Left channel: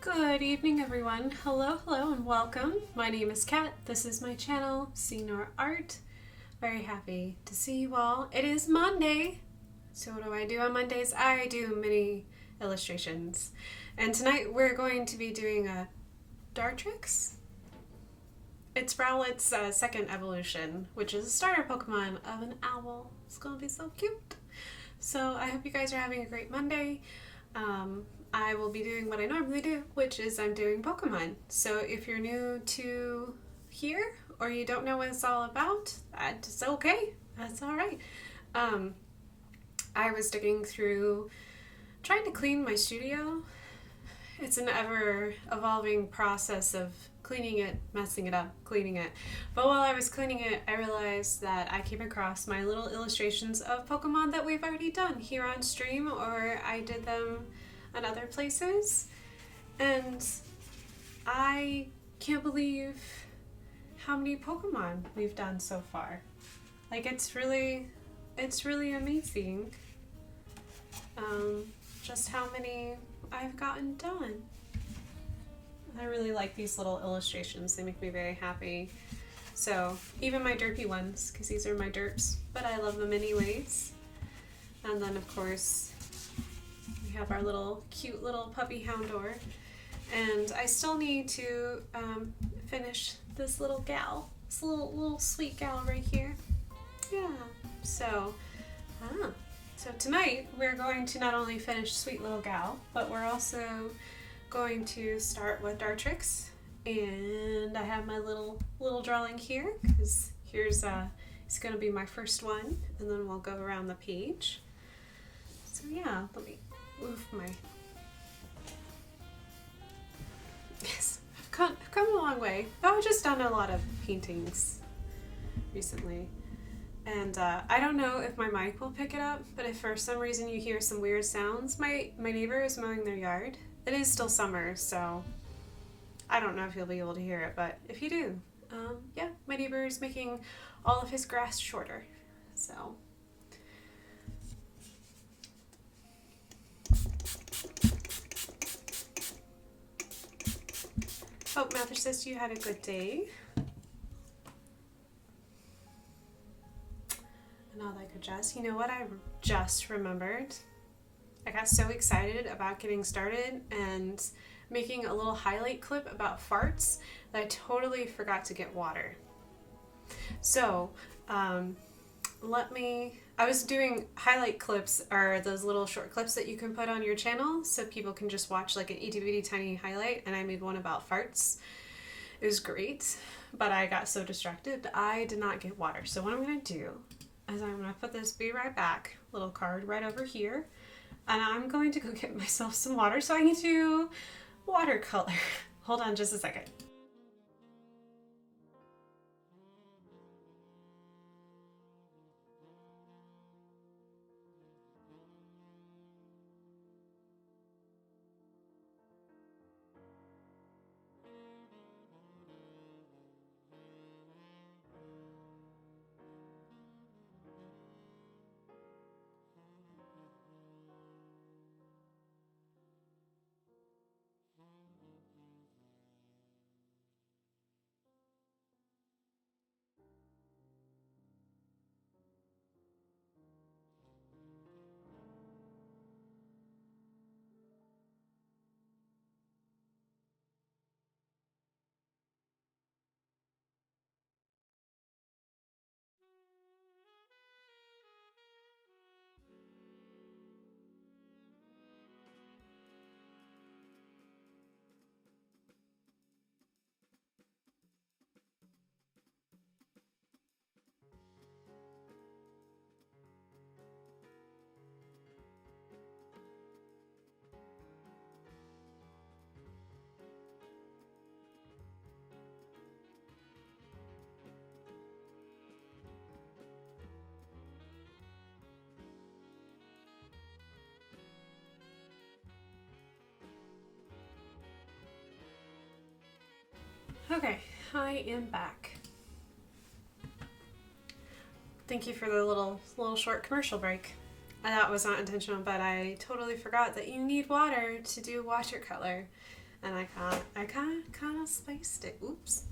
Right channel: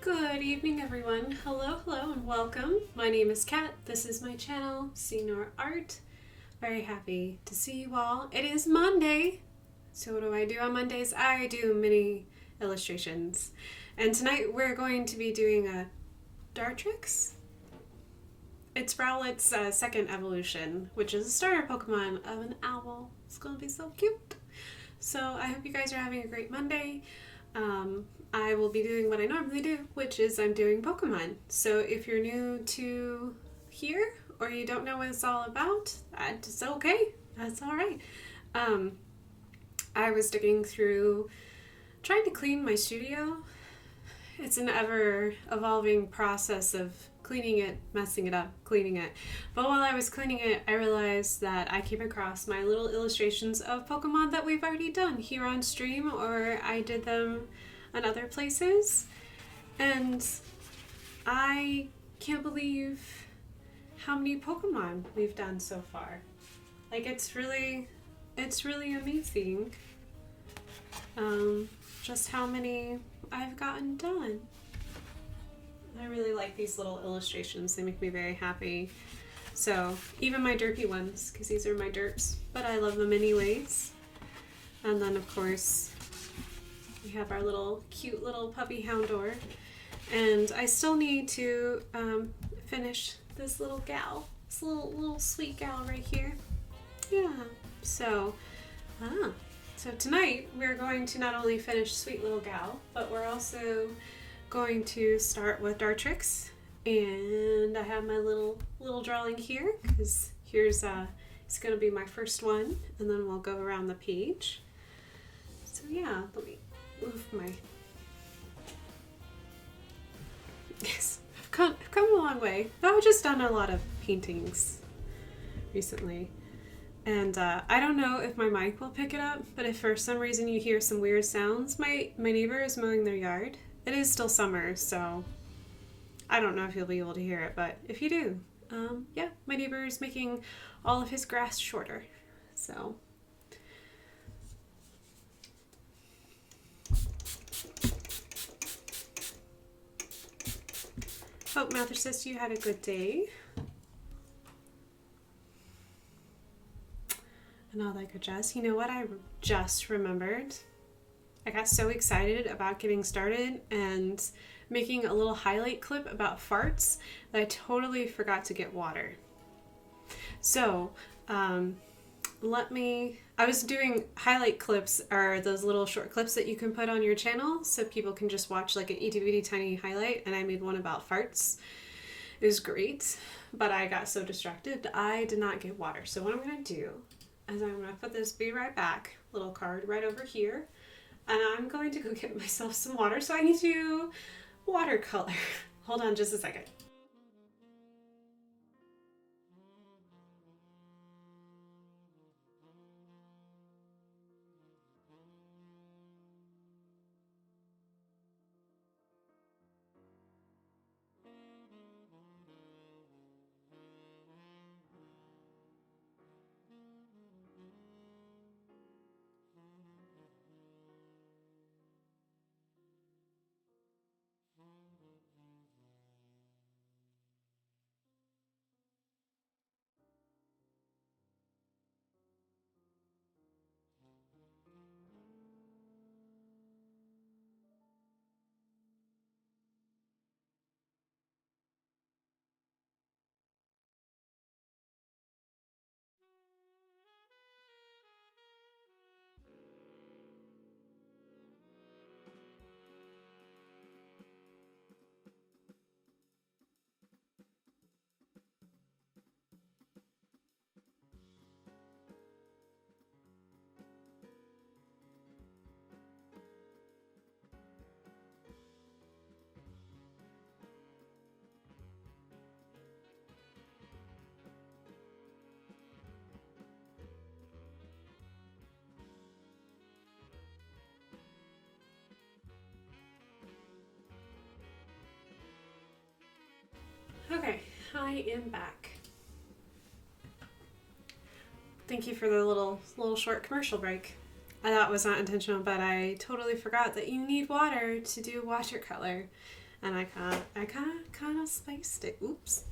Good evening, everyone. Hello, and welcome. My name is Kat. This is my channel, Senior Art. Very happy to see you all. It is Monday. So what do I do on Mondays? I do mini illustrations. And tonight we're going to be doing a Dartrix. It's Rowlet's second evolution, which is a starter Pokemon of an owl. It's going to be so cute. So I hope you guys are having a great Monday. I will be doing what I normally do, which is I'm doing Pokemon. So if you're new to here or you don't know what it's all about, that's okay. That's all right. I was digging through trying to clean my studio. It's an ever-evolving process of cleaning it, messing it up, cleaning it. But while I was cleaning it, I realized that I came across my little illustrations of Pokemon that we've already done here on stream, or I did them on other places. And I can't believe how many Pokemon we've done so far. Like, it's really amazing just how many I've gotten done. I really like these little illustrations. They make me very happy. So even my derpy ones, because these are my derps, but I love them anyways. And then of course we have our little cute little puppy Houndour. And I still need to finish this little gal, this little sweet gal right here. Yeah. So tonight we're going to not only finish sweet little gal, but we're also going to start with Dartrix. And I have my little drawing here because here's it's going to be my first one, and then we'll go around the page. So yeah, let me move my. Yes, I've come a long way. I've just done a lot of paintings recently. And I don't know if my mic will pick it up, but if for some reason you hear some weird sounds, my neighbor is mowing their yard. It is still summer, so I don't know if you'll be able to hear it, but if you do, yeah, my neighbor is making all of his grass shorter, so. Hope Mather says you had a good day. And all that good jazz. You know what I just remembered? I got so excited about getting started and making a little highlight clip about farts that I totally forgot to get water. So, I was doing highlight clips, are those little short clips that you can put on your channel so people can just watch like an itty bitty tiny highlight, and I made one about farts. It was great, but I got so distracted I did not get water. So what I'm going to do is I'm going to put this be right back little card right over here, and I'm going to go get myself some water. So I need to watercolor. Hold on just a second. Okay, I am back. Thank you for the little short commercial break. That was not intentional, but I totally forgot that you need water to do watercolor. and I kind of spiced it. Oops.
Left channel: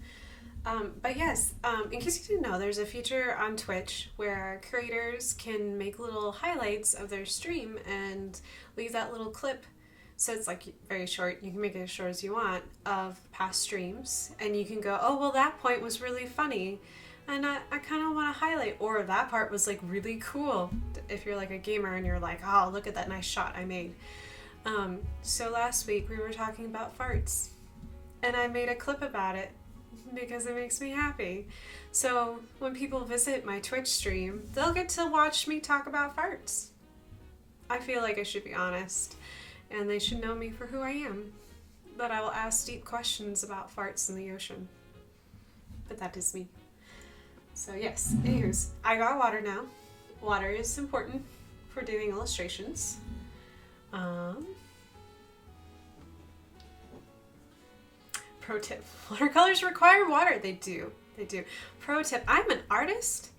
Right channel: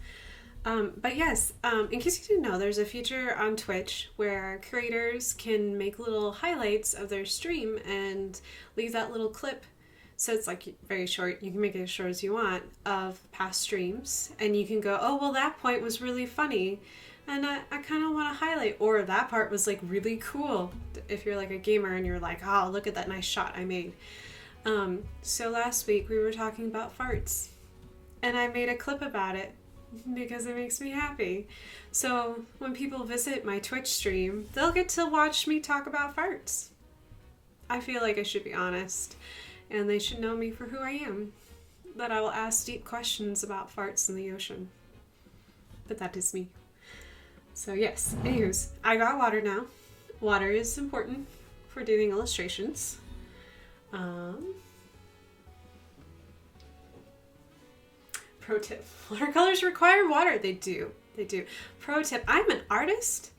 But yes, in case you didn't know, there's a feature on Twitch where creators can make little highlights of their stream and leave that little clip. So it's like very short. You can make it as short as you want of past streams, and you can go, oh, well, that point was really funny, and I kind of want to highlight, or that part was like really cool. If you're like a gamer and you're like, oh, look at that nice shot I made. So last week we were talking about farts, and I made a clip about it because it makes me happy. So when people visit my Twitch stream, they'll get to watch me talk about farts. I feel like I should be honest, and they should know me for who I am. That I will ask deep questions about farts in the ocean. But that is me. So yes, anyways, I got water now. Water is important for doing illustrations. Pro tip, watercolors require water. They do. Pro tip, I'm an artist.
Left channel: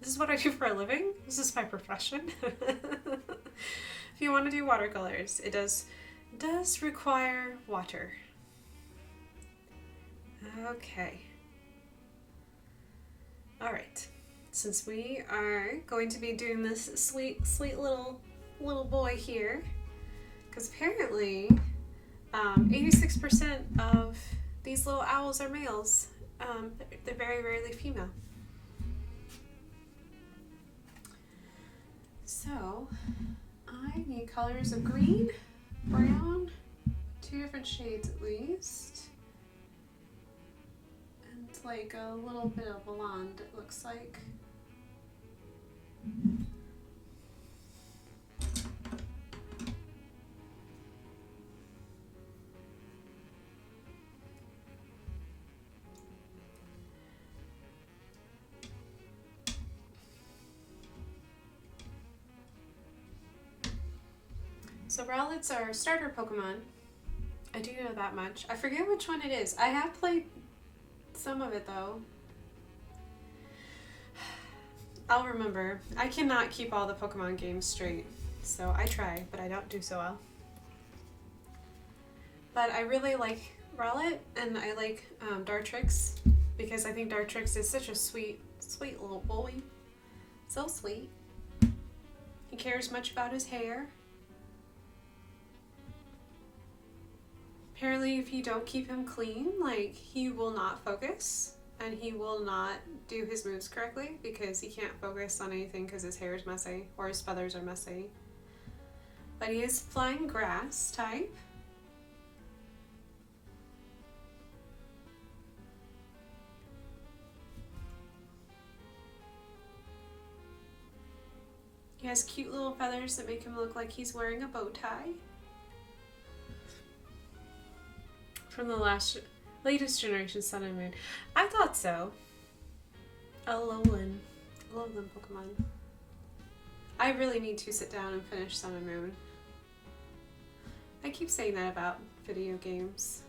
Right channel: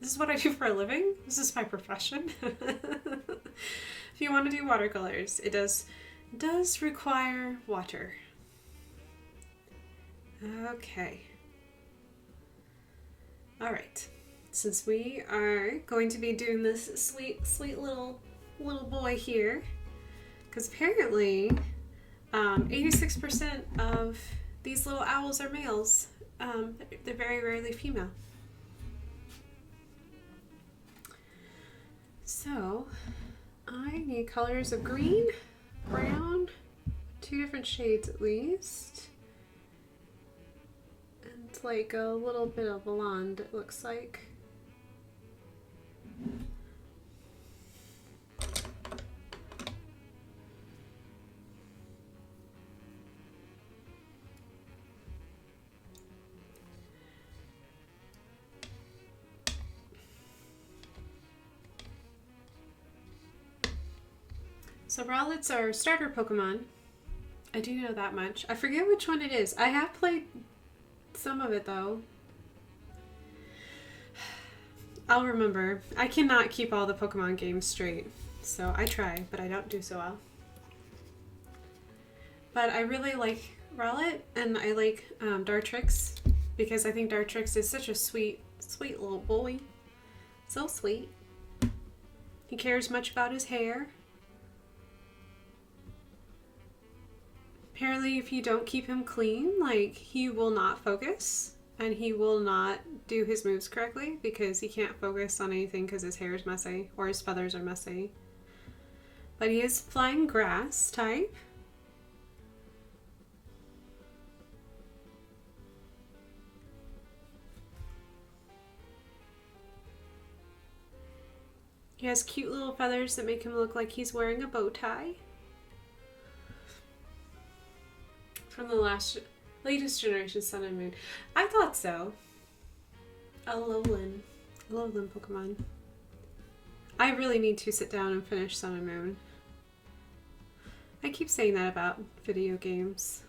This is what I do for a living. This is my profession. If you want to do watercolors, it does require water. Okay. All right. Since we are going to be doing this sweet little boy here, because apparently 86% of these little owls are males. They're very rarely female. So I need colors of green, brown, 2 different shades at least, and like a little bit of blonde, it looks like. So Rowlet's our starter Pokemon. I do know that much. I forget which one it is. I have played some of it though. I'll remember. I cannot keep all the Pokemon games straight. So I try, but I don't do so well. But I really like Rowlet, and I like Dartrix, because I think Dartrix is such a sweet little boy. So sweet. He cares much about his hair. Apparently, if you don't keep him clean, like, he will not focus, and he will not do his moves correctly because he can't focus on anything because his hair is messy or his feathers are messy. But he is flying grass type. He has cute little feathers that make him look like he's wearing a bow tie. From the latest generation Sun and Moon. I thought so. Alolan Pokemon. I really need to sit down and finish Sun and Moon. I keep saying that about video games.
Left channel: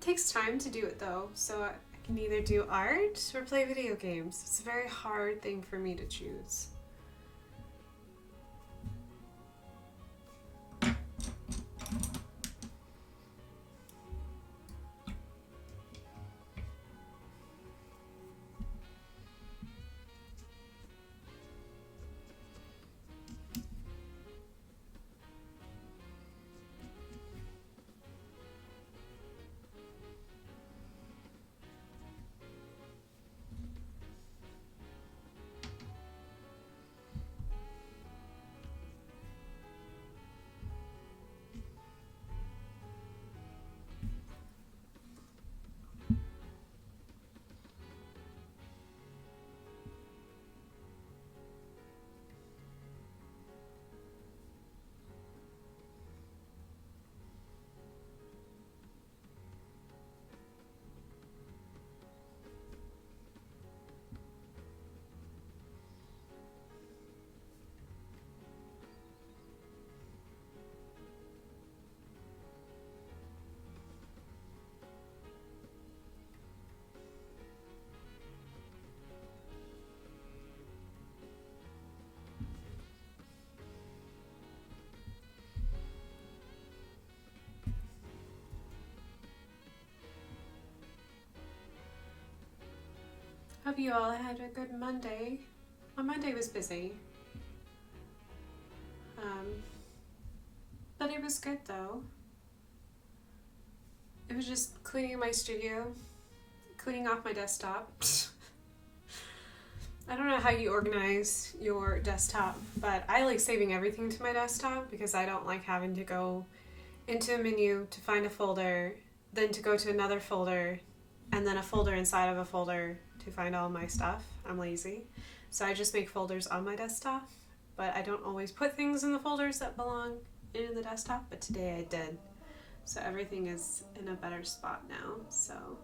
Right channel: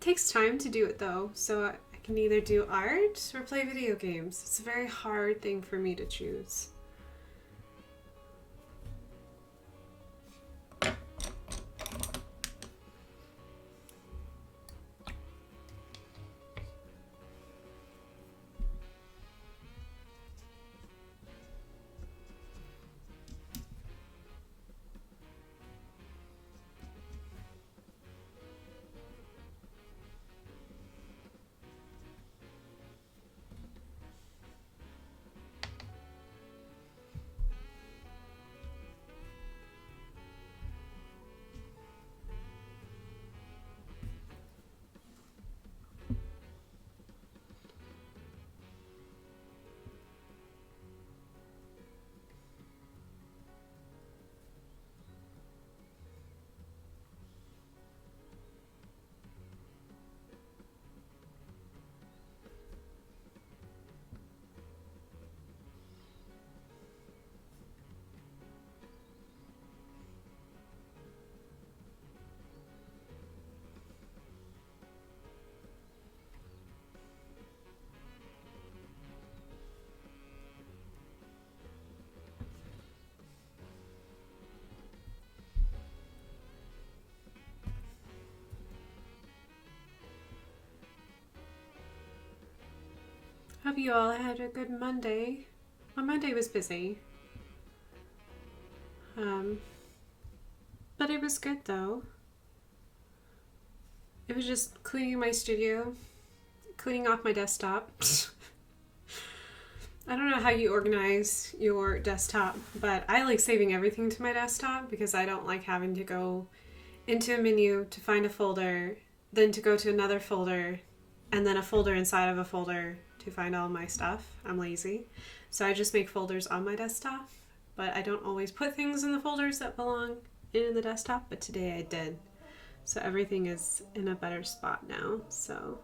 It takes time to do it though, so I can either do art or play video games. It's a very hard thing for me to choose. hope you all had a good Monday. My Monday was busy. But it was good though. It was just cleaning my studio, cleaning off my desktop. I don't know how you organize your desktop, but I like saving everything to my desktop because I don't like having to go into a menu to find a folder, then to go to another folder, and then a folder inside of a folder to find all my stuff. I'm lazy. So I just make folders on my desktop, but I don't always put things in the folders that belong in the desktop, but today I did. So everything is in a better spot now, so.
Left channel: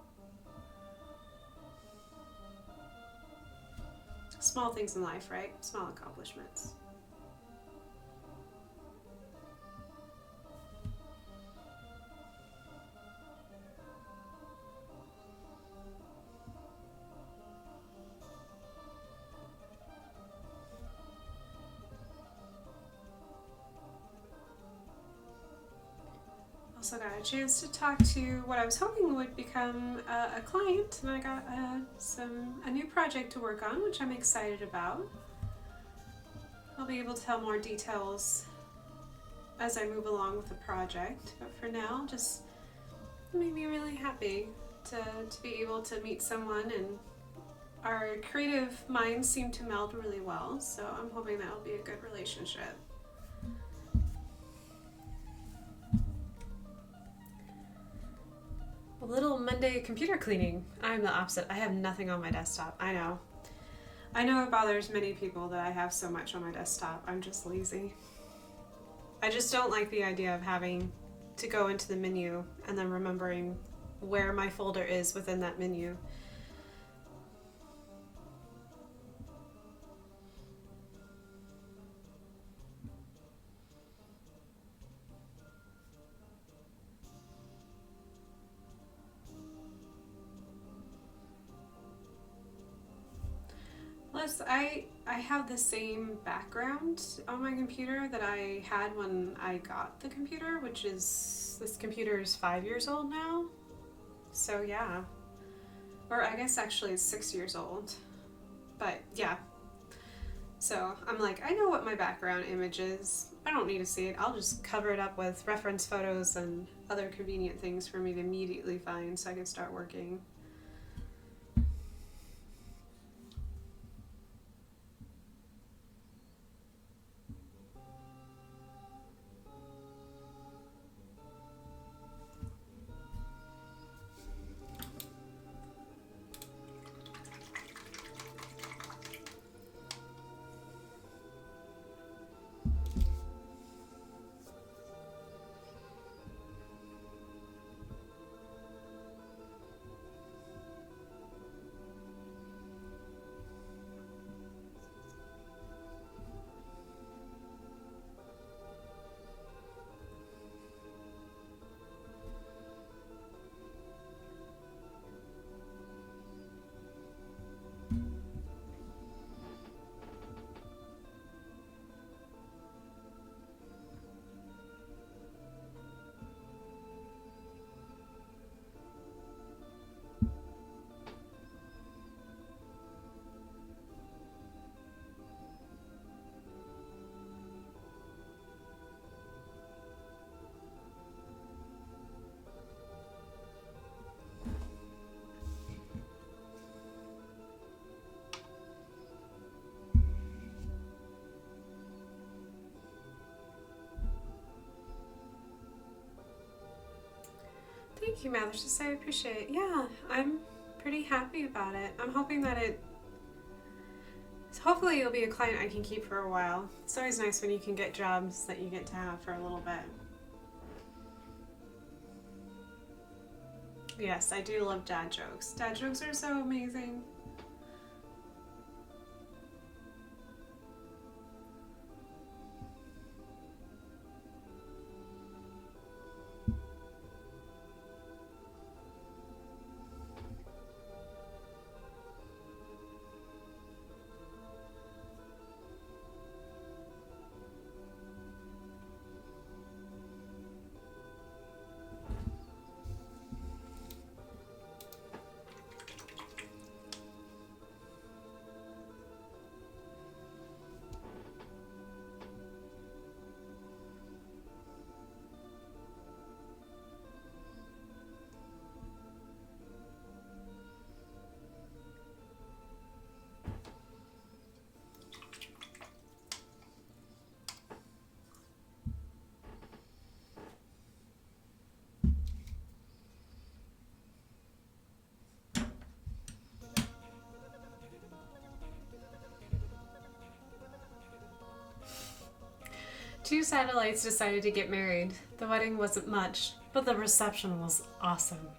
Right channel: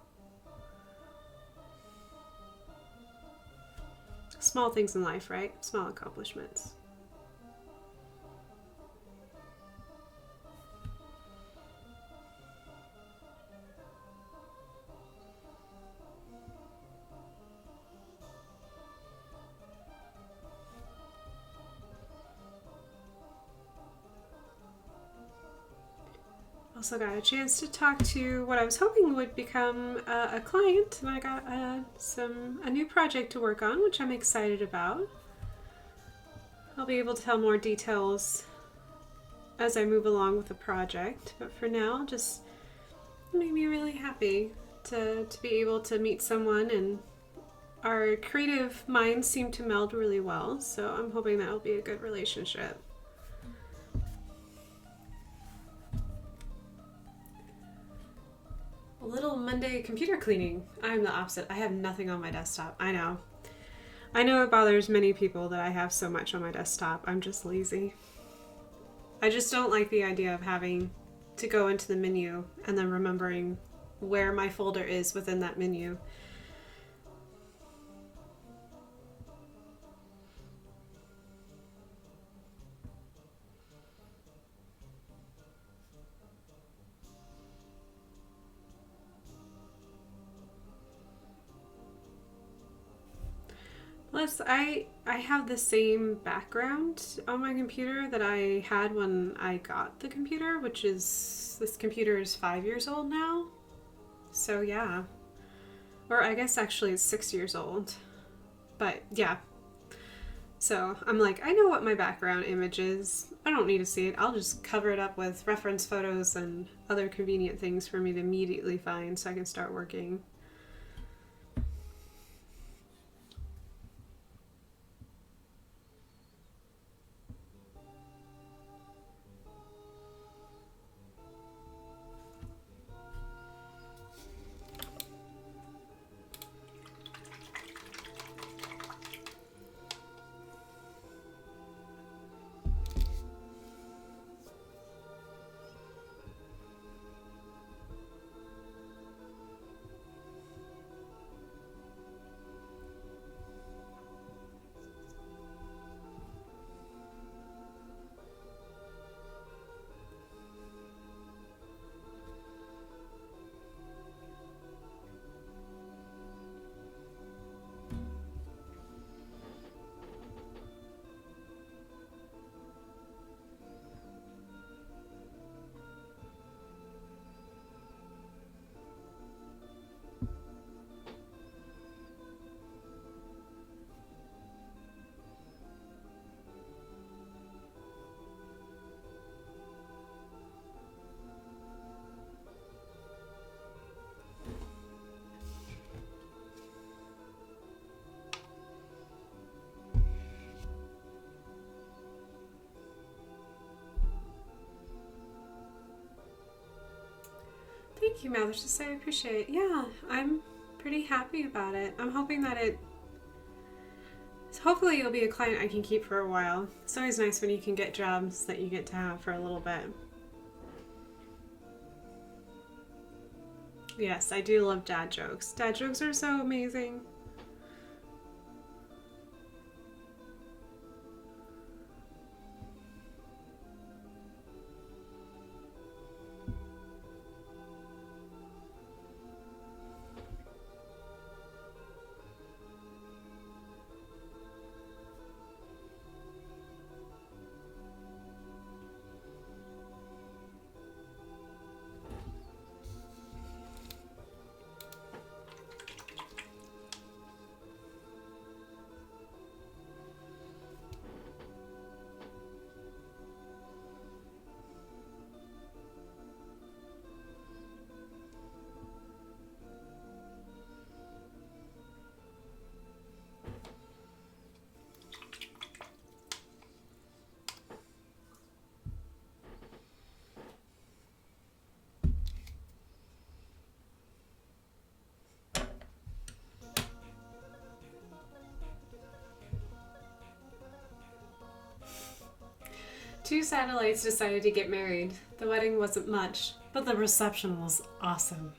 Small things in life, right? Small accomplishments. Also got a chance to talk to what I was hoping would become a client, and I got a new project to work on, which I'm excited about. I'll be able to tell more details as I move along with the project, but for now, just made me really happy to be able to meet someone, and our creative minds seem to meld really well, so I'm hoping that will be a good relationship. A little Monday computer cleaning. I'm the opposite. I have nothing on my desktop. I know it bothers many people that I have so much on my desktop. I'm just lazy. I just don't like the idea of having to go into the menu and then remembering where my folder is within that menu. Plus, I have the same background on my computer that I had when I got the computer, which is, this computer is 5 years old now. So yeah. Or I guess actually it's 6 years old. But yeah. So I'm like, I know what my background image is. I don't need to see it. I'll just cover it up with reference photos and other convenient things for me to immediately find so I can start working. Thank you, Mathers. I appreciate it. Yeah, I'm pretty happy about it. I'm hoping that hopefully it'll be a client I can keep for a while. It's always nice when you can get jobs that you get to have for a little bit. Yes, I do love dad jokes. Dad jokes are so amazing. Two satellites decided to get married. The wedding wasn't much, but the reception was awesome.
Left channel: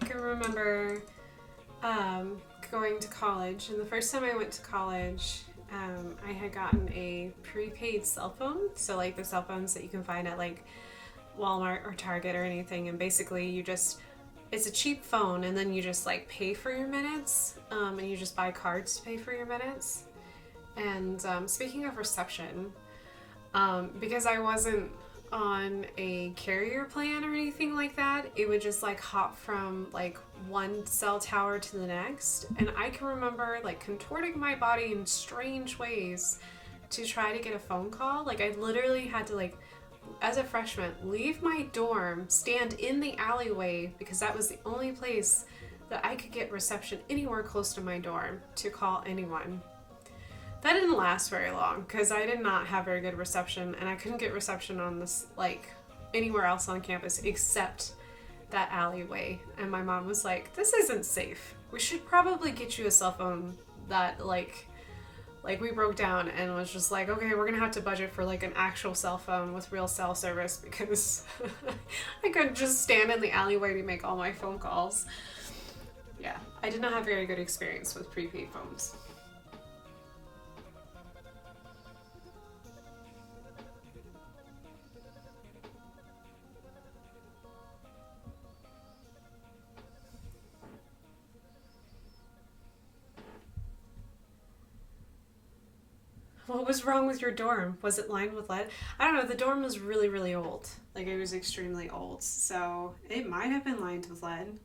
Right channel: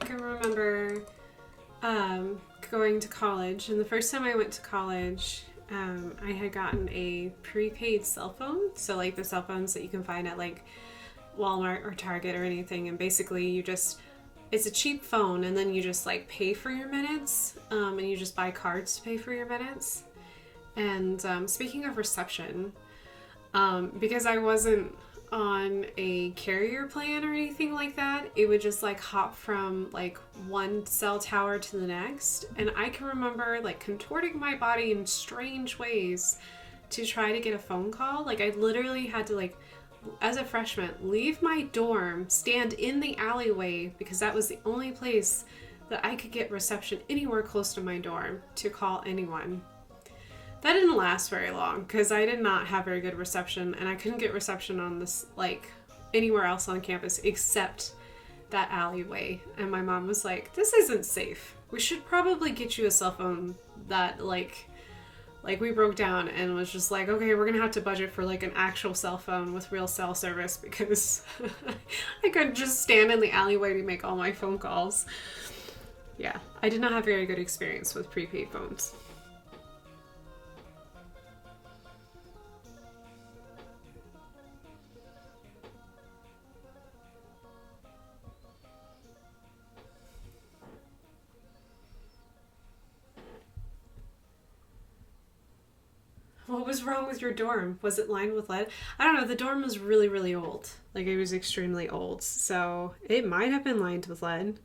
I can remember going to college, and the first time I went to college, I had gotten a prepaid cell phone, so like the cell phones that you can find at like Walmart or Target or anything, and basically you just, it's a cheap phone, and then you just like pay for your minutes, and you just buy cards to pay for your minutes. And speaking of reception, because I wasn't on a carrier plan or anything like that, it would just like hop from like one cell tower to the next, and I can remember like contorting my body in strange ways to try to get a phone call. Like I literally had to, like, as a freshman, leave my dorm, stand in the alleyway, because that was the only place that I could get reception anywhere close to my dorm to call anyone. That didn't last very long because I did not have very good reception, and I couldn't get reception on this, like, anywhere else on campus except that alleyway. And my mom was like, this isn't safe. We should probably get you a cell phone that, like we broke down and was just like, okay, we're gonna have to budget for like an actual cell phone with real cell service, because I couldn't just stand in the alleyway to make all my phone calls. Yeah, I did not have very good experience with prepaid phones. What was wrong with your dorm? Was it lined with lead? I don't know. The dorm was really, really old. Like, it was extremely old. So it might have been lined with lead.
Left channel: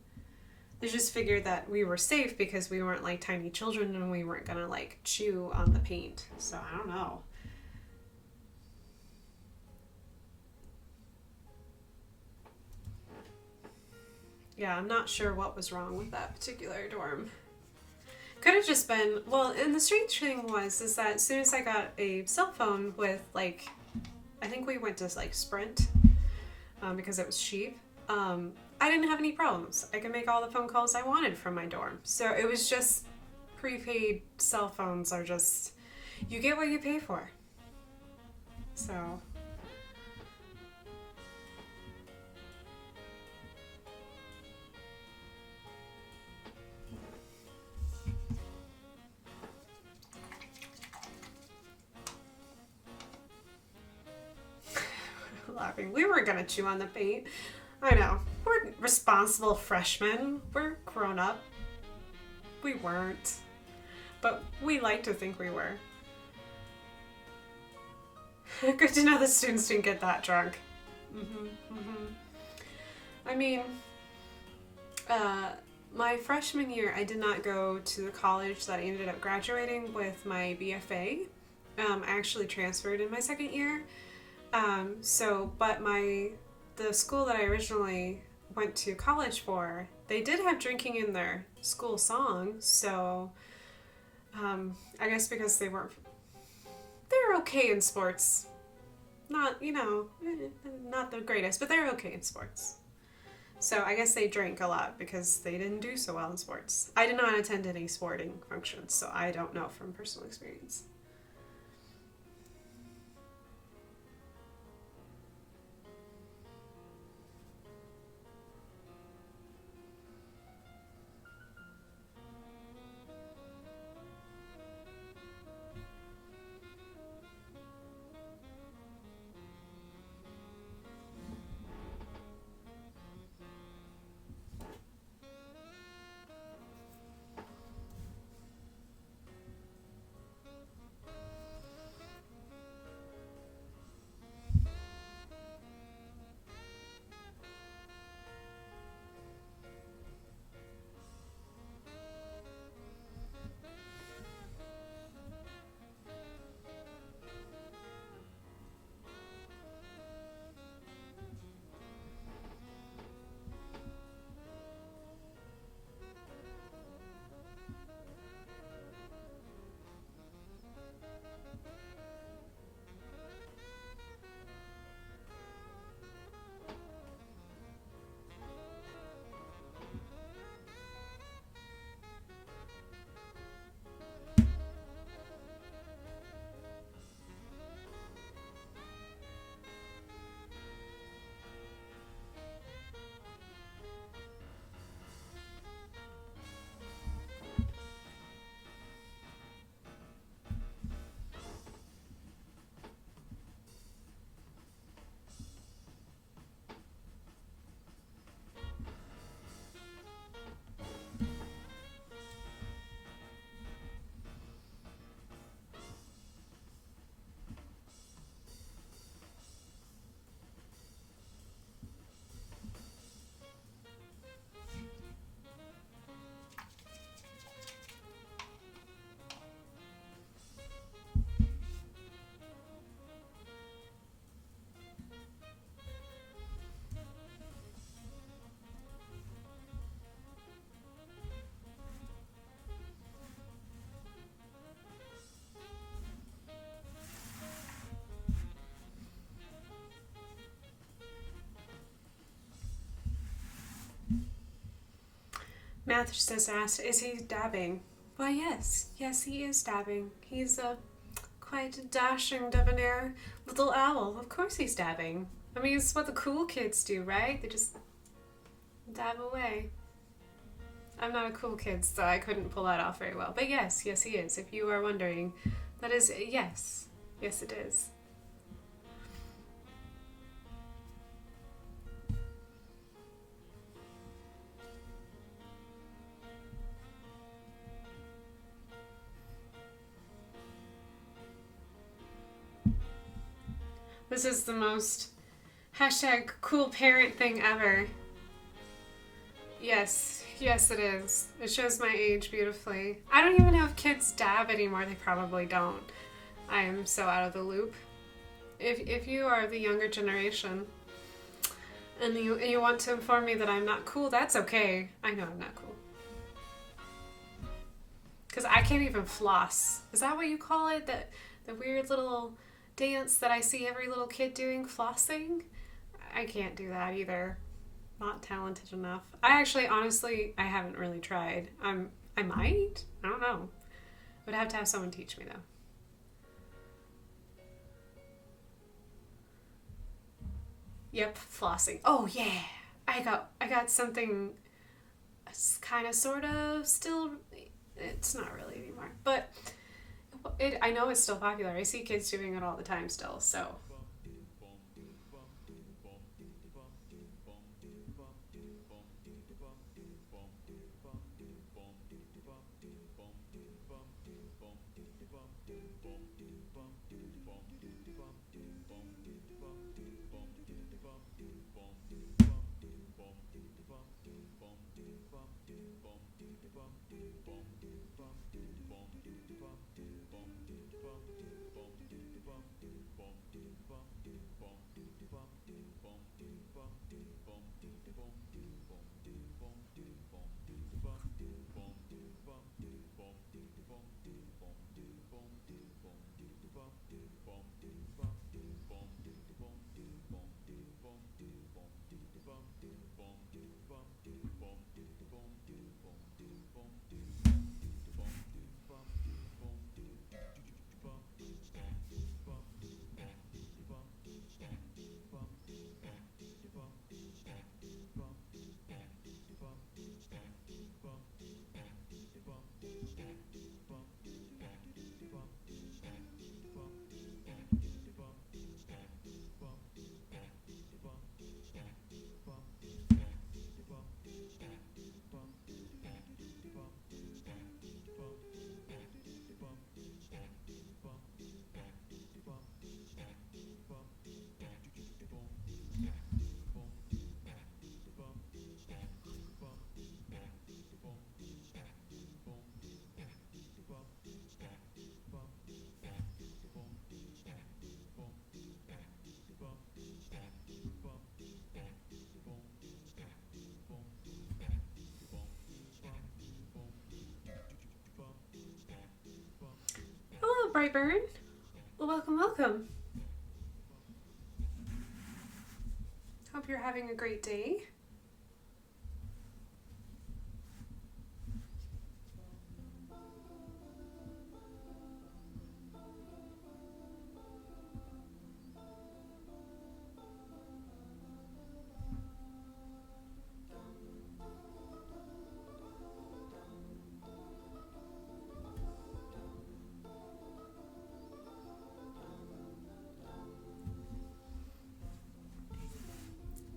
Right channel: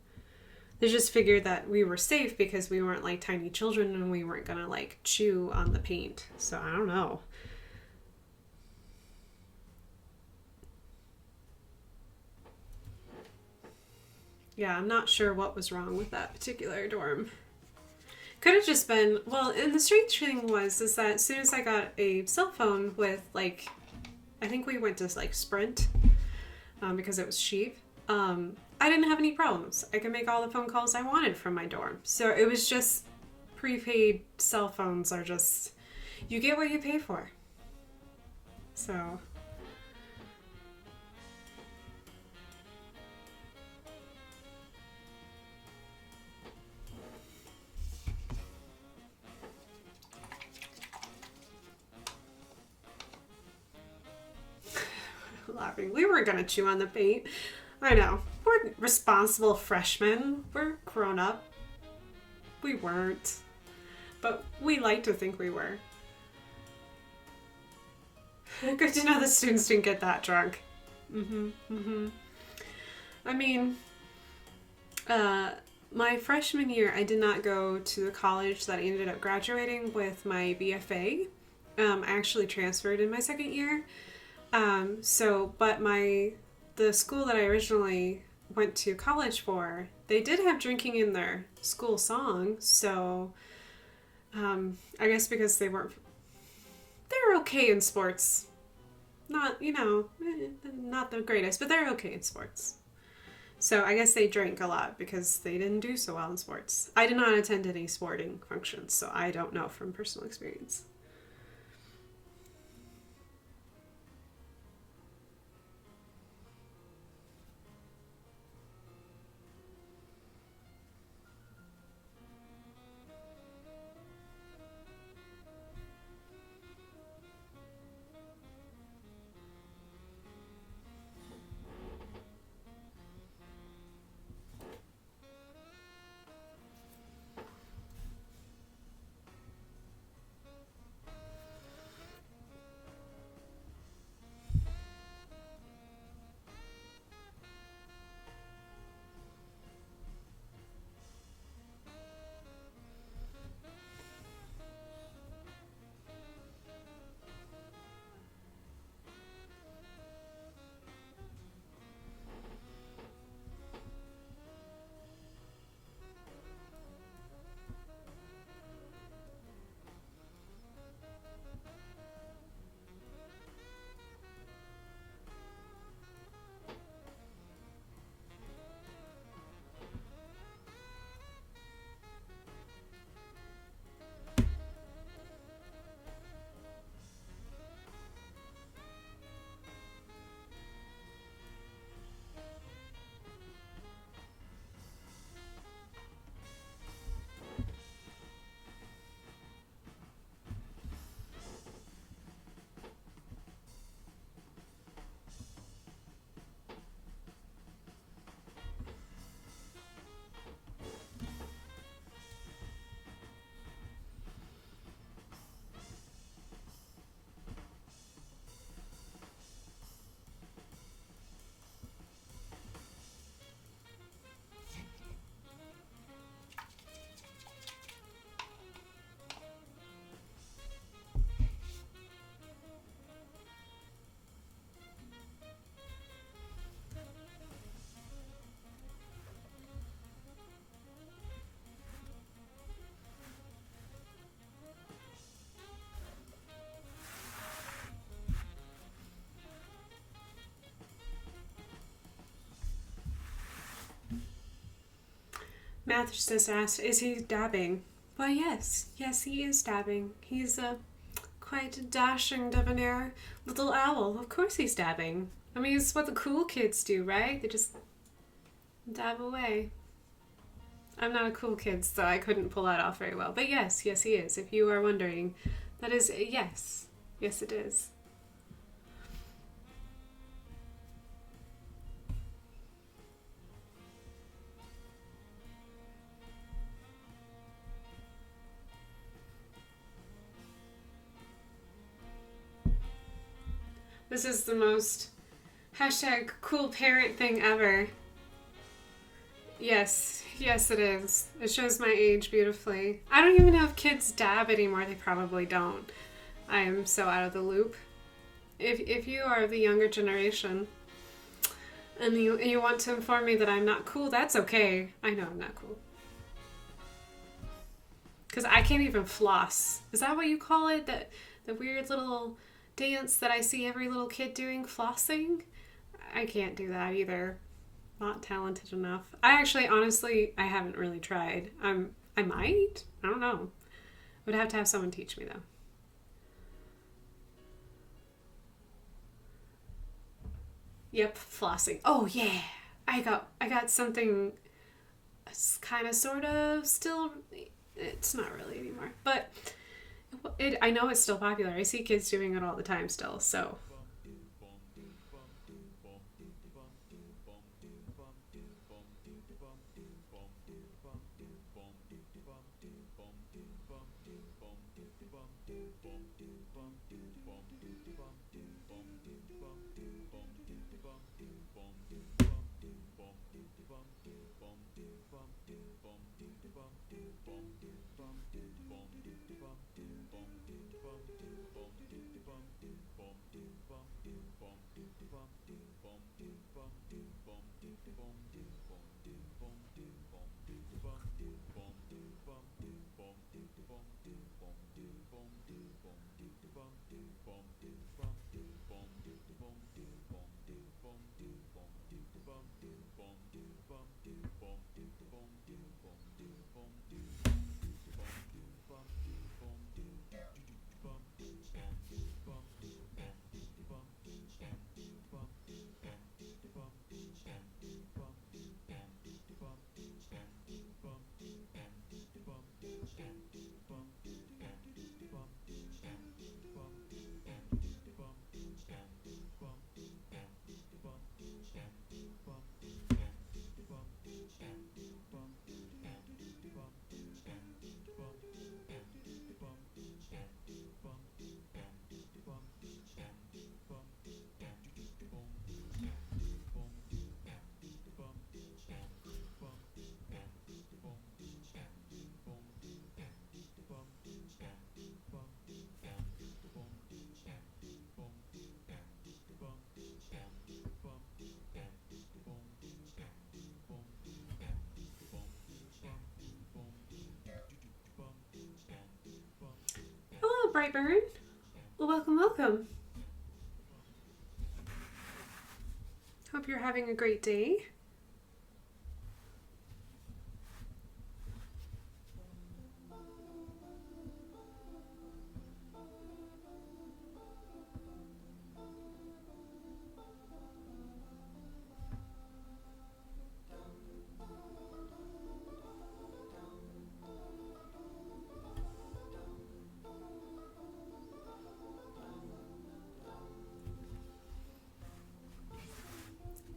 They just figured that we were safe because we weren't like tiny children and we weren't going to like chew on the paint. So I don't know. Yeah, I'm not sure what was wrong with that particular dorm. Could have just been, well, and the strange thing was, is that as soon as I got a cell phone with, like, I think we went to, like, Sprint, because it was cheap, I didn't have any problems. I could make all the phone calls I wanted from my dorm. So it was just, prepaid cell phones are just, you get what you pay for. So... laughing. We weren't gonna chew on the paint. I know. We're responsible freshmen. We're grown up. We weren't. But we like to think we were. Good to know the students didn't get that drunk. I mean, my freshman year, I did not go to the college that I ended up graduating with my BFA. I actually transferred in my second year. But the school that I originally went to college for, they did have drinking in their school song, so, I guess because they're okay in sports. Not, not the greatest, but they're okay in sports. So I guess they drank a lot because they didn't do so well in sports. I did not attend any sporting functions, so I don't know from personal experience. Math just asked, is he dabbing? Why, yes. Yes, he is dabbing. He's quite a dashing, debonair little owl. Of course he's dabbing. I mean, it's what the cool kids do, right? They just dab away. I'm not a cool kid, so I couldn't pull that off very well. But yes, yes he is. If you are wondering, that is a yes. Yes, it is. This is the most hashtag cool parent thing ever. Yes, yes it is. It shows my age beautifully. I don't even know if kids dab anymore. They probably don't. I am so out of the loop. If you are the younger generation and you want to inform me that I'm not cool, that's okay. I know I'm not cool. Because I can't even floss. Is that what you call it? The weird little dance that I see every little kid doing, flossing? I can't do that either. Not talented enough. I actually, honestly, I haven't really tried. I might. I don't know. Would have to have someone teach me though. Yep, flossing. Oh yeah, I got something. It's kind of, sort of, still. It's not really anymore, but I know it's still popular. I see kids doing it all the time still. So. Hello, Brightburn. Well, welcome. Hope you're having a great day.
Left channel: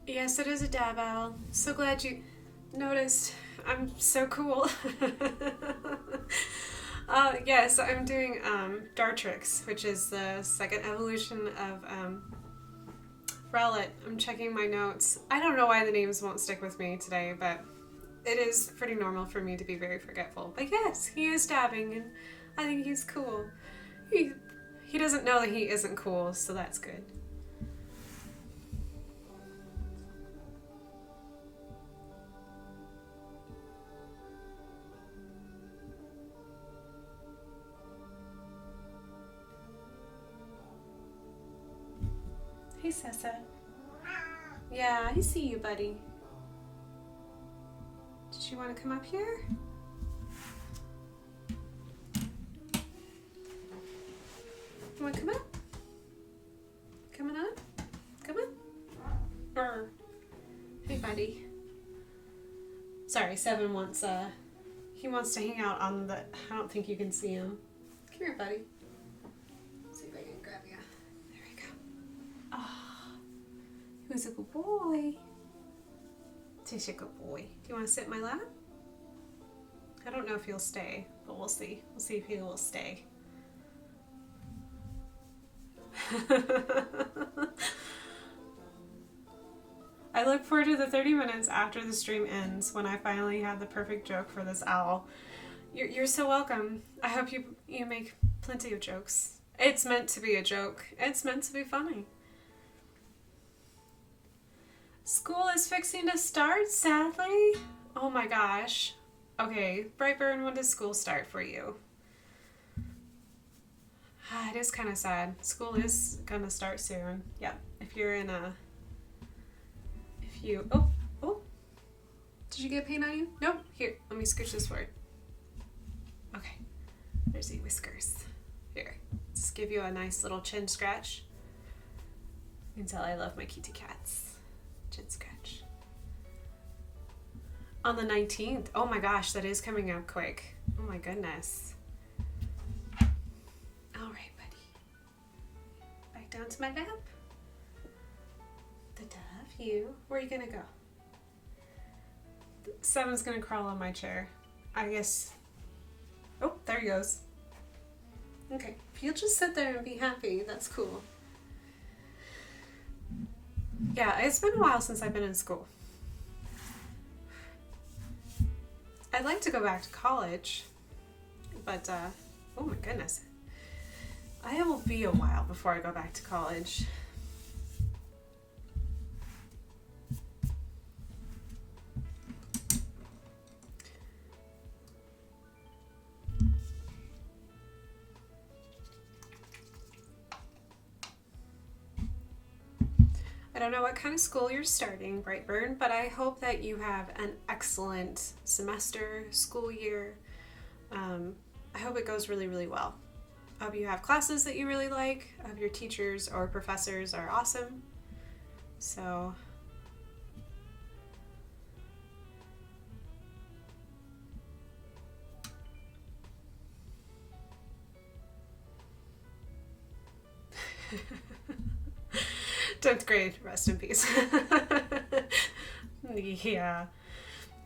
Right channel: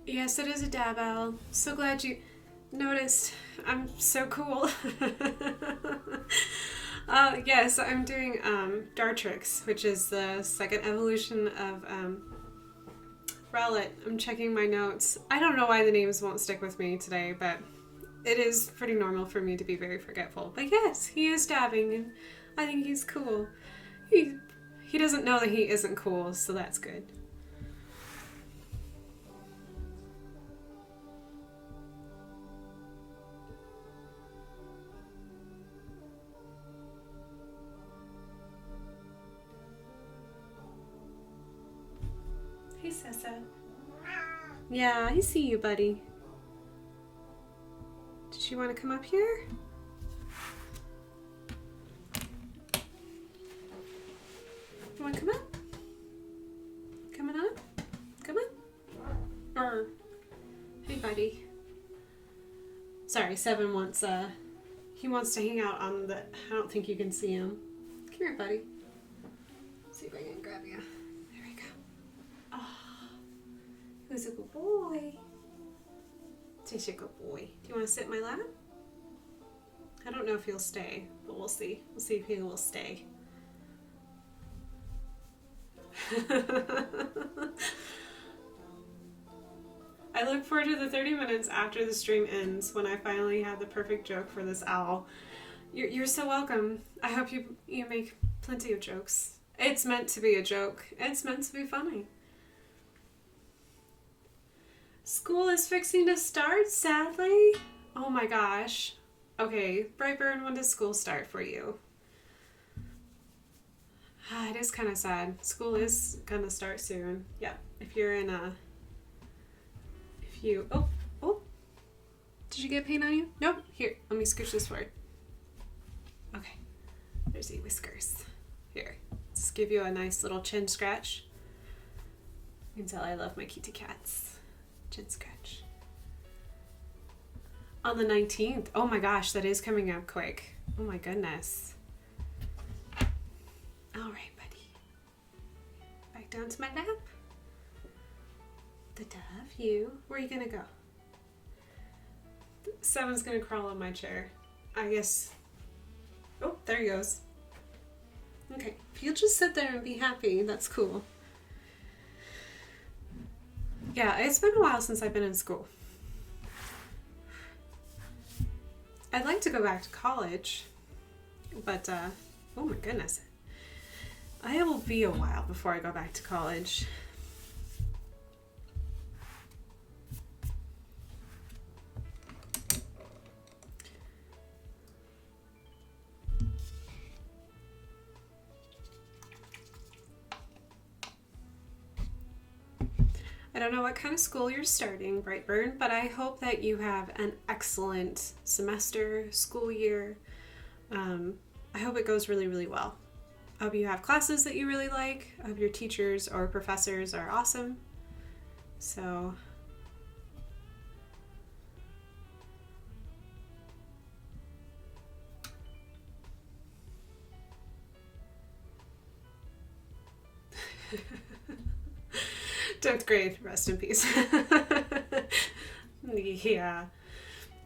Yes, it is a dab owl. So glad you noticed. I'm so cool. Yes, I'm doing Dartrix, which is the second evolution of Rowlet. I'm checking my notes. I don't know why the names won't stick with me today, but it is pretty normal for me to be very forgetful. But yes, he is dabbing, and I think he's cool. He doesn't know that he isn't cool, so that's good. Hey, Sessa. Yeah, I see you, buddy. Did you want to come up here? You want to come up? Coming up? Come on. Or, hey buddy. Sorry, Seven wants, he wants to hang out on the, I don't think you can see him. Come here, buddy. Let's see if I can grab you. There we go. Oh, who's a good boy? He's a good boy. Do you want to sit in my lap? I don't know if he'll stay, but we'll see. We'll see if he will stay. I look forward to the 30 minutes after the stream ends when I finally have the perfect joke for this owl. You're so welcome. I hope you make plenty of jokes. It's meant to be a joke. It's meant to be funny. School is fixing to start, sadly. Oh my gosh. Okay, Brightburn, when does school start for you? It is kind of sad. School is gonna start soon. Yep. If you're in a... Oh. Did you get paint on you? Nope. Here, let me scooch this forward. Okay. There's the whiskers. Here. Just give you a nice little chin scratch. You can tell I love my kitty cats. Chin scratch. On the 19th. Oh my gosh, that is coming up quick. Oh my goodness. All right, buddy. Back down to my lap. The dove, you. Where are you gonna go? Seven's gonna crawl on my chair. I guess. Oh, there he goes. Okay, if you'll just sit there and be happy, that's cool. Yeah, it's been a while since I've been in school. I'd like to go back to college, but, oh my goodness. I will be a while before I go back to college. I don't know what kind of school you're starting, Brightburn, but I hope that you have an excellent semester, school year. I hope it goes really, really well. I hope you have classes that you really like. I hope your teachers or professors are awesome. So... Tenth grade, rest in peace. Yeah.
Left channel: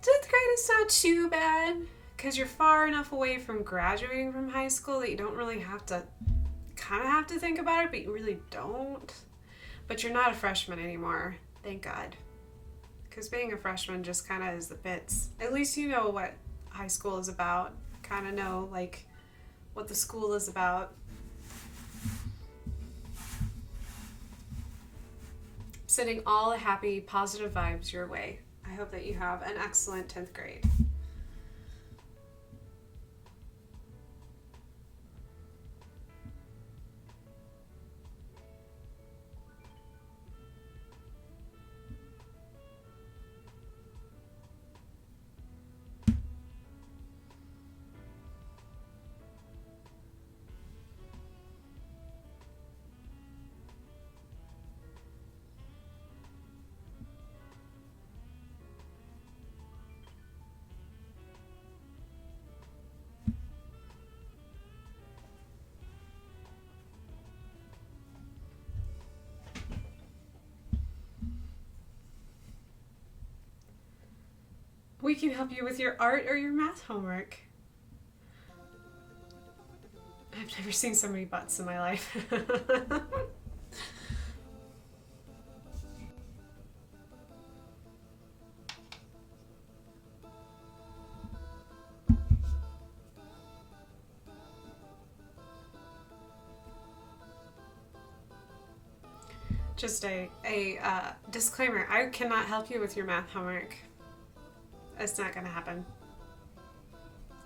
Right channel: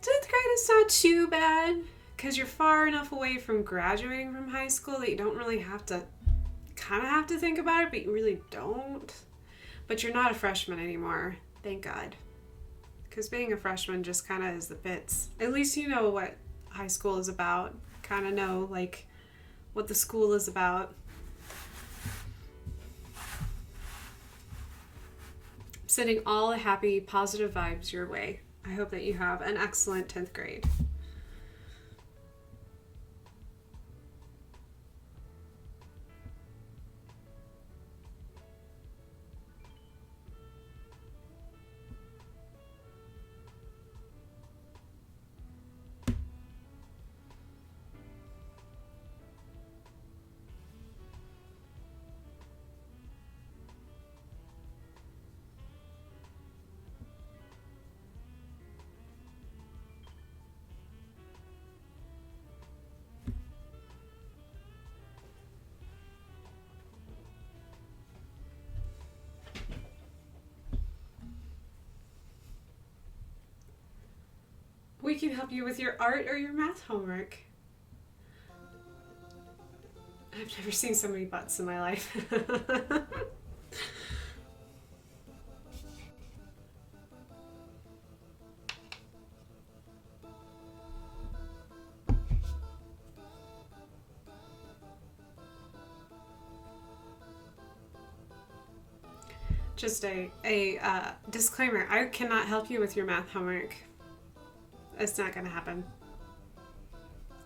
10th grade is not too bad because you're far enough away from graduating from high school that you don't really have to, kind of have to think about it, but you really don't. But you're not a freshman anymore, thank God. Because being a freshman just kind of is the bits. At least you know what high school is about. Kind of know, like, what the school is about. Sending all the happy, positive vibes your way. I hope that you have an excellent 10th grade. We can help you with your art or your math homework. I've never seen so many butts in my life. Just a disclaimer, I cannot help you with your math homework. It's not going to happen.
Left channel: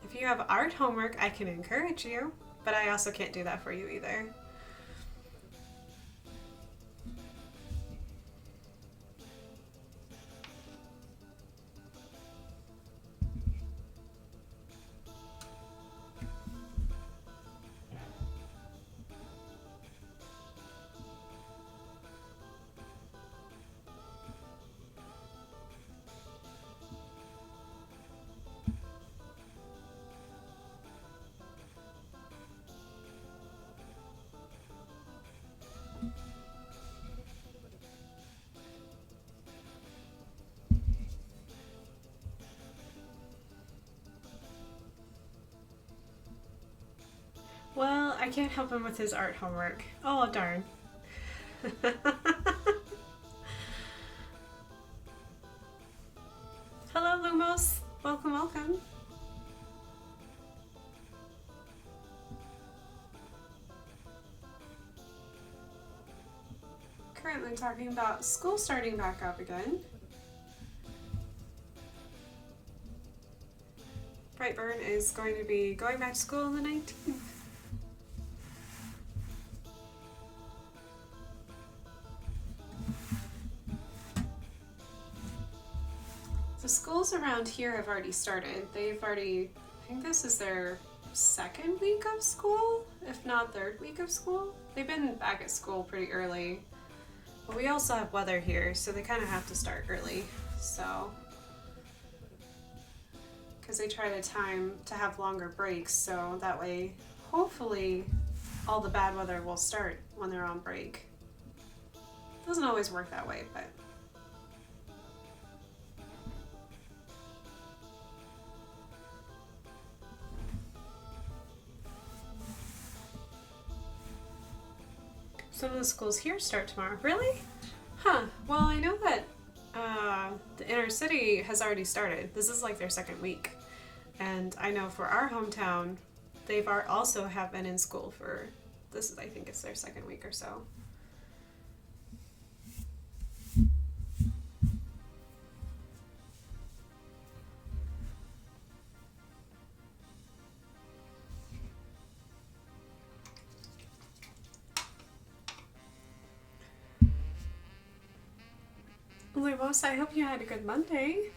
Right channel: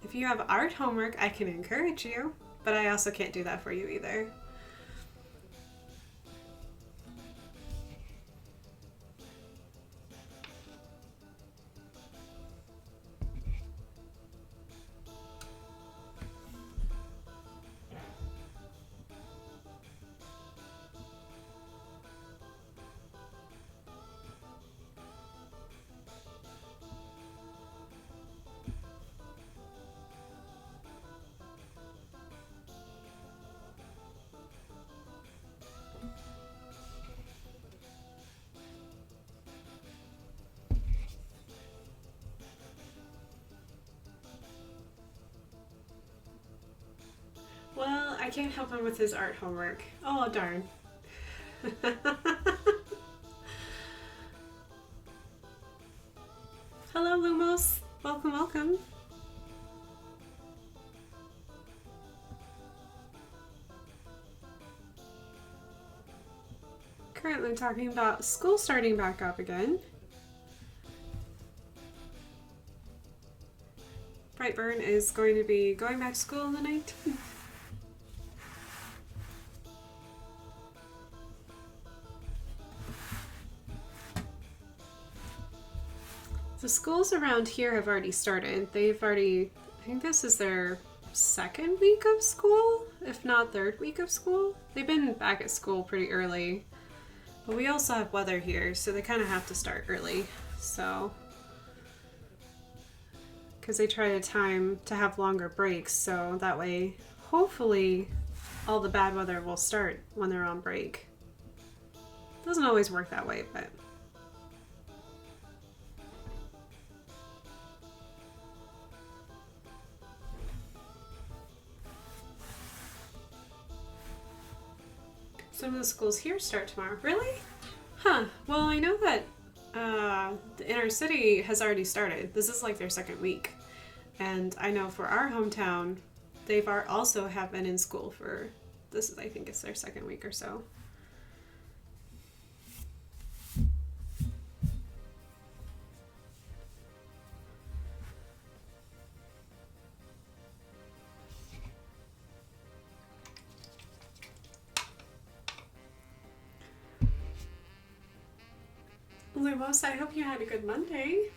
If you have art homework, I can encourage you, but I also can't do that for you either. I can't help him with his art homework. Oh, darn. Hello, Lumos. Welcome, welcome. Currently talking about school starting back up again. Brightburn is going to be going back to school on the 19th. The schools around here have already started. They've already, I think this is their second week of school, if not third week of school. They've been back at school pretty early, but we also have weather here, so they kind of have to start early. So, because they try to time to have longer breaks, so that way, hopefully, all the bad weather will start when they're on break. Doesn't always work that way, but. Some of the schools here start tomorrow. Really? Huh. Well, I know that the inner city has already started. This is like their second week. And I know for our hometown, they've also have been in school for, this is, I think it's their second week or so. Lumos, I hope you had a good Monday.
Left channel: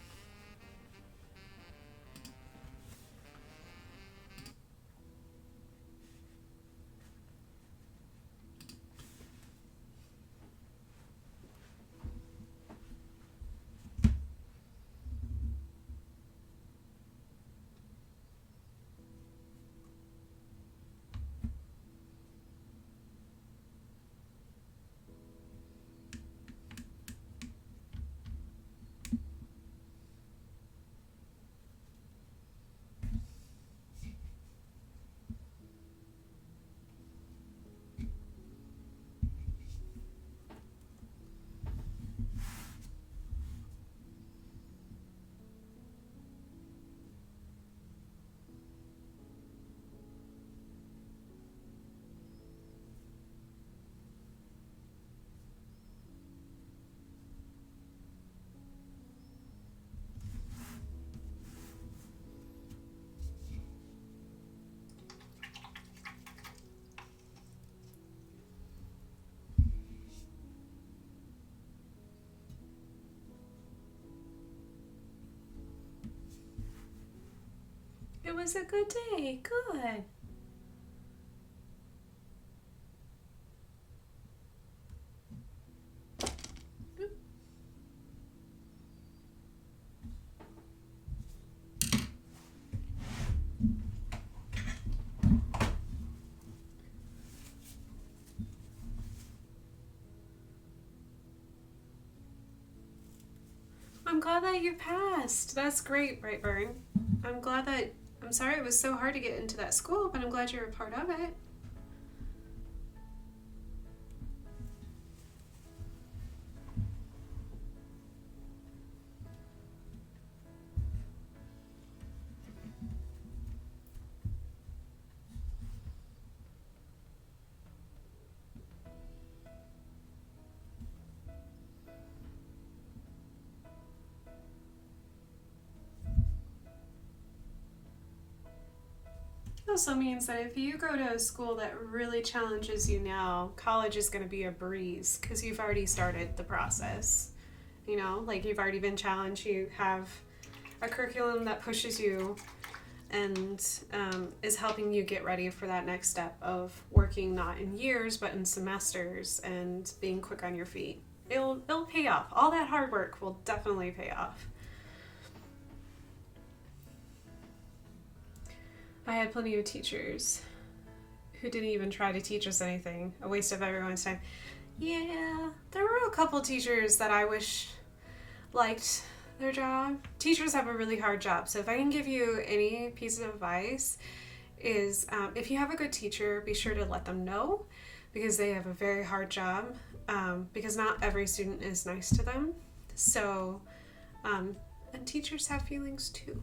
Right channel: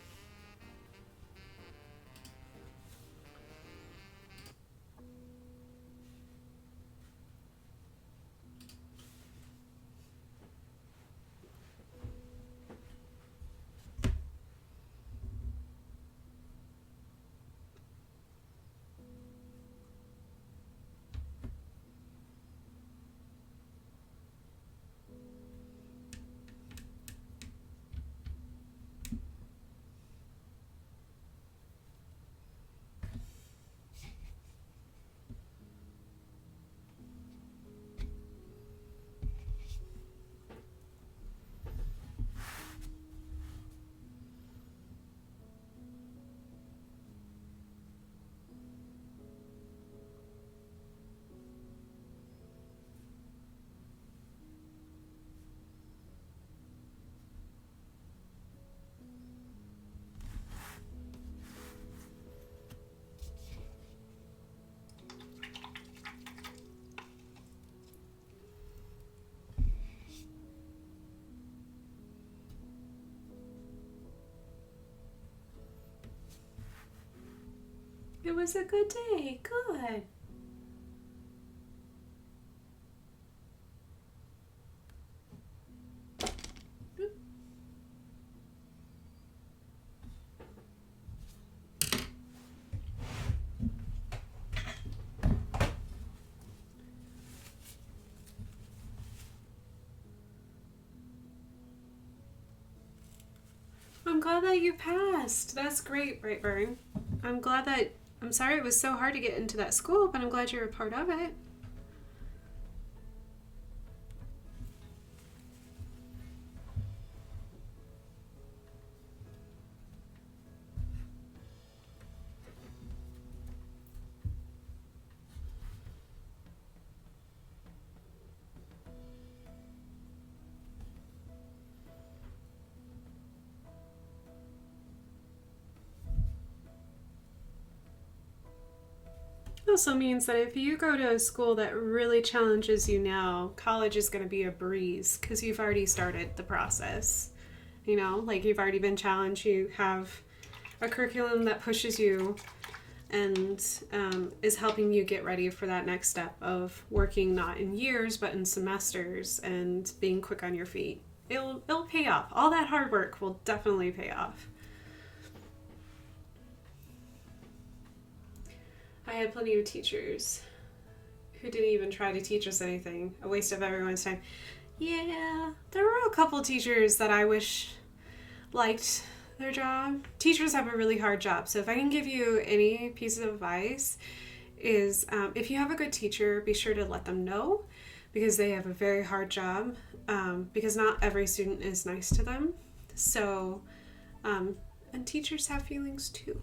It was a good day. Good. I'm glad that you passed. That's great, Brightburn. I'm sorry it was so hard to get into that school, but I'm glad you're a part of it. Also means that if you go to a school that really challenges you now, college is going to be a breeze because you've already started the process. You know, like you've already been challenged, you have a curriculum that pushes you and is helping you get ready for that next step of working not in years but in semesters and being quick on your feet. It'll pay off. All that hard work will definitely pay off. I had plenty of teachers who didn't even try to teach us anything. A waste of everyone's time. Yeah, there were a couple teachers that I wish liked their job. Teachers have a really hard job, so if I can give you any piece of advice, is if you have a good teacher, be sure to let them know, because they have a very hard job, because not every student is nice to them. So, and teachers have feelings too.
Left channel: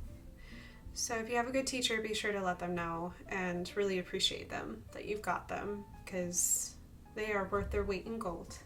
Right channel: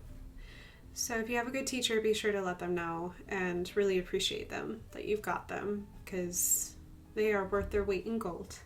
So if you have a good teacher, be sure to let them know and really appreciate them, that you've got them, because they are worth their weight in gold.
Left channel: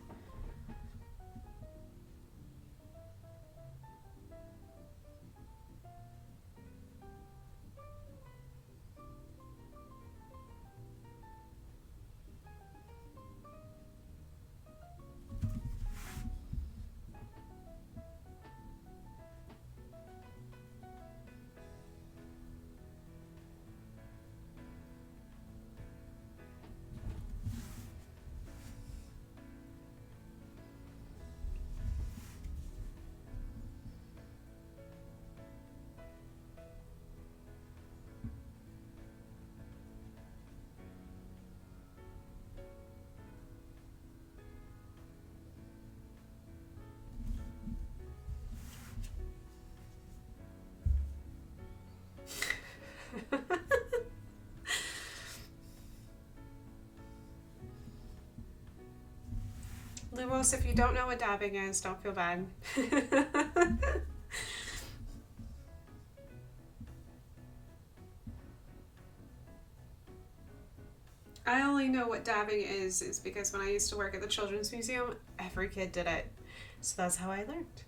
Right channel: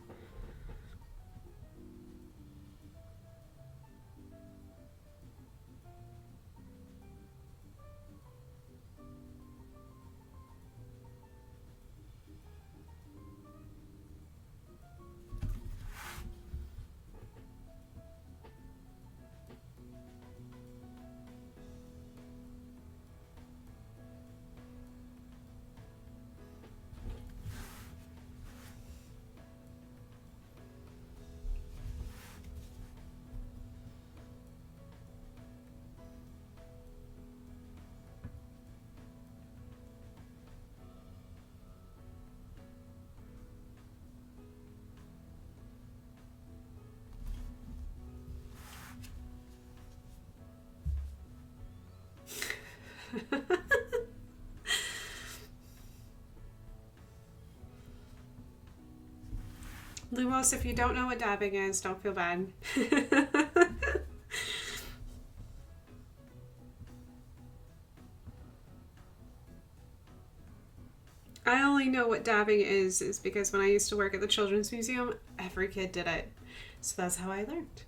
Lumos, if you don't know what dabbing is, don't feel bad. I only know what dabbing is because when I used to work at the Children's Museum, every kid did it. So that's how I learned.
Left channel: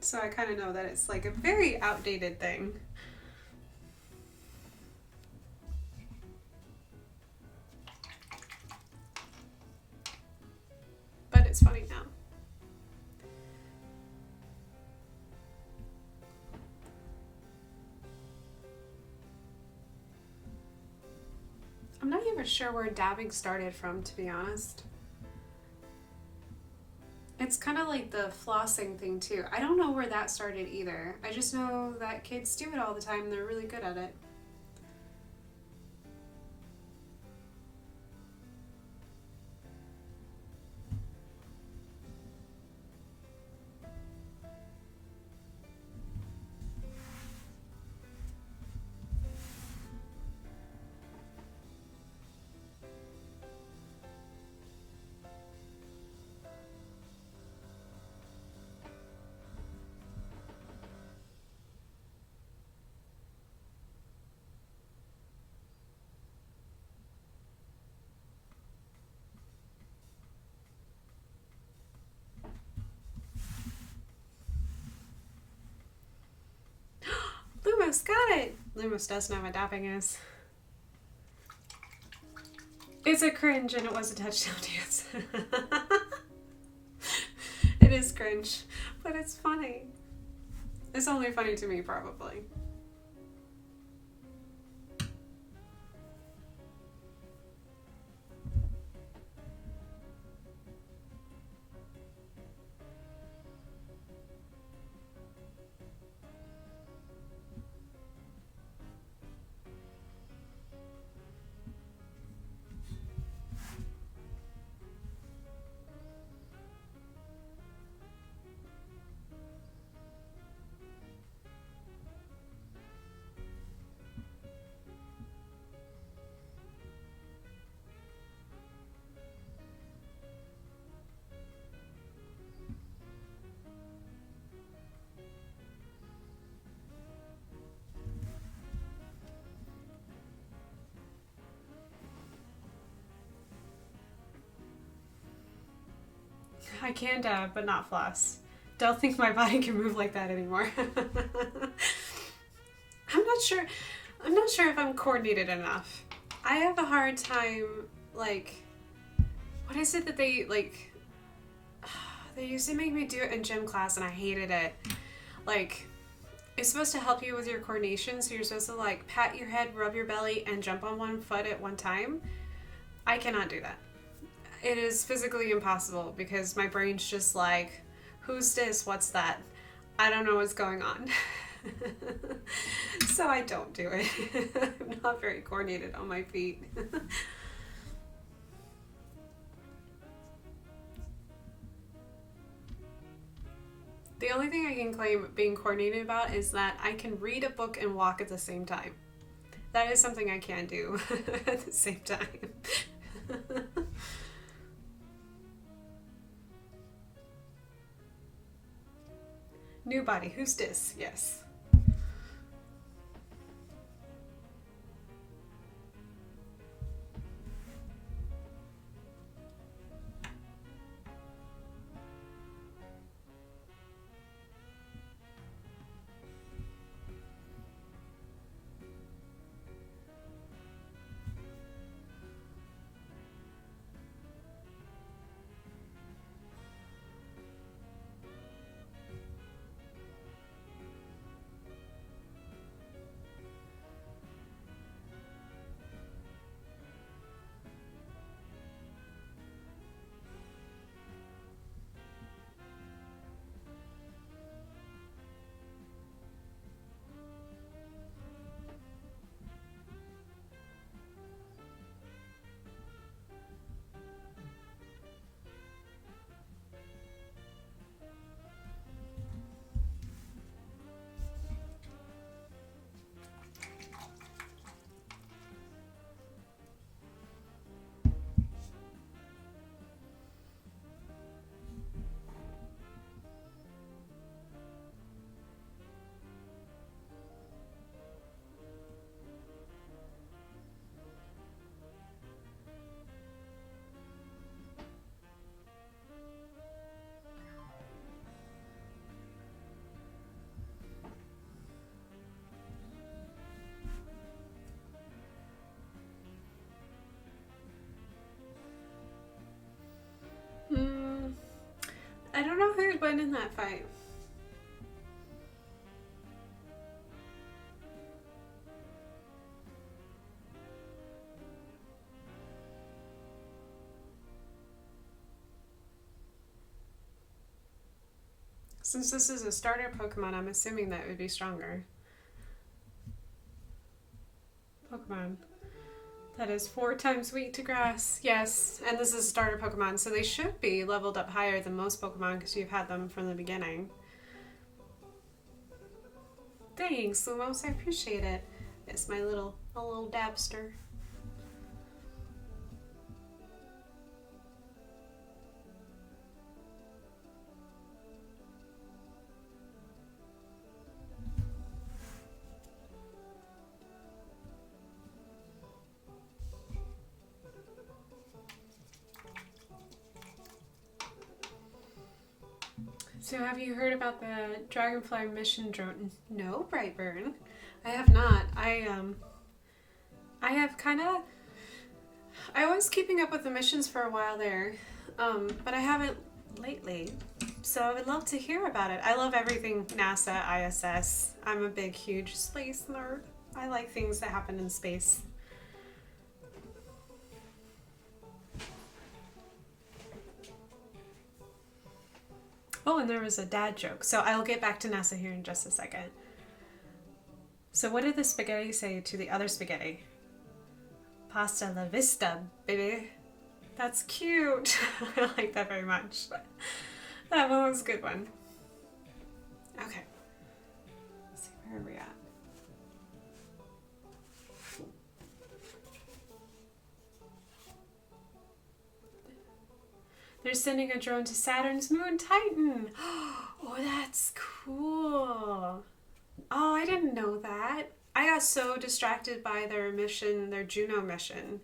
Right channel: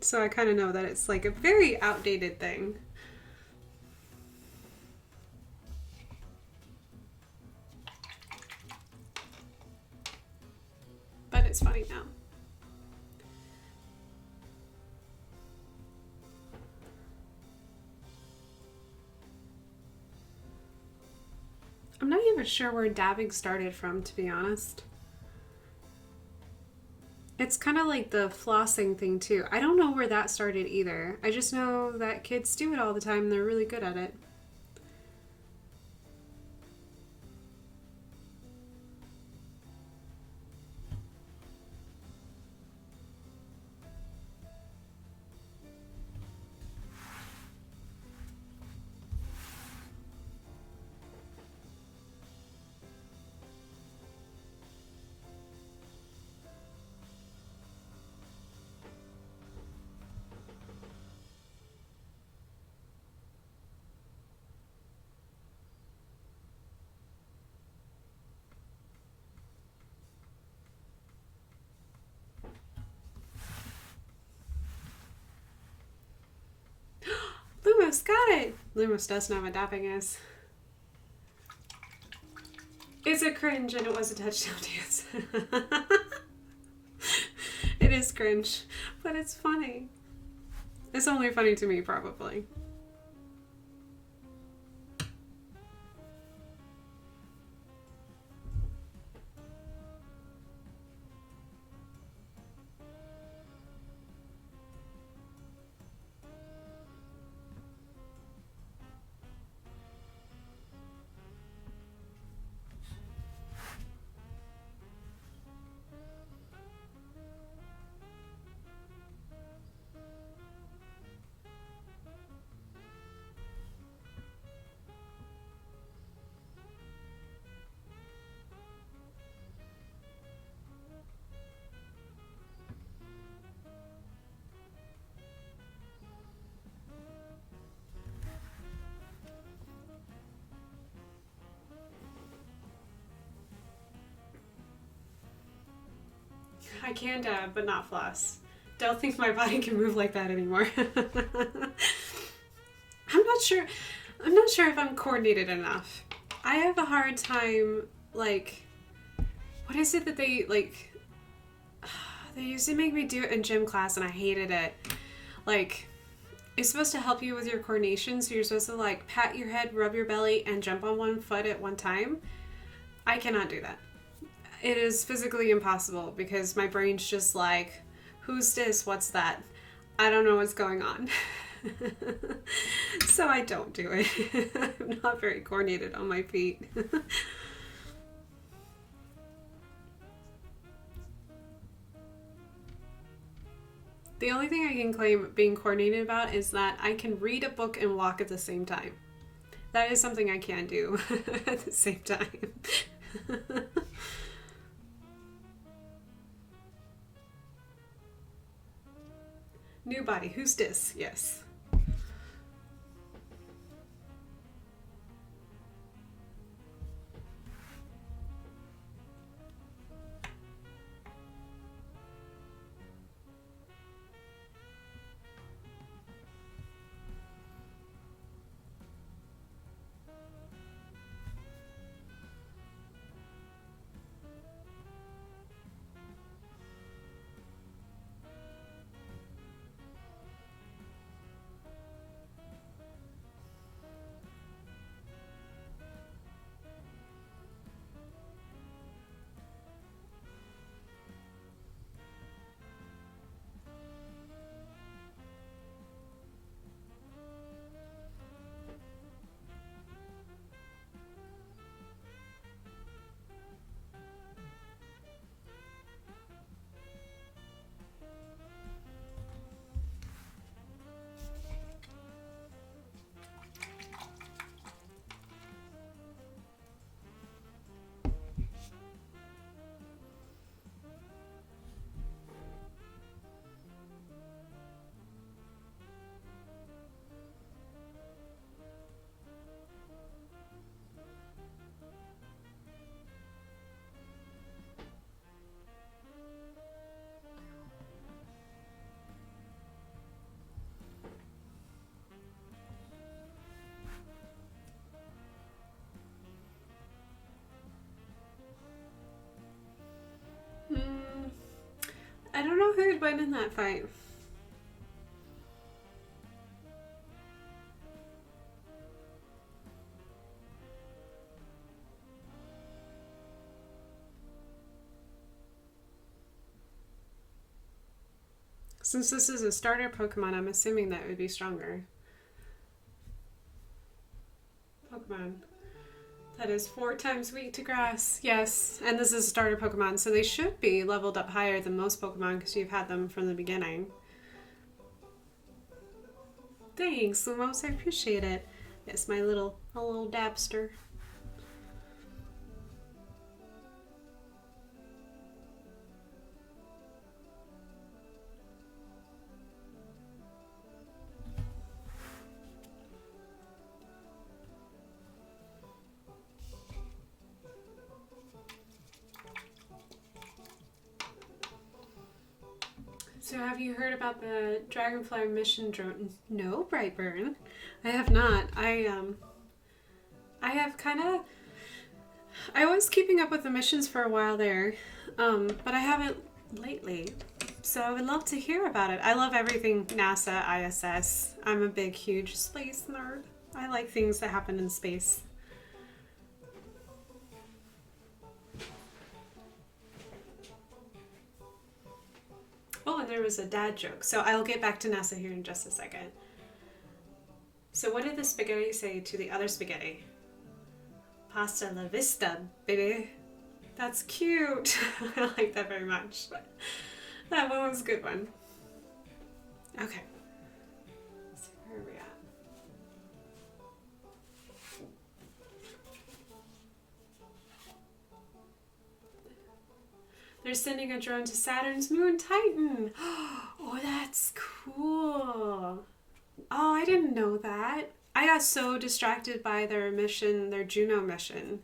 So I kind of know that it's like a very outdated thing. But it's funny now. I'm not even sure where dabbing started from, to be honest. It's kind of like the flossing thing too. I don't know where that started either. I just know that kids do it all the time and they're really good at it. Lumos got it! Lumos does know what dapping is. It's a cringe and it was a touchdown dance. It is cringe, but it's funny. It's only funny to me, probably. I can dab, but not floss. Don't think my body can move like that anymore. I'm not sure if I'm coordinated enough. I have a hard time, like, what is it that they, like, they used to make me do it in gym class and I hated it. Like, it's supposed to help you with your coordination, so you're supposed to, like, pat your head, rub your belly, and jump on one foot at one time. I cannot do that. It is physically impossible because my brain's just like, who's this? What's that? I don't know what's going on. So I don't do it. I'm not very coordinated on my feet. The only thing I can claim being coordinated about is that I can read a book and walk at the same time. That is something I can do at the same time. New body, who's this? Yes. I don't know who'd win in that fight. Since this is a starter Pokemon, I'm assuming that it would be stronger. Pokemon. That is 4 times weak to grass. Yes, and this is a starter Pokemon, so they should be leveled up higher than most Pokemon because you've had them from the beginning. Thanks, Lumos. I appreciate it. It's my little dabster. So have you heard about the Dragonfly mission drone? No, Brightburn. I have not. I have kind of... I was keeping up with the missions for a while there, but I haven't lately. So I would love to hear about it. I love everything NASA, ISS. I'm a big, huge space nerd. I like things that happen in space. Oh, and there was a dad joke. So I'll get back to NASA here in just a second. So what did the spaghetti say to the other spaghetti? Pasta la vista, baby. That's cute. I like that very much. That one was a good one. Okay. Let's see, where are we at? They're sending a drone to Saturn's moon, Titan. Oh, that's cool. Oh, I didn't know that. I got so distracted by their mission, their Juno mission,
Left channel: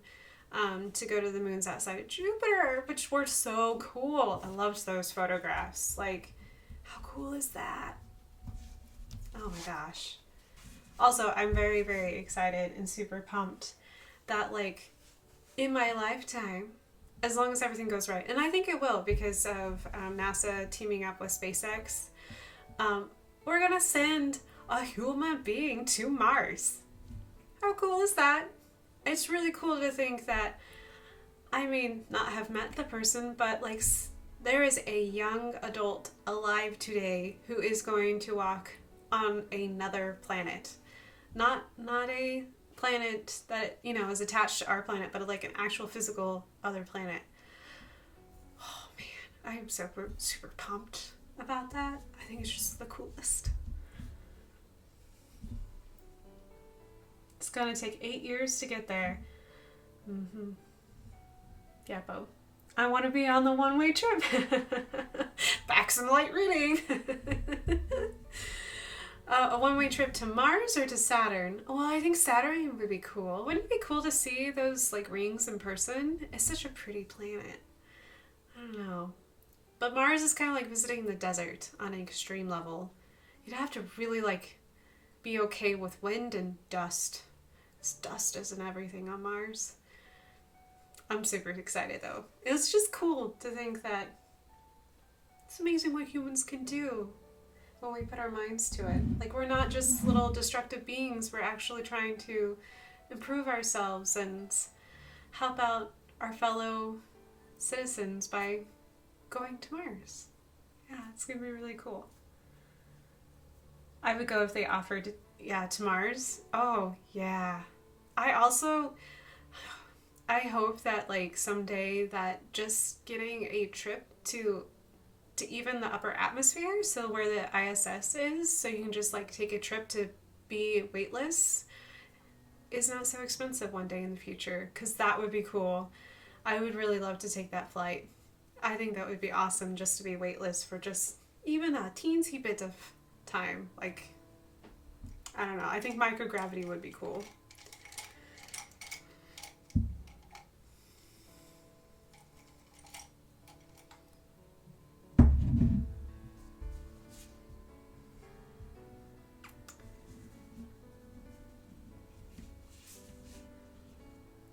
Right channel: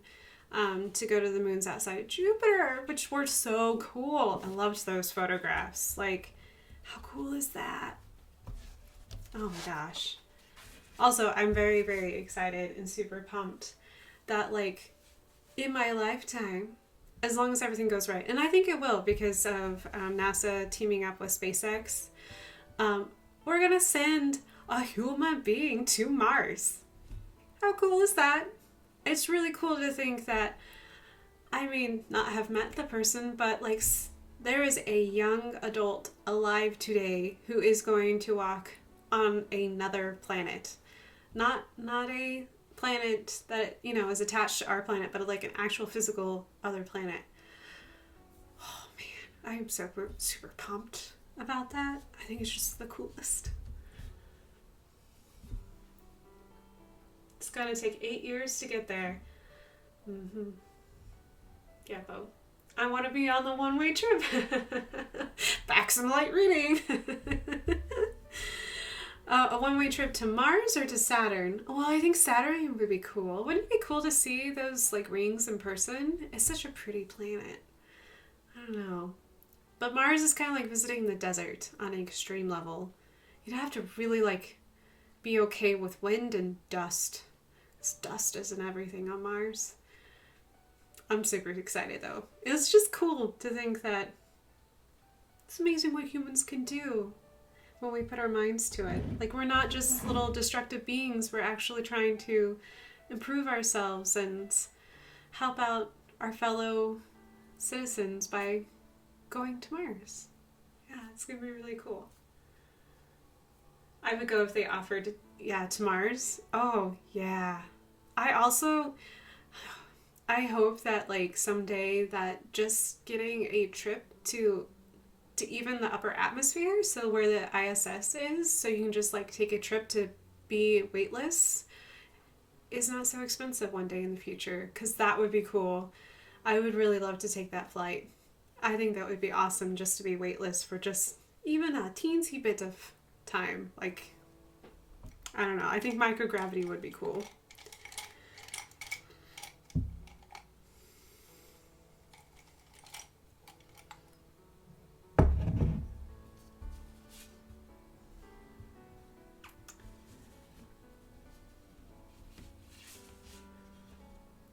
to go to the moons outside of Jupiter, which were so cool. I loved those photographs. Like, how cool is that? Oh my gosh. Also, I'm very, very excited and super pumped that, like, in my lifetime, as long as everything goes right, and I think it will because of NASA teaming up with SpaceX, we're gonna send a human being to Mars. How cool is that? It's really cool to think that, I mean, not have met the person, but like there is a young adult alive today who is going to walk on another planet. Not a planet that, you know, is attached to our planet, but like an actual physical other planet. Oh man, I am super pumped. about that. I think it's just the coolest. It's gonna take 8 years to get there. Yeah, Bo. I want to be on the one-way trip. Back some light reading. A one-way trip to Mars or to Saturn? Well, I think Saturn would be cool. Wouldn't it be cool to see those like rings in person? It's such a pretty planet. I don't know. But Mars is kind of like visiting the desert on an extreme level. You'd have to really like be okay with wind and dust. Because dust isn't everything on Mars. I'm super excited though. It's just cool to think that it's amazing what humans can do when we put our minds to it. Like, we're not just little destructive beings. We're actually trying to improve ourselves and help out our fellow citizens by going to Mars. Yeah, it's gonna be really cool. I would go if they offered, to Mars. Oh, yeah. I hope that like someday that just getting a trip to even the upper atmosphere, so where the ISS is, so you can just like take a trip to be weightless, is not so expensive one day in the future, because that would be cool. I would really love to take that flight. I think that would be awesome, just to be weightless for just even a teensy bit of time. Like, I don't know, I think microgravity would be cool.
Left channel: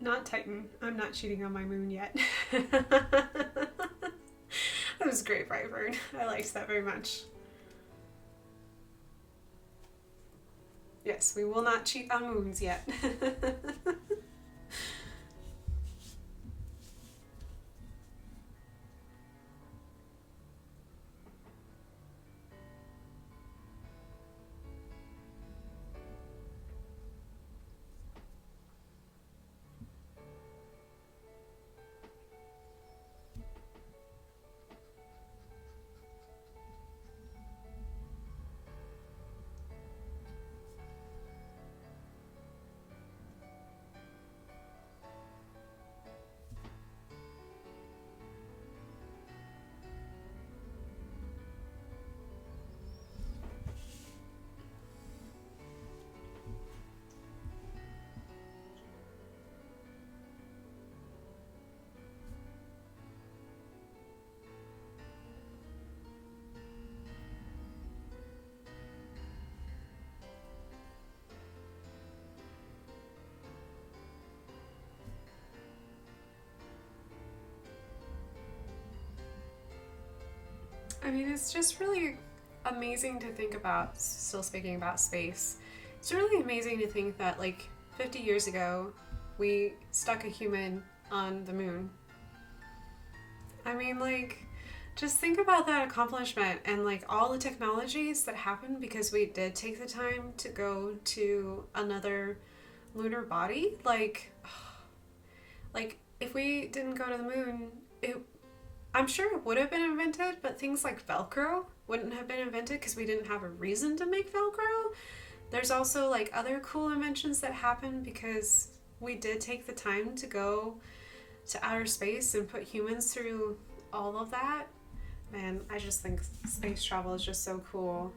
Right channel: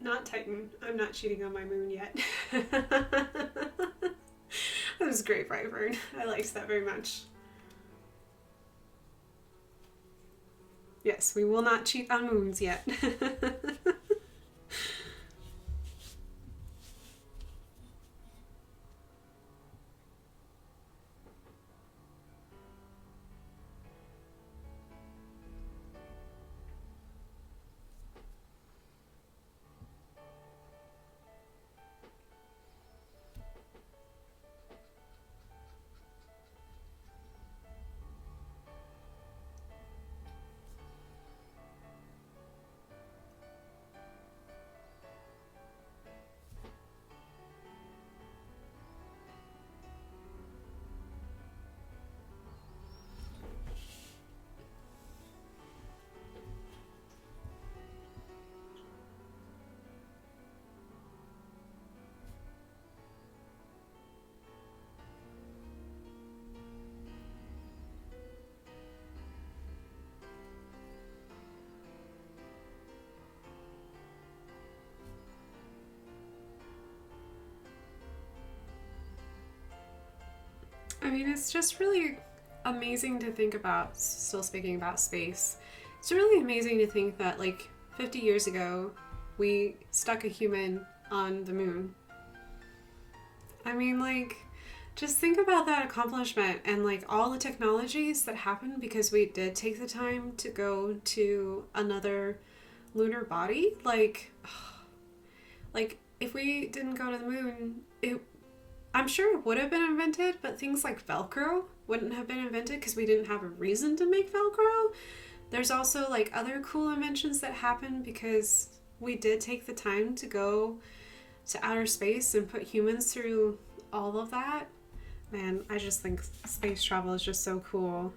Not Titan. I'm not cheating on my moon yet. That was great, Brightburn. I liked that very much. Yes, we will not cheat on moons yet. I mean, it's just really amazing to think about, still speaking about space, it's really amazing to think that like 50 years ago, we stuck a human on the moon. I mean, like, just think about that accomplishment and like all the technologies that happened because we did take the time to go to another lunar body. Like if we didn't go to the moon, I'm sure it would have been invented, but things like Velcro wouldn't have been invented because we didn't have a reason to make Velcro. There's also like other cool inventions that happened because we did take the time to go to outer space and put humans through all of that. Man, I just think space travel is just so cool.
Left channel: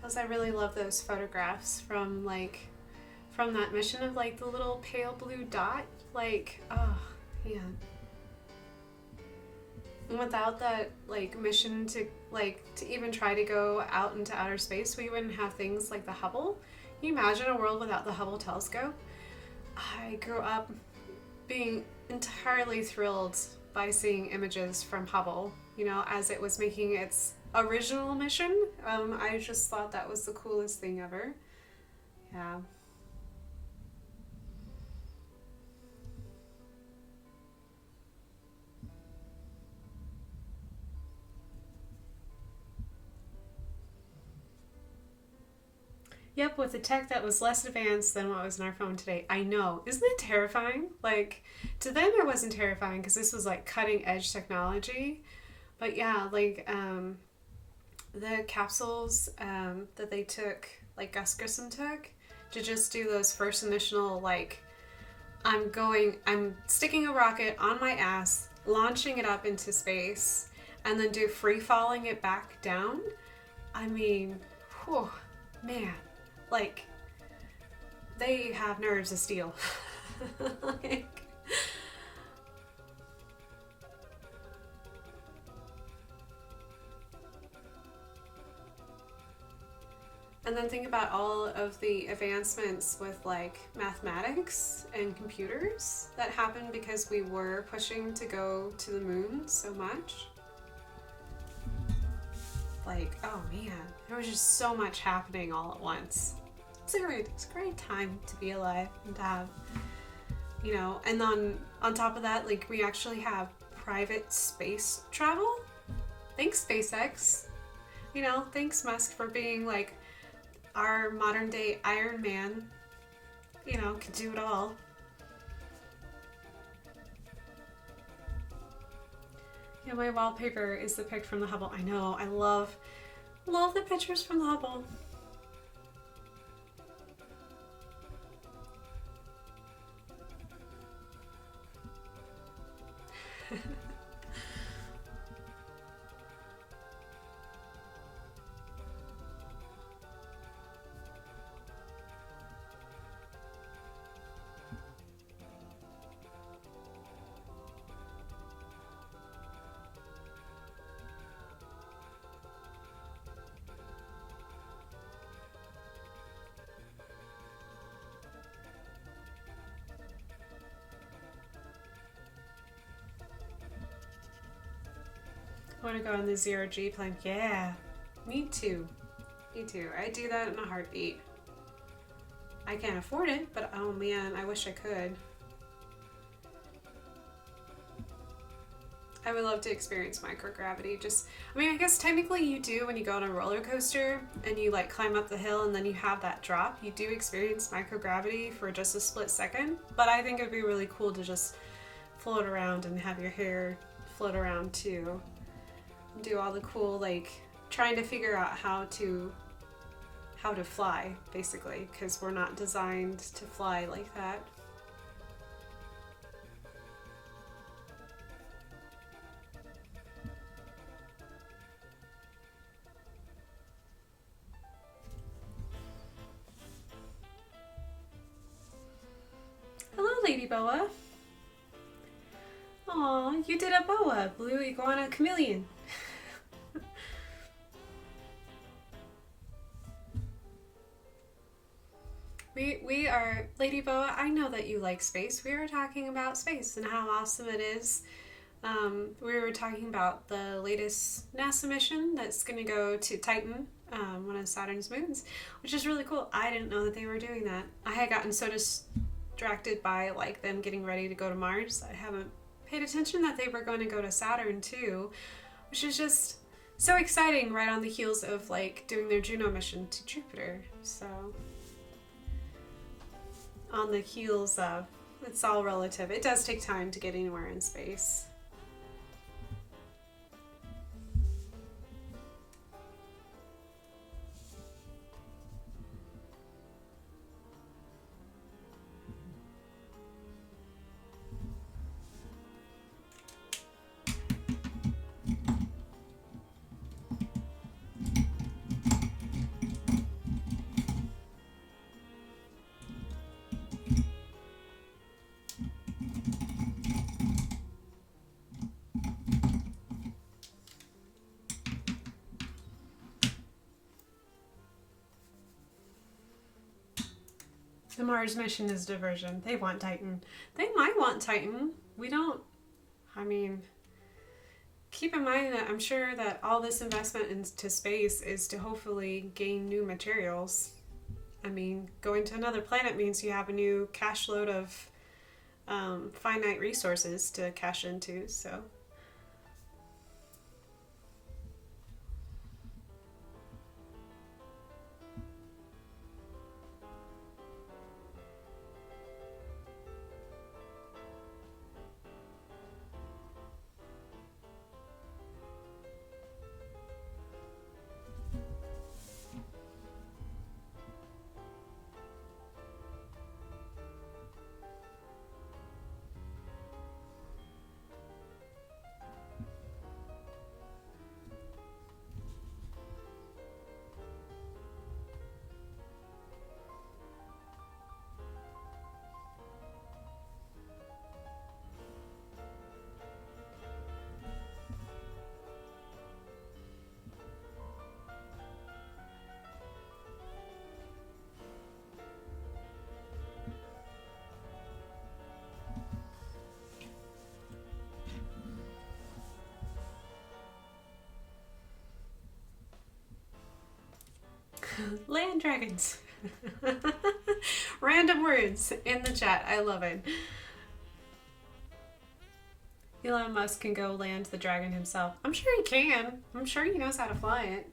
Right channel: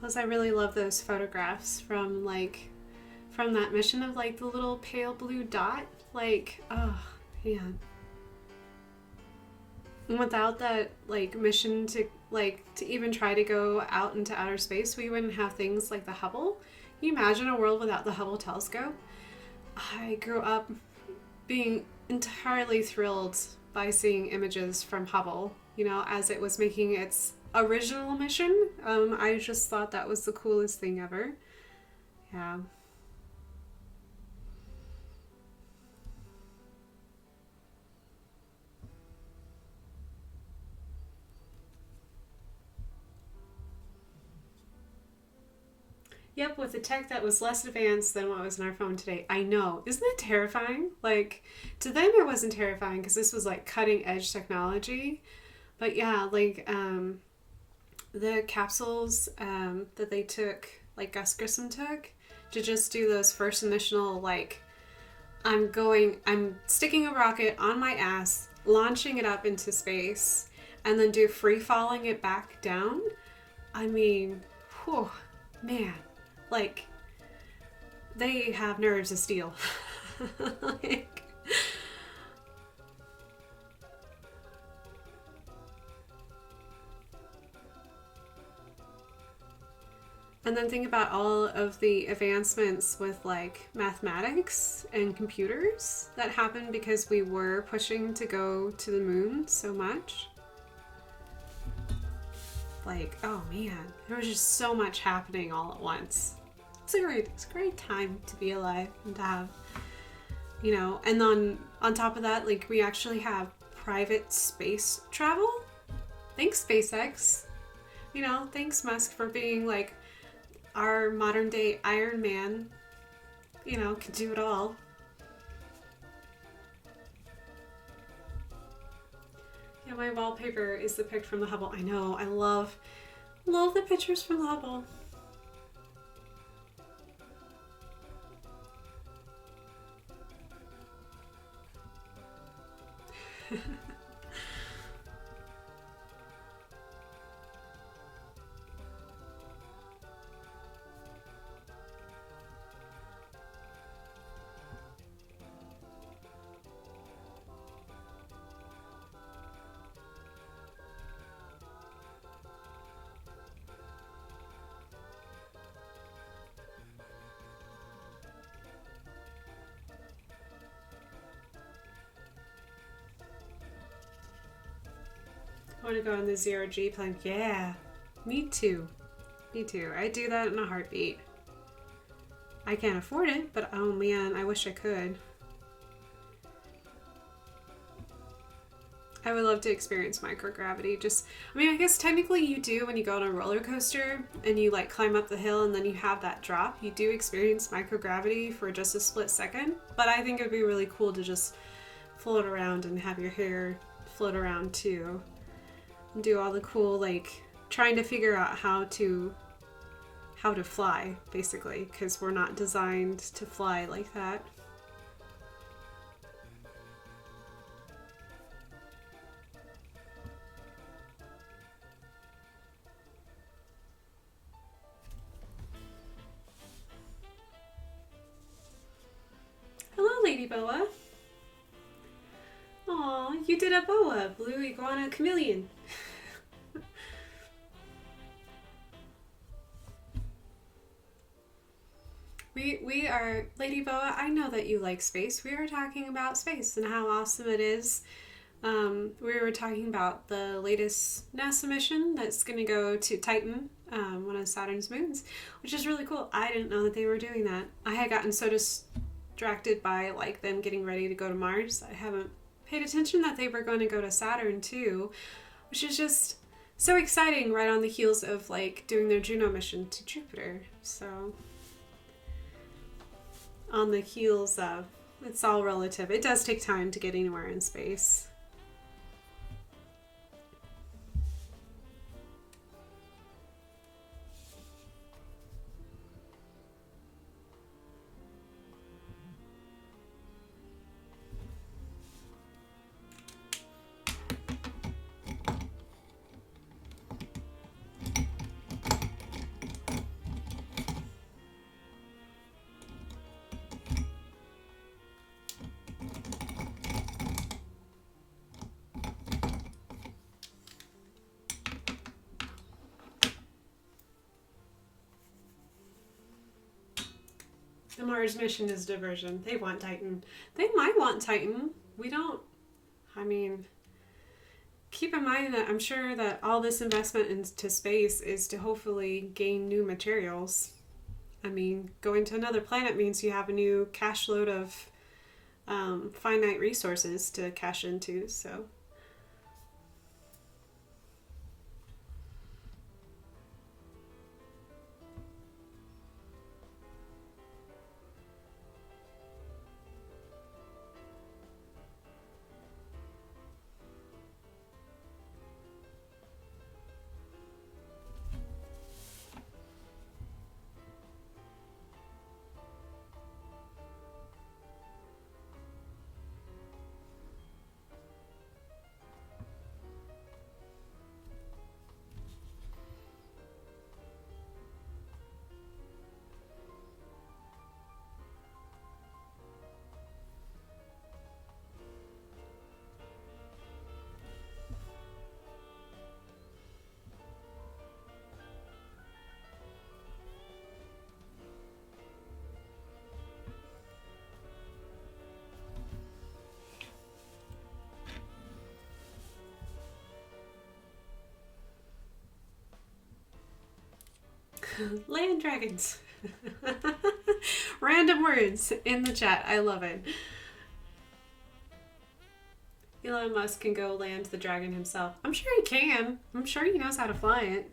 Plus, I really love those photographs from that mission of like the little pale blue dot. Like, oh, yeah. And without that like mission to even try to go out into outer space, we wouldn't have things like the Hubble. Can you imagine a world without the Hubble telescope? I grew up being entirely thrilled by seeing images from Hubble, as it was making its original mission. I just thought that was the coolest thing ever. Yeah. Yep, with a tech that was less advanced than what was in our phone today. I know. Isn't that terrifying? Like, to them it wasn't terrifying because this was like cutting edge technology. But yeah, like the capsules that they took, like Gus Grissom took, to just do those first initial, like, I'm sticking a rocket on my ass, launching it up into space, and then do free falling it back down. I mean, whew, man. Like, they have nerves of steel. Like, and then think about all of the advancements with like mathematics and computers that happened because we were pushing to go to the moon so much. Like, oh man, there was just so much happening all at once. It's a great time to be alive and to have, you know, and then on top of that, like, we actually have private space travel. Thanks, SpaceX. You know, thanks, Musk, for being like our modern day Iron Man. You know, can do it all. Yeah, my wallpaper is the pic from the Hubble. I know, I love the pictures from the Hubble. I want to go on the 0G plane. Yeah, me too. Me too. I do that in a heartbeat. I can't afford it, but oh man, I wish I could. I would love to experience microgravity. Just, I mean, I guess technically you do when you go on a roller coaster and you like climb up the hill and then you have that drop. You do experience microgravity for just a split second. But I think it'd be really cool to just float around and have your hair float around too. And do all the cool, like, trying to figure out how to fly, basically, because we're not designed to fly like that. Hello, Lady Boa. Aw, you did a boa, blue iguana chameleon. We are, Lady Boa, I know that you like space. We are talking about space and how awesome it is. We were talking about the latest NASA mission that's going to go to Titan, one of Saturn's moons, which is really cool. I didn't know that they were doing that. I had gotten so distracted by like them getting ready to go to Mars. I haven't paid attention that they were going to go to Saturn too, which is just so exciting right on the heels of like doing their Juno mission to Jupiter. So on the heels of, it's all relative. It does take time to get anywhere in space. The Mars mission is diversion. They want Titan. They might want Titan. We don't. I mean, keep in mind that I'm sure that all this investment into space is to hopefully gain new materials. I mean, going to another planet means you have a new cache load of finite resources to cash into, so. Land dragons. Random words in the chat. I love it. Elon Musk can go land the dragon himself. I'm sure he can. I'm sure he knows how to fly it.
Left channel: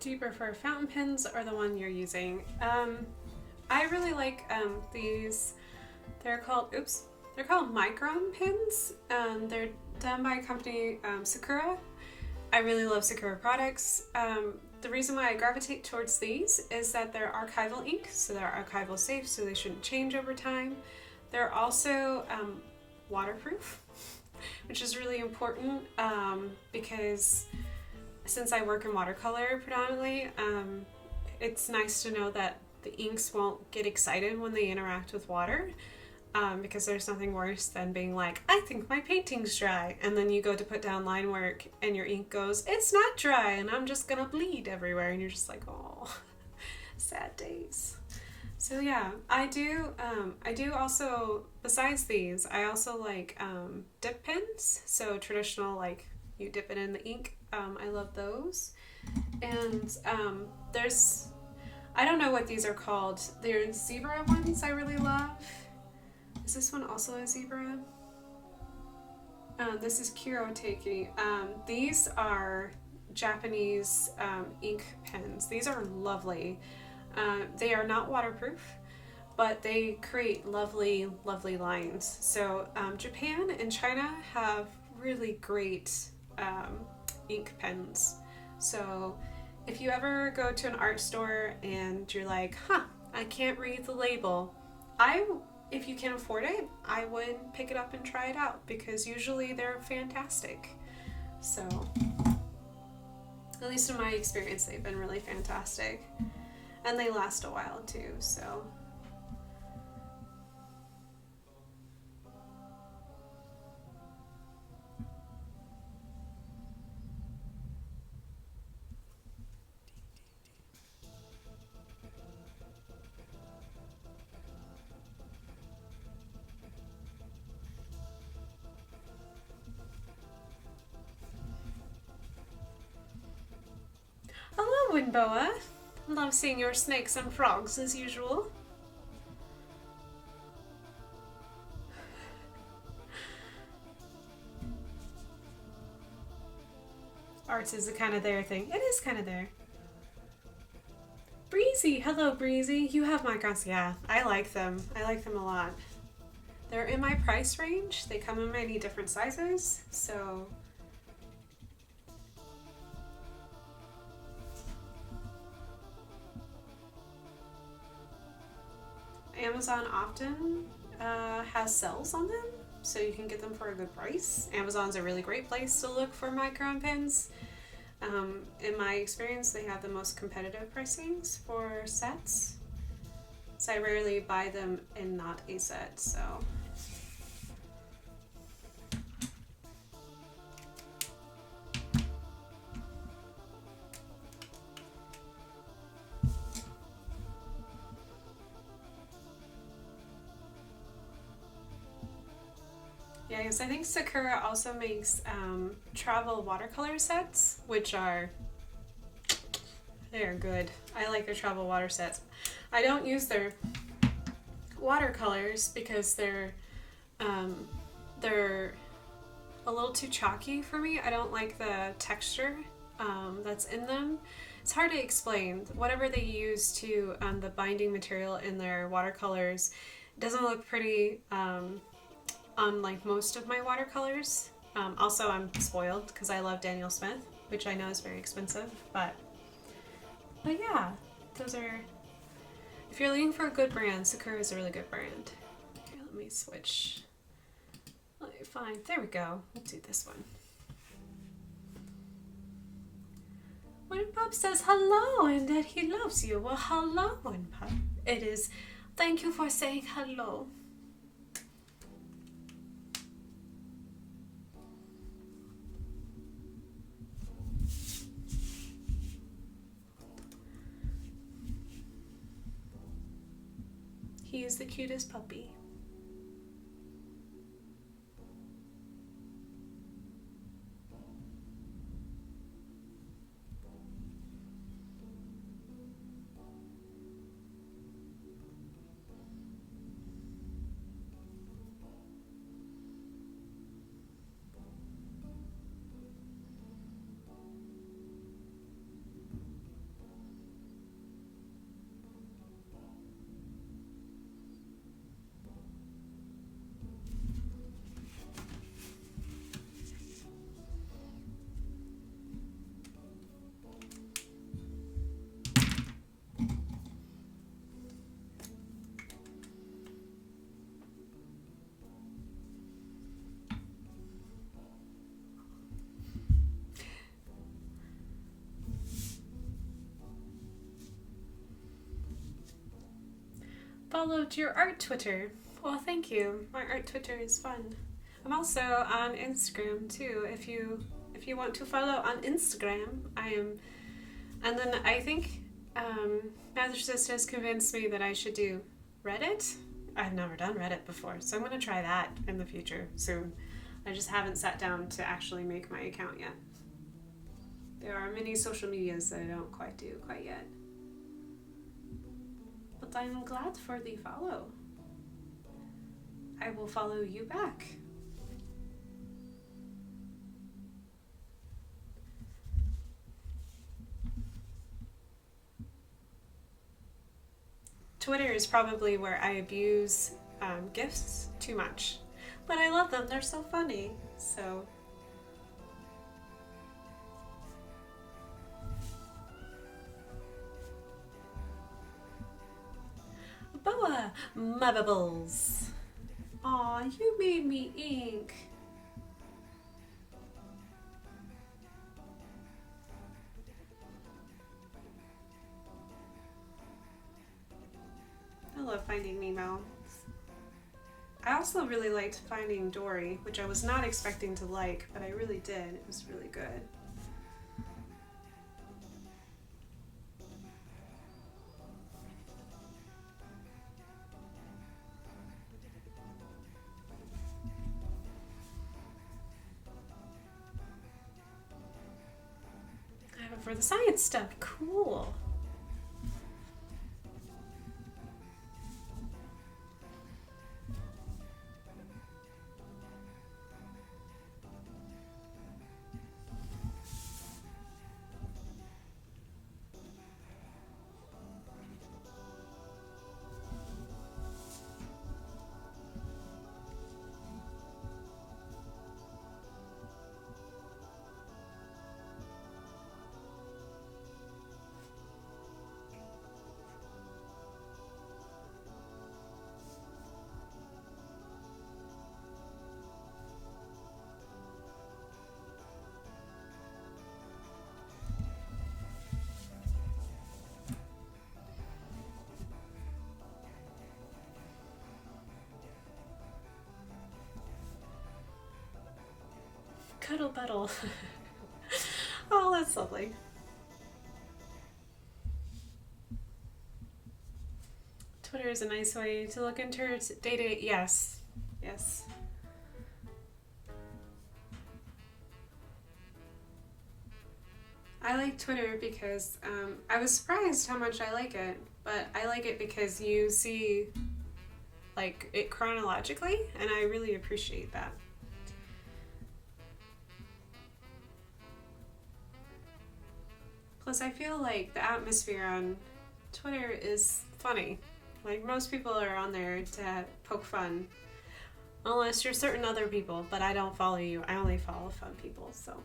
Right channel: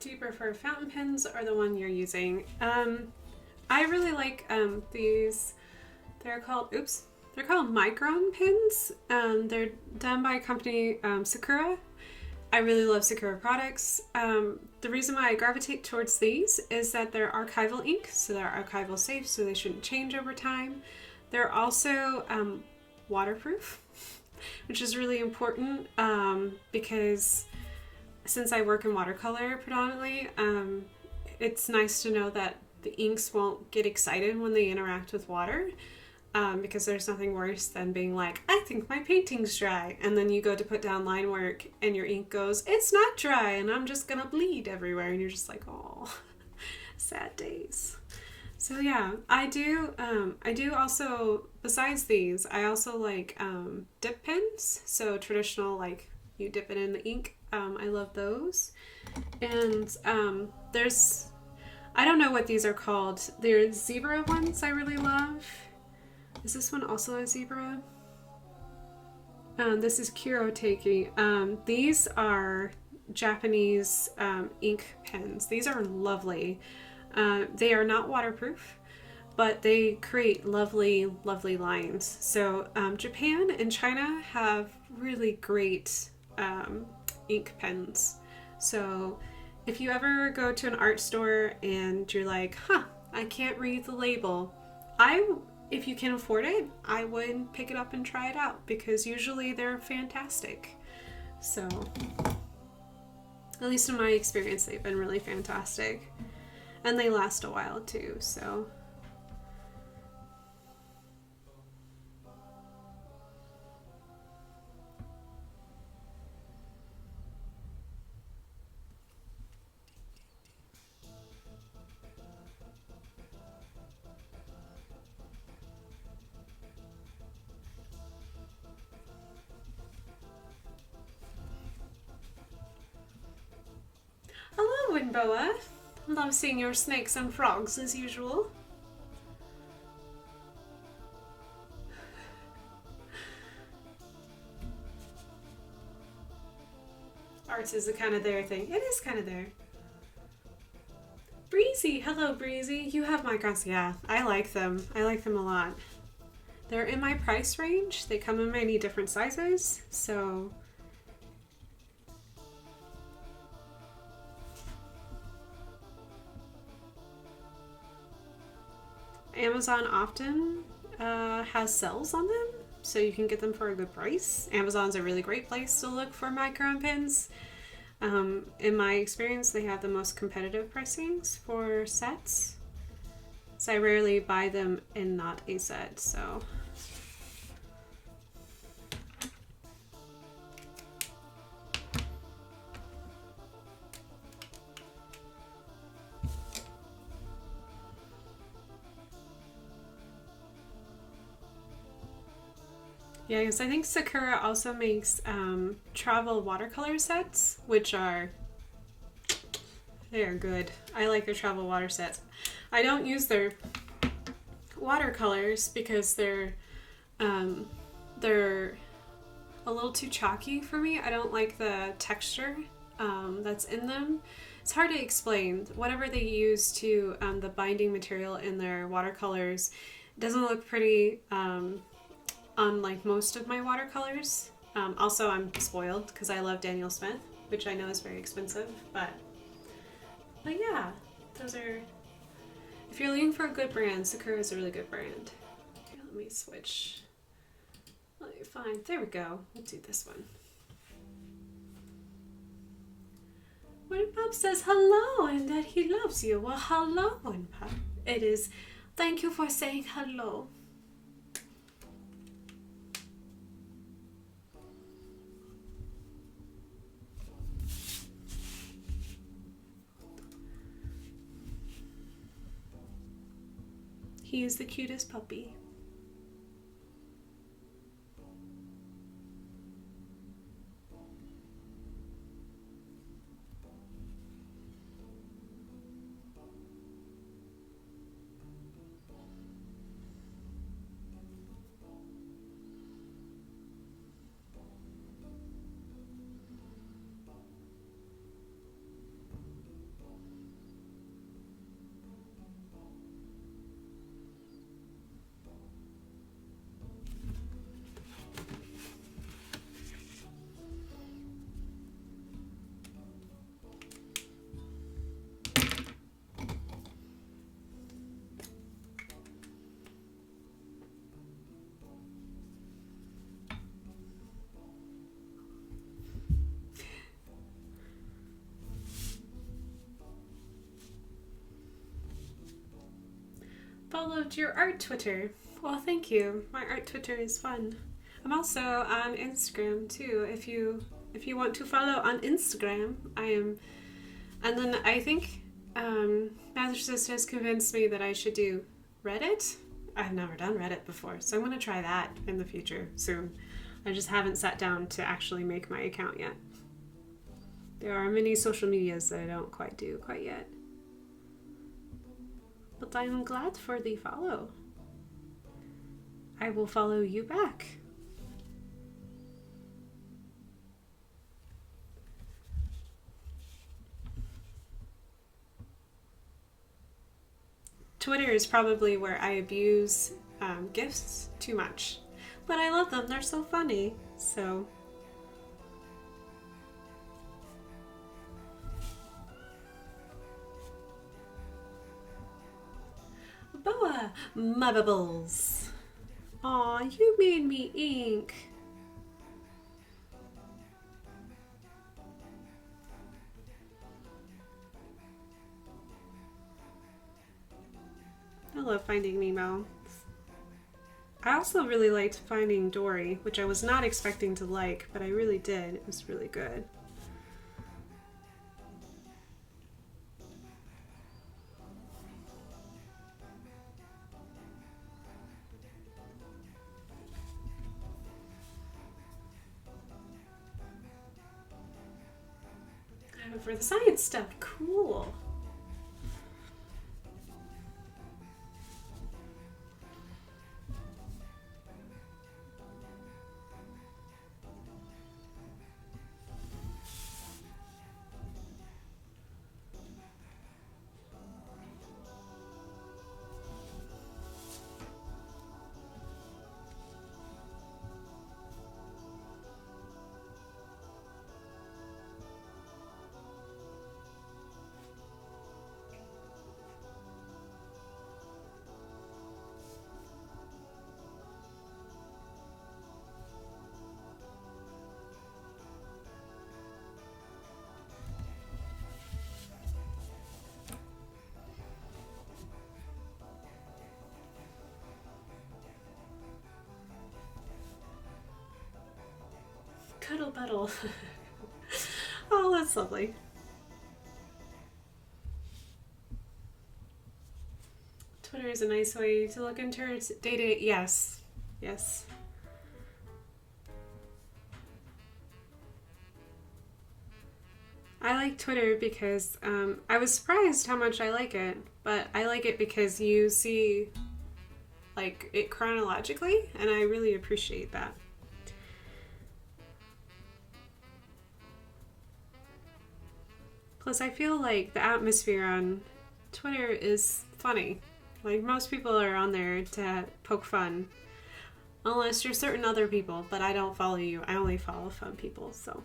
Do you prefer fountain pens or the one you're using? I really like these. They're called Micron pens. They're done by a company, Sakura. I really love Sakura products. The reason why I gravitate towards these is that they're archival ink, so they're archival safe, so they shouldn't change over time. They're also waterproof, which is really important because since I work in watercolor predominantly, it's nice to know that the inks won't get excited when they interact with water, because there's nothing worse than being like, I think my painting's dry, and then you go to put down line work and your ink goes, it's not dry, and I'm just gonna bleed everywhere, and you're just like, oh, sad days. So yeah, I do also, besides these, I also like dip pens, so traditional, like you dip it in the ink. I love those. And there's, I don't know what these are called. There's zebra ones I really love. Is this one also a zebra? This is Kiroteki. These are Japanese ink pens. These are lovely. They are not waterproof, but they create lovely, lovely lines. So Japan and China have really great ink pens. So if you ever go to an art store and you're like, I can't read the label, if you can afford it, I would pick it up and try it out, because usually they're fantastic. So at least in my experience, they've been really fantastic, and they last a while too. So hello, Winboa. Love seeing your snakes and frogs as usual. Arts is a kind of their thing. It is kind of there. Breezy, hello Breezy. You have microns. Yeah, I like them. I like them a lot. They're in my price range. They come in many different sizes, so Amazon often has sales on them, so you can get them for a good price. Amazon's a really great place to look for micron pens. In my experience, they have the most competitive pricings for sets, so I rarely buy them in not a set. So Yeah, because I think Sakura also makes travel watercolor sets, which are, they're good. I like their travel water sets. I don't use their watercolors because they're a little too chalky for me. I don't like the texture that's in them. It's hard to explain. Whatever they use to the binding material in their watercolors doesn't look pretty on like most of my watercolors. Also, I'm spoiled because I love Daniel Smith, which I know is very expensive, but yeah, those are, if you're looking for a good brand, Sakura is a really good brand. Okay, let me switch. Let me find, there we go. Let's do this one. When Pop says hello and that he loves you, well, hello, and Pop. It is, thank you for saying hello. He is the cutest puppy. Followed your art Twitter. Well, thank you. My art Twitter is fun. I'm also on Instagram too. If you want to follow on Instagram, I am. And then I think Master Sister has convinced me that I should do Reddit. I've never done Reddit before, so I'm going to try that in the future soon. I just haven't sat down to actually make my account yet. There are many social medias that I don't quite do quite yet. But I'm glad for the follow. I will follow you back. Twitter is probably where I abuse GIFs too much. But I love them, they're so funny. So Boa, my bubbles. Aw, you made me ink. I love Finding Nemo. I also really liked Finding Dory, which I was not expecting to like, but I really did. It was really good. For the science stuff, cool. Cuddle Buddle. Oh, that's lovely. Twitter is a nice way to look into data. Yes. Yes. I like Twitter because I was surprised how much I like it, but I like it because you see like it chronologically, and I really appreciate that. Plus, I feel like the atmosphere on Twitter is funny. Like, most people are on there to poke fun. Unless you're certain other people, but I don't follow you. I only follow fun people, so.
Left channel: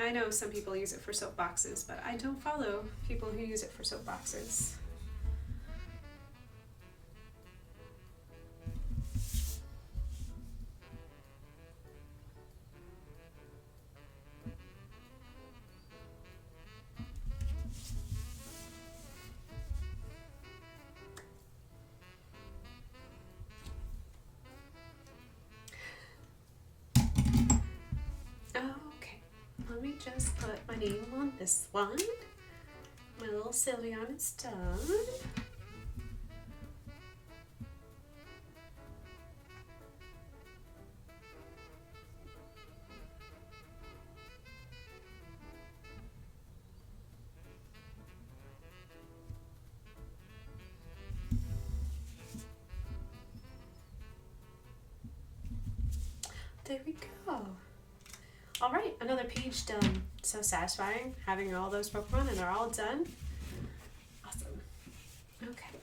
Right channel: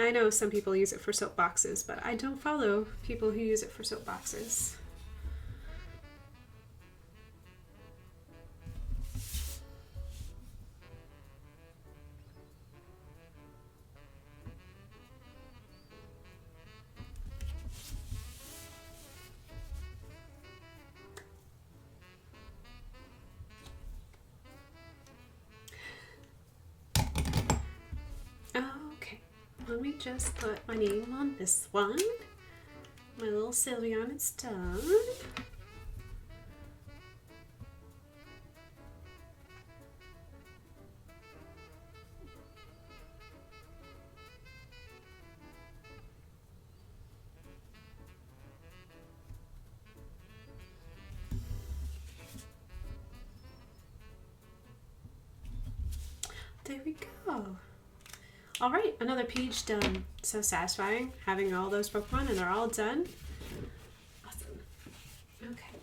I know some people use it for soapboxes, but I don't follow people who use it for soapboxes. Okay, let me just put my name on this one. My little Sylvia on its done. There we go. All right, another page done. So satisfying having all those Pokemon and they're all done. Awesome. Okay.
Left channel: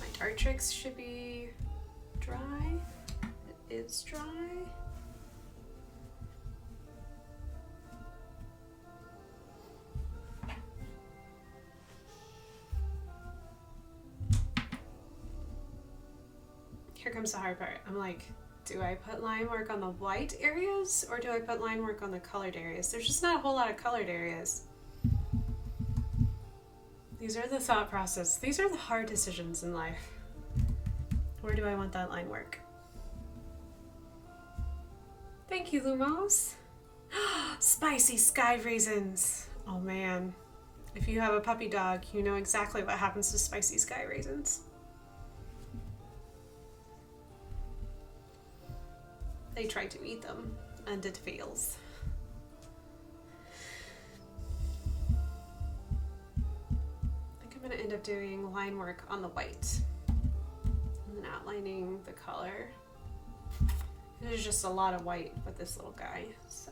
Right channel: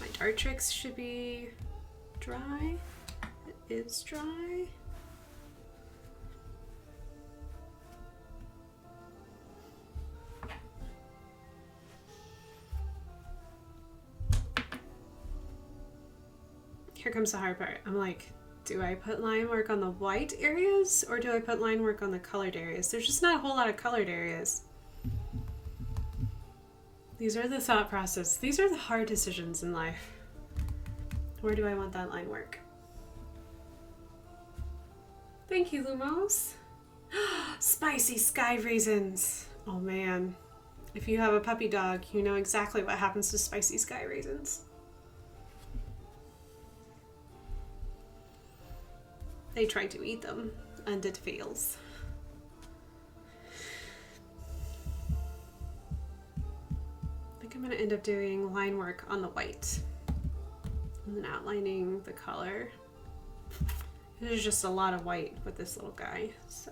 My Dartrix should be dry. It is dry. Here comes the hard part. I'm like, do I put line work on the white areas or do I put line work on the colored areas? There's just not a whole lot of colored areas. These are the thought process. These are the hard decisions in life. Where do I want that line work? Thank you, Lumos. Spicy sky raisins. Oh man. If you have a puppy dog, you know exactly what happens to spicy sky raisins. They try to eat them, and it fails. I think I'm going to end up doing line work on the white, and then outlining the color. There's just a lot of white with this little guy, so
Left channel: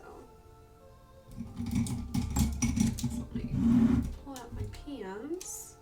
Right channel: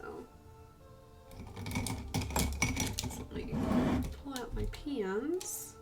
let me pull out my pans.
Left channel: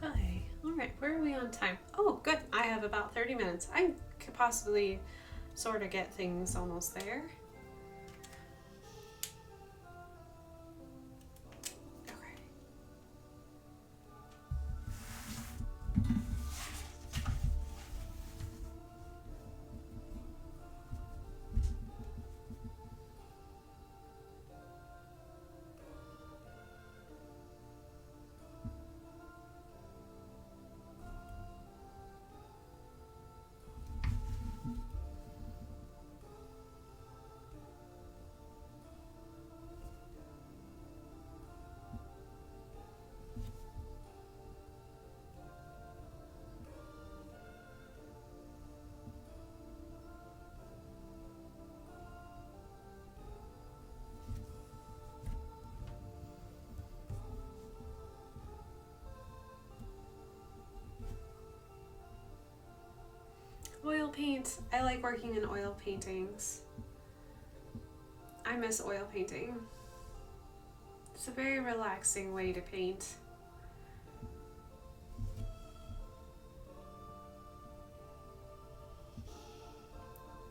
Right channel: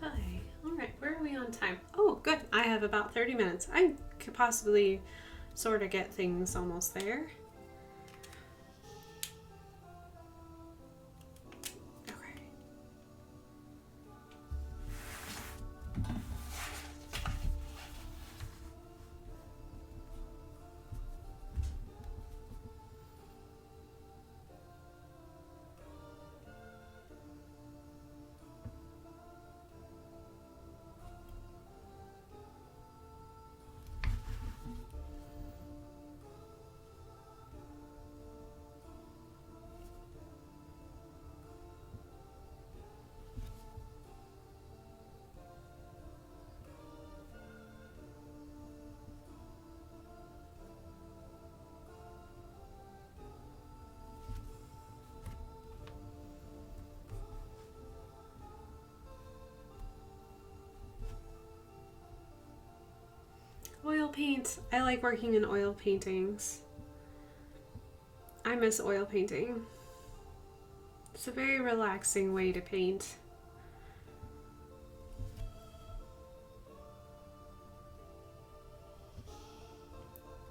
Okay, all right, where are we on time? Oh, good, I have about 30 minutes. I could possibly sort of get things almost there. Okay. Oil paint. I like working in oil paintings. I miss oil painting. It's a very relaxing way to paint.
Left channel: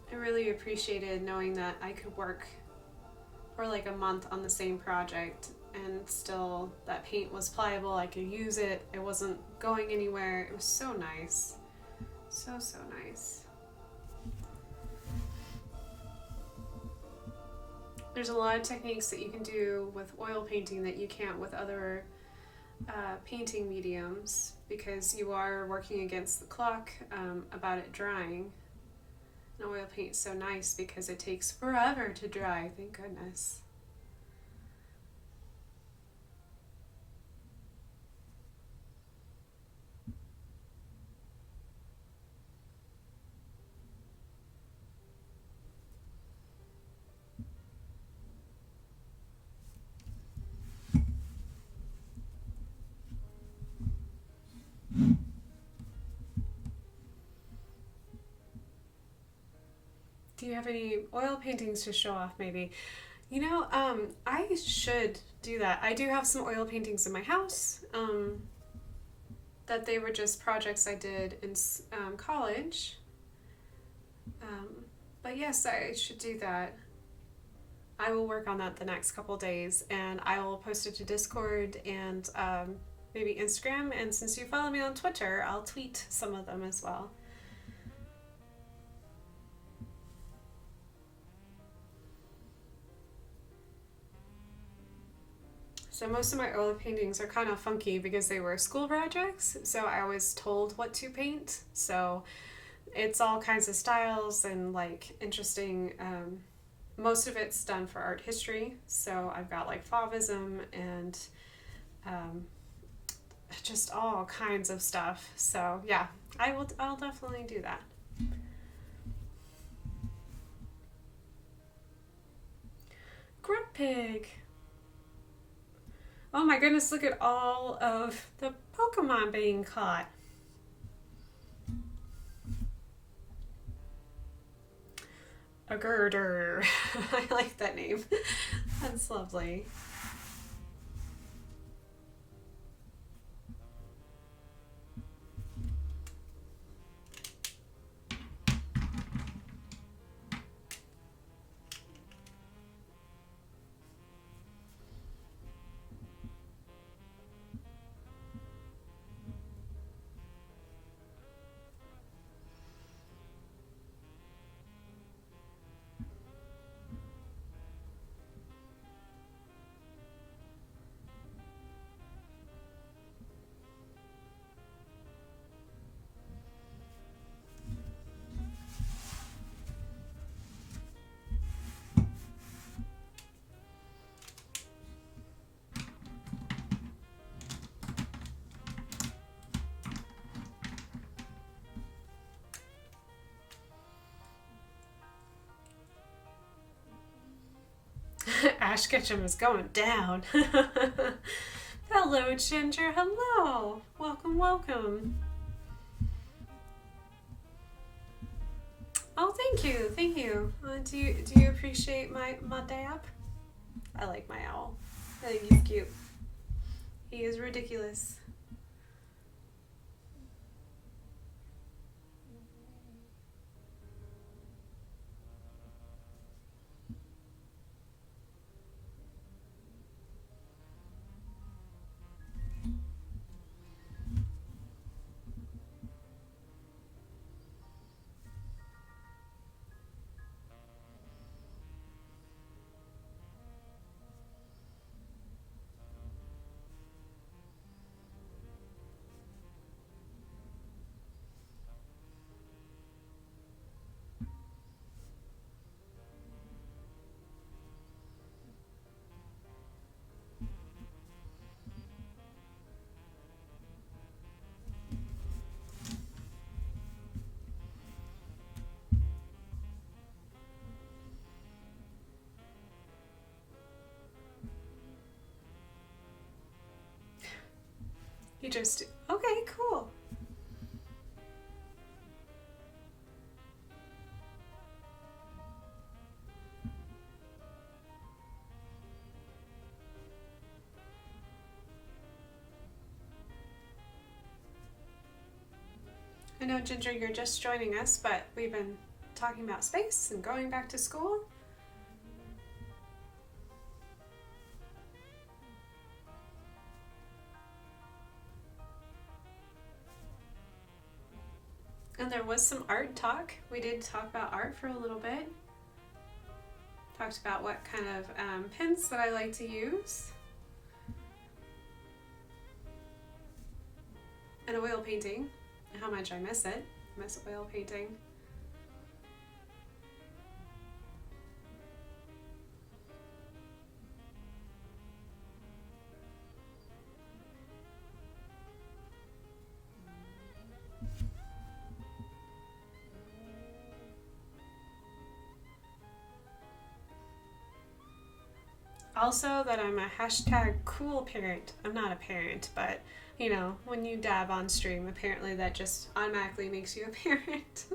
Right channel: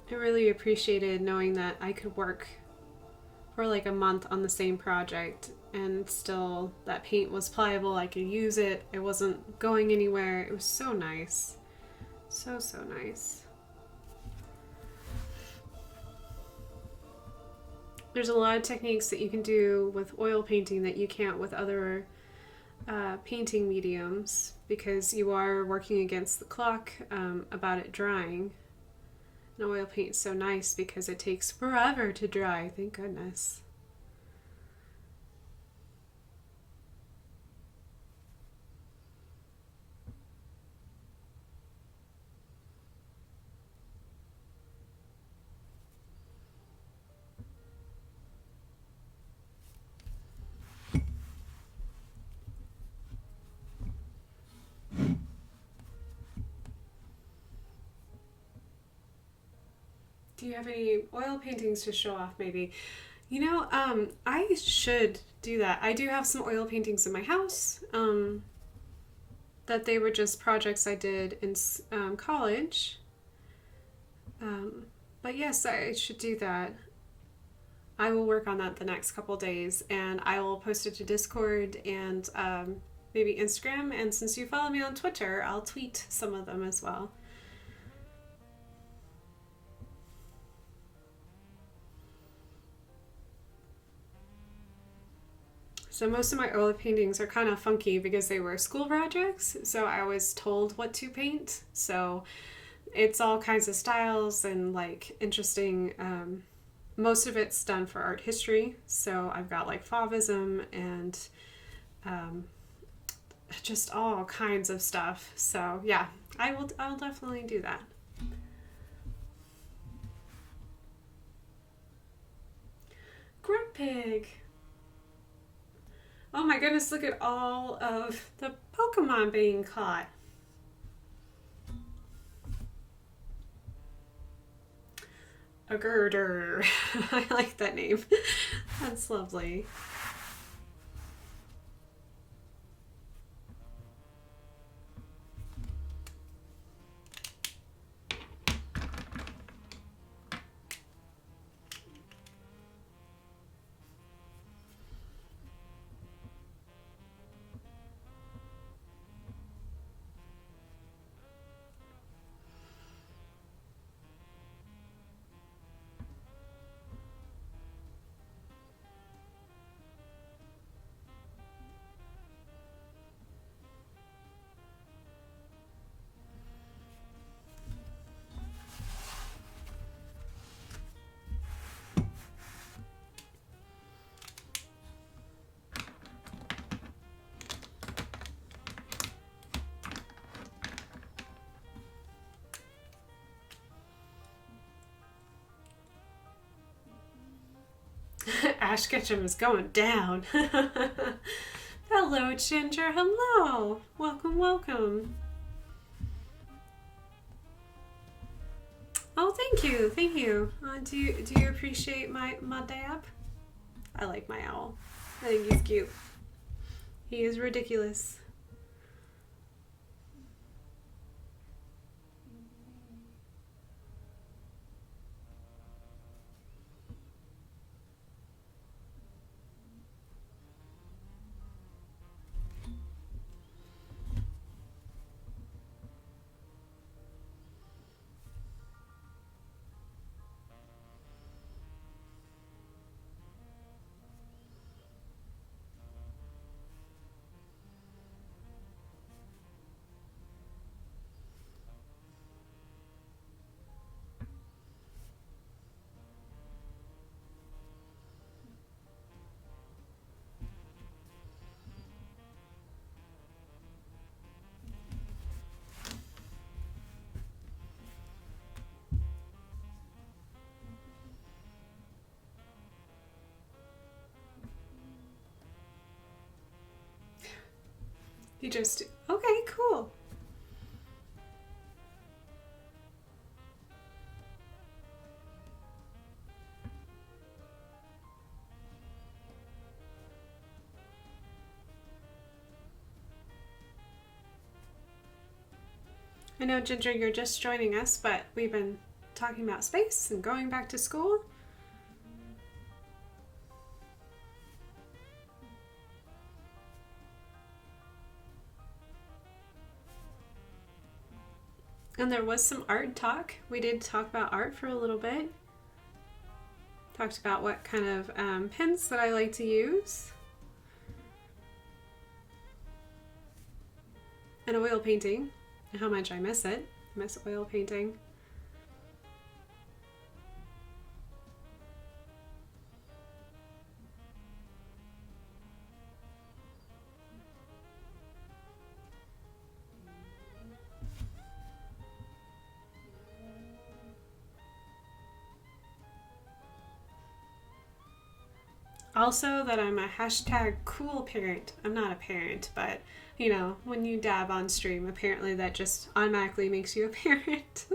I really appreciated knowing that I could work for like a month on the same project and still that paint was pliable. I could use it. It wasn't going anywhere. It was so nice. So, so nice. There's a lot of techniques that you can do with oil painting that you can't with other painting mediums, because you are working against the clock about it drying. And oil paint's so nice because it takes forever to dry, thank goodness. Do you have any oil paintings to show off, maybe? You know, I should do that. I do have some oil paintings in my house that they were just projects I did in college. But yes, I should do that. I will work on that the next couple days, and I will post it to Discord and maybe Instagram. And since you follow me on Twitter, I'll tweet some of them as well. So most of my oil paintings are kind of funky because they were school projects, so I was told what to paint. So it's all kinds of styles and like interesting. Most of it's done for art history, so I've got like Fauvism and just all kinds of stuff. So yeah, I'll definitely do that. Grunt Pig. Oh my goodness, look at all of the Pokemon being caught. A girder. I like that name. That's lovely. Ash Ketchum is going down. Hello, Ginger. Hello. Welcome, welcome. Oh, thank you, thank you. Do you appreciate my dab? I like my owl. I think he's cute. He is ridiculous. You just, okay, cool. I know, Ginger, you're just joining us, but we've been talking about space and going back to school. And there was some art talk. We did talk about art for a little bit. Talked about what kind of pens that I like to use. And oil painting, and how much I miss it. I miss oil painting. Also that I'm a hashtag cool parent. I'm not a parent, but you know, when you dab on stream, apparently that just automatically makes you a parent.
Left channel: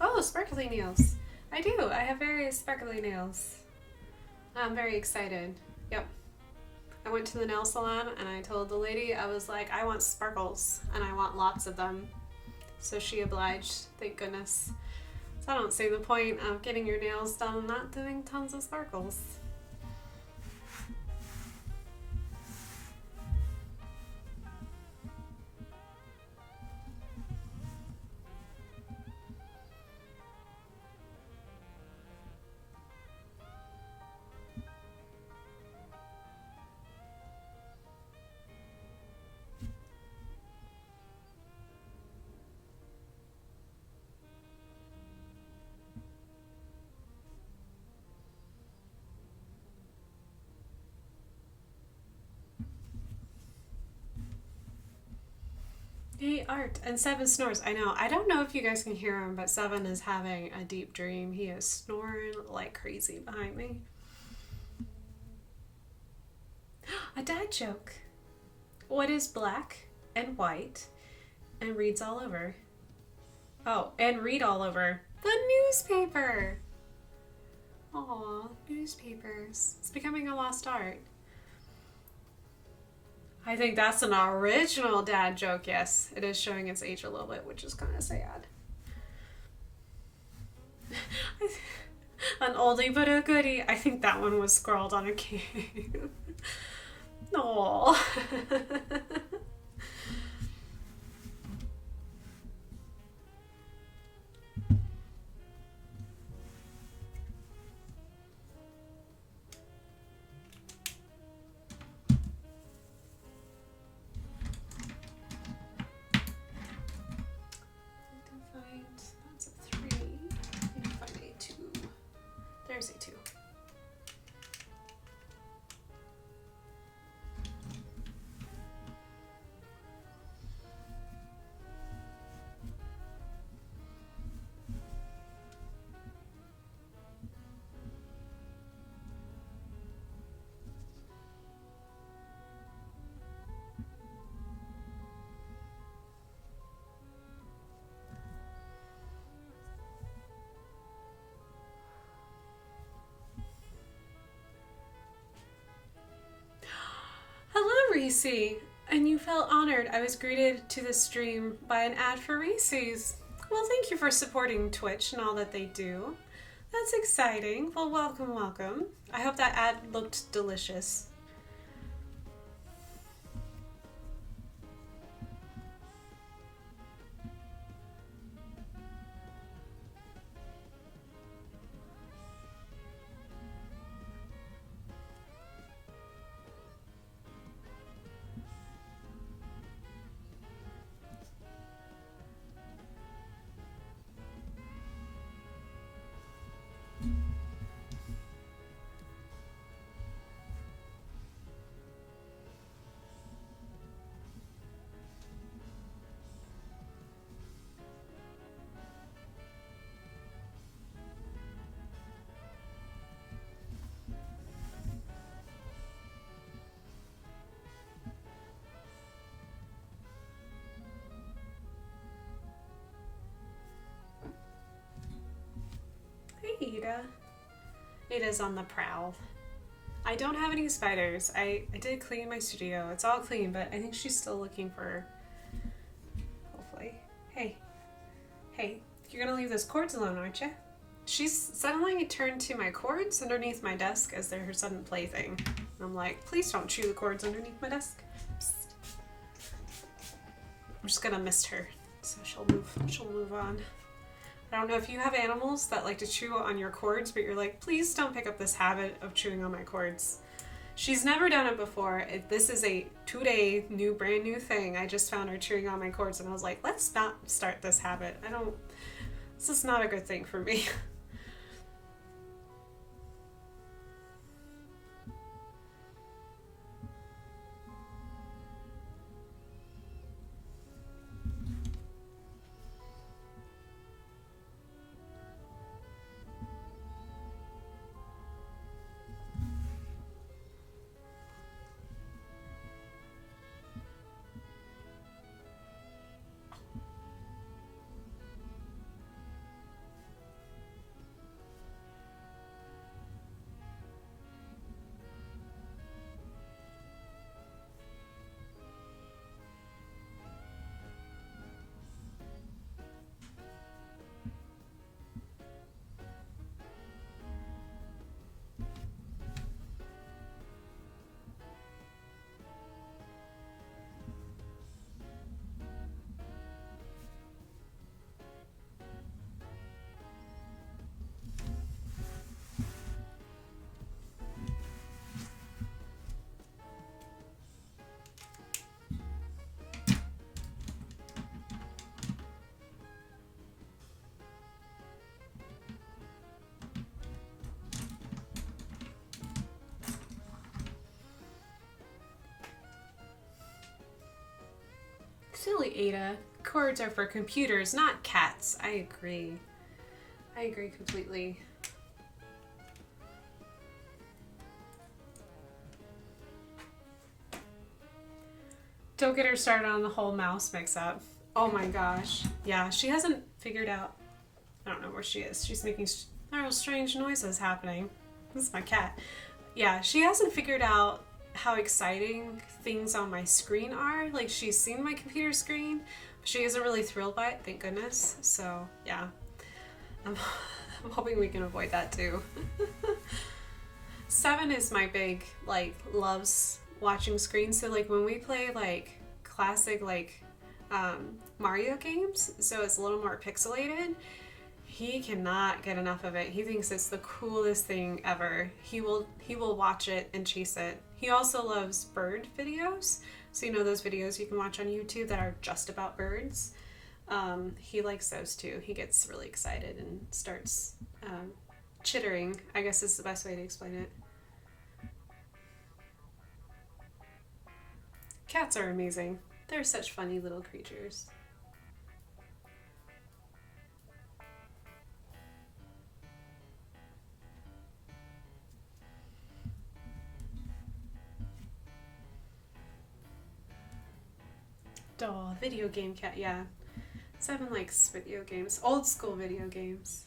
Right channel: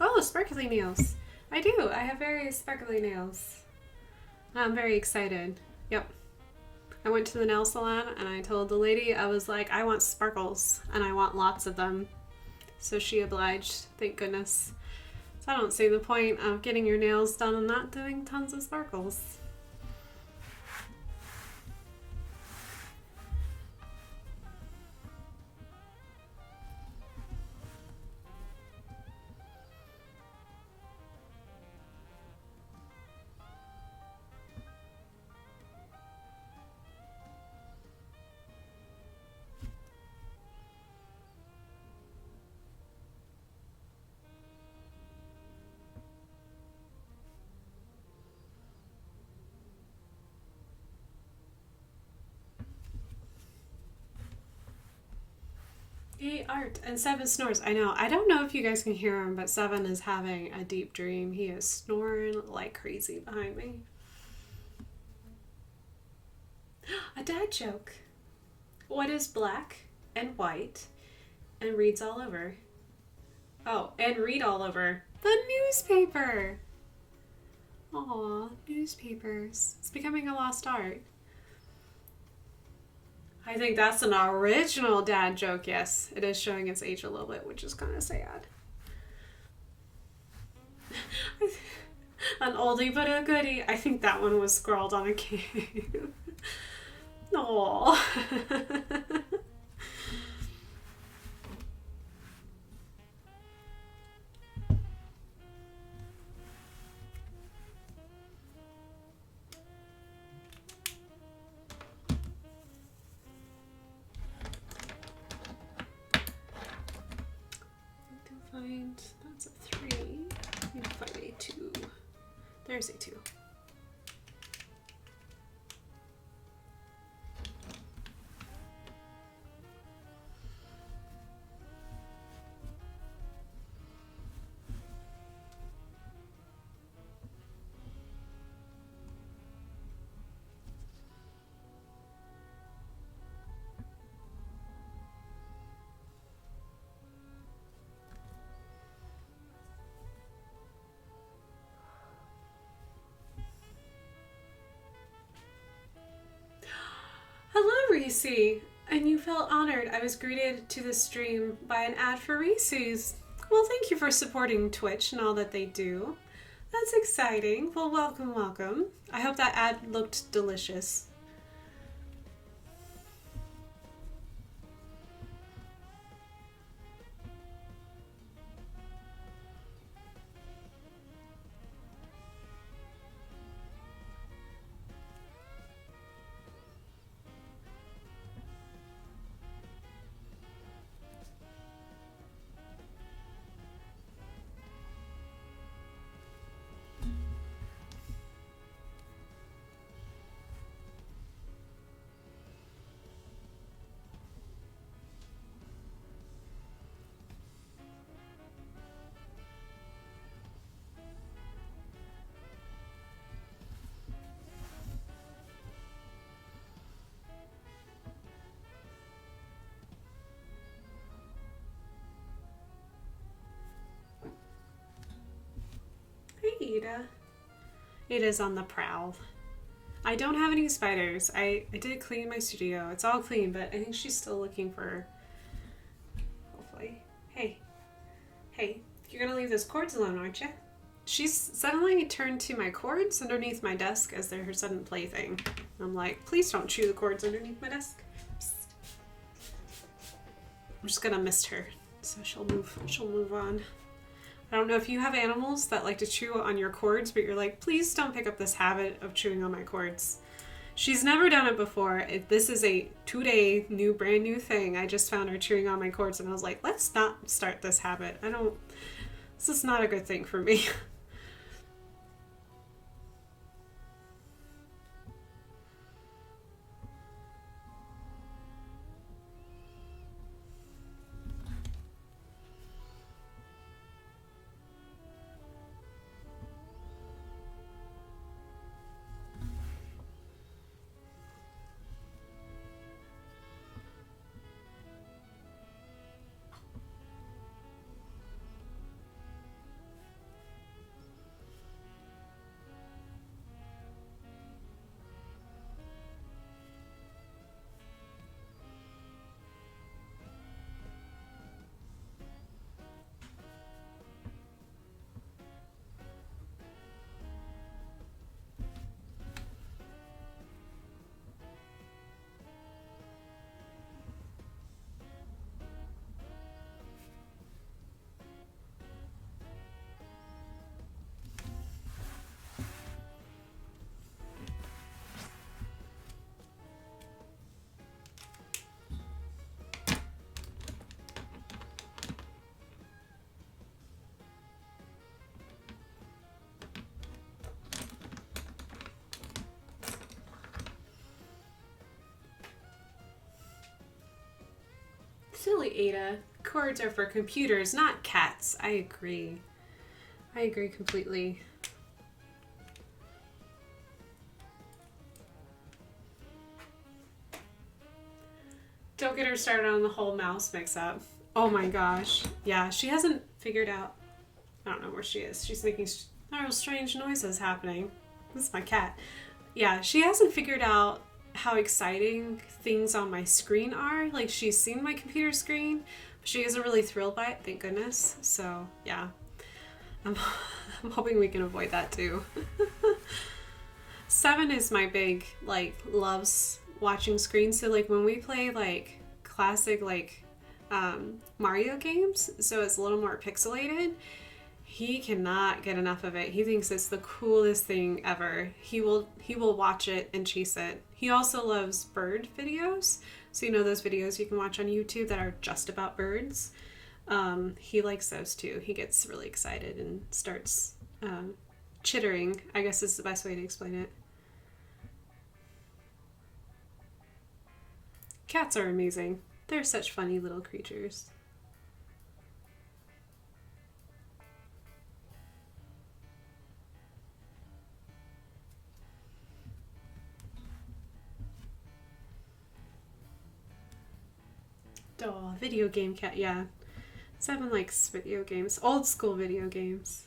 Oh, sparkly nails. I do. I have very sparkly nails. I'm very excited. Yep. I went to the nail salon and I told the lady, I was like, I want sparkles and I want lots of them. So she obliged, thank goodness. So I don't see the point of getting your nails done and not doing tons of sparkles. Yay, art. And Seven snores. I know. I don't know if you guys can hear him, but Seven is having a deep dream. He is snoring like crazy behind me. A dad joke. What is black and white and reads all over? Oh, and read all over. The newspaper. Aw, newspapers. It's becoming a lost art. I think that's an original dad joke, yes. It is showing its age a little bit, which is kind of sad. An oldie but a goodie. I think that one was scrawled on a cave. Aww. That's a 3. I need to find a 2. There's a 2. Hello, Reese! And you felt honored. I was greeted to the stream by an ad for Reese's. Well, thank you for supporting Twitch and all that they do. That's exciting. Well, welcome, welcome. I hope that ad looked delicious. Hey, Ada. Ada's on the prowl. I don't have any spiders. I did clean my studio. It's all clean, but I think she's still looking for, hopefully, Hey, hey, you're gonna leave those cords alone, aren't you? She's suddenly turned to my cords underneath my desk as they're her sudden plaything. I'm like, please don't chew the cords underneath my desk. Psst. I'm just gonna mist her, so she'll move on. I don't know if you have animals that like to chew on your cords, but you're like, please don't pick up this habit of chewing on my cords. She's never done it before. This is a 2-day brand new thing. I just found her chewing on my cords and I was like, let's not start this habit. This is not a good thing for me. Silly Ada. Cords are for computers, not cats. I agree. I agree completely. Don't get her started on the whole mouse mix-up. Oh my gosh. Yeah, she hasn't figured out... I don't know where she is. She's making real strange noises happening. This is my cat. Yeah, she hasn't figured out how exciting things on my screen are. Like, she's seen my computer screen, but she isn't really thrilled by it, thank goodness. So, yeah. I'm hoping we can avoid that too. 7 is my big, like, loves watching screens. So, like, when we play, like, classic, like, Mario games, so it's a little more pixelated, he cannot get enough of it. He thinks it's the coolest thing ever. He will watch it and chase it. He also loves bird videos. So, you know, those videos you can watch on YouTube that are just about birds. He likes those too. He gets really excited and starts chittering, I guess is the best way to explain it. Cats are amazing. They're such funny little creatures. Oh, video game cat, yeah. 7 likes video games. Old school video games.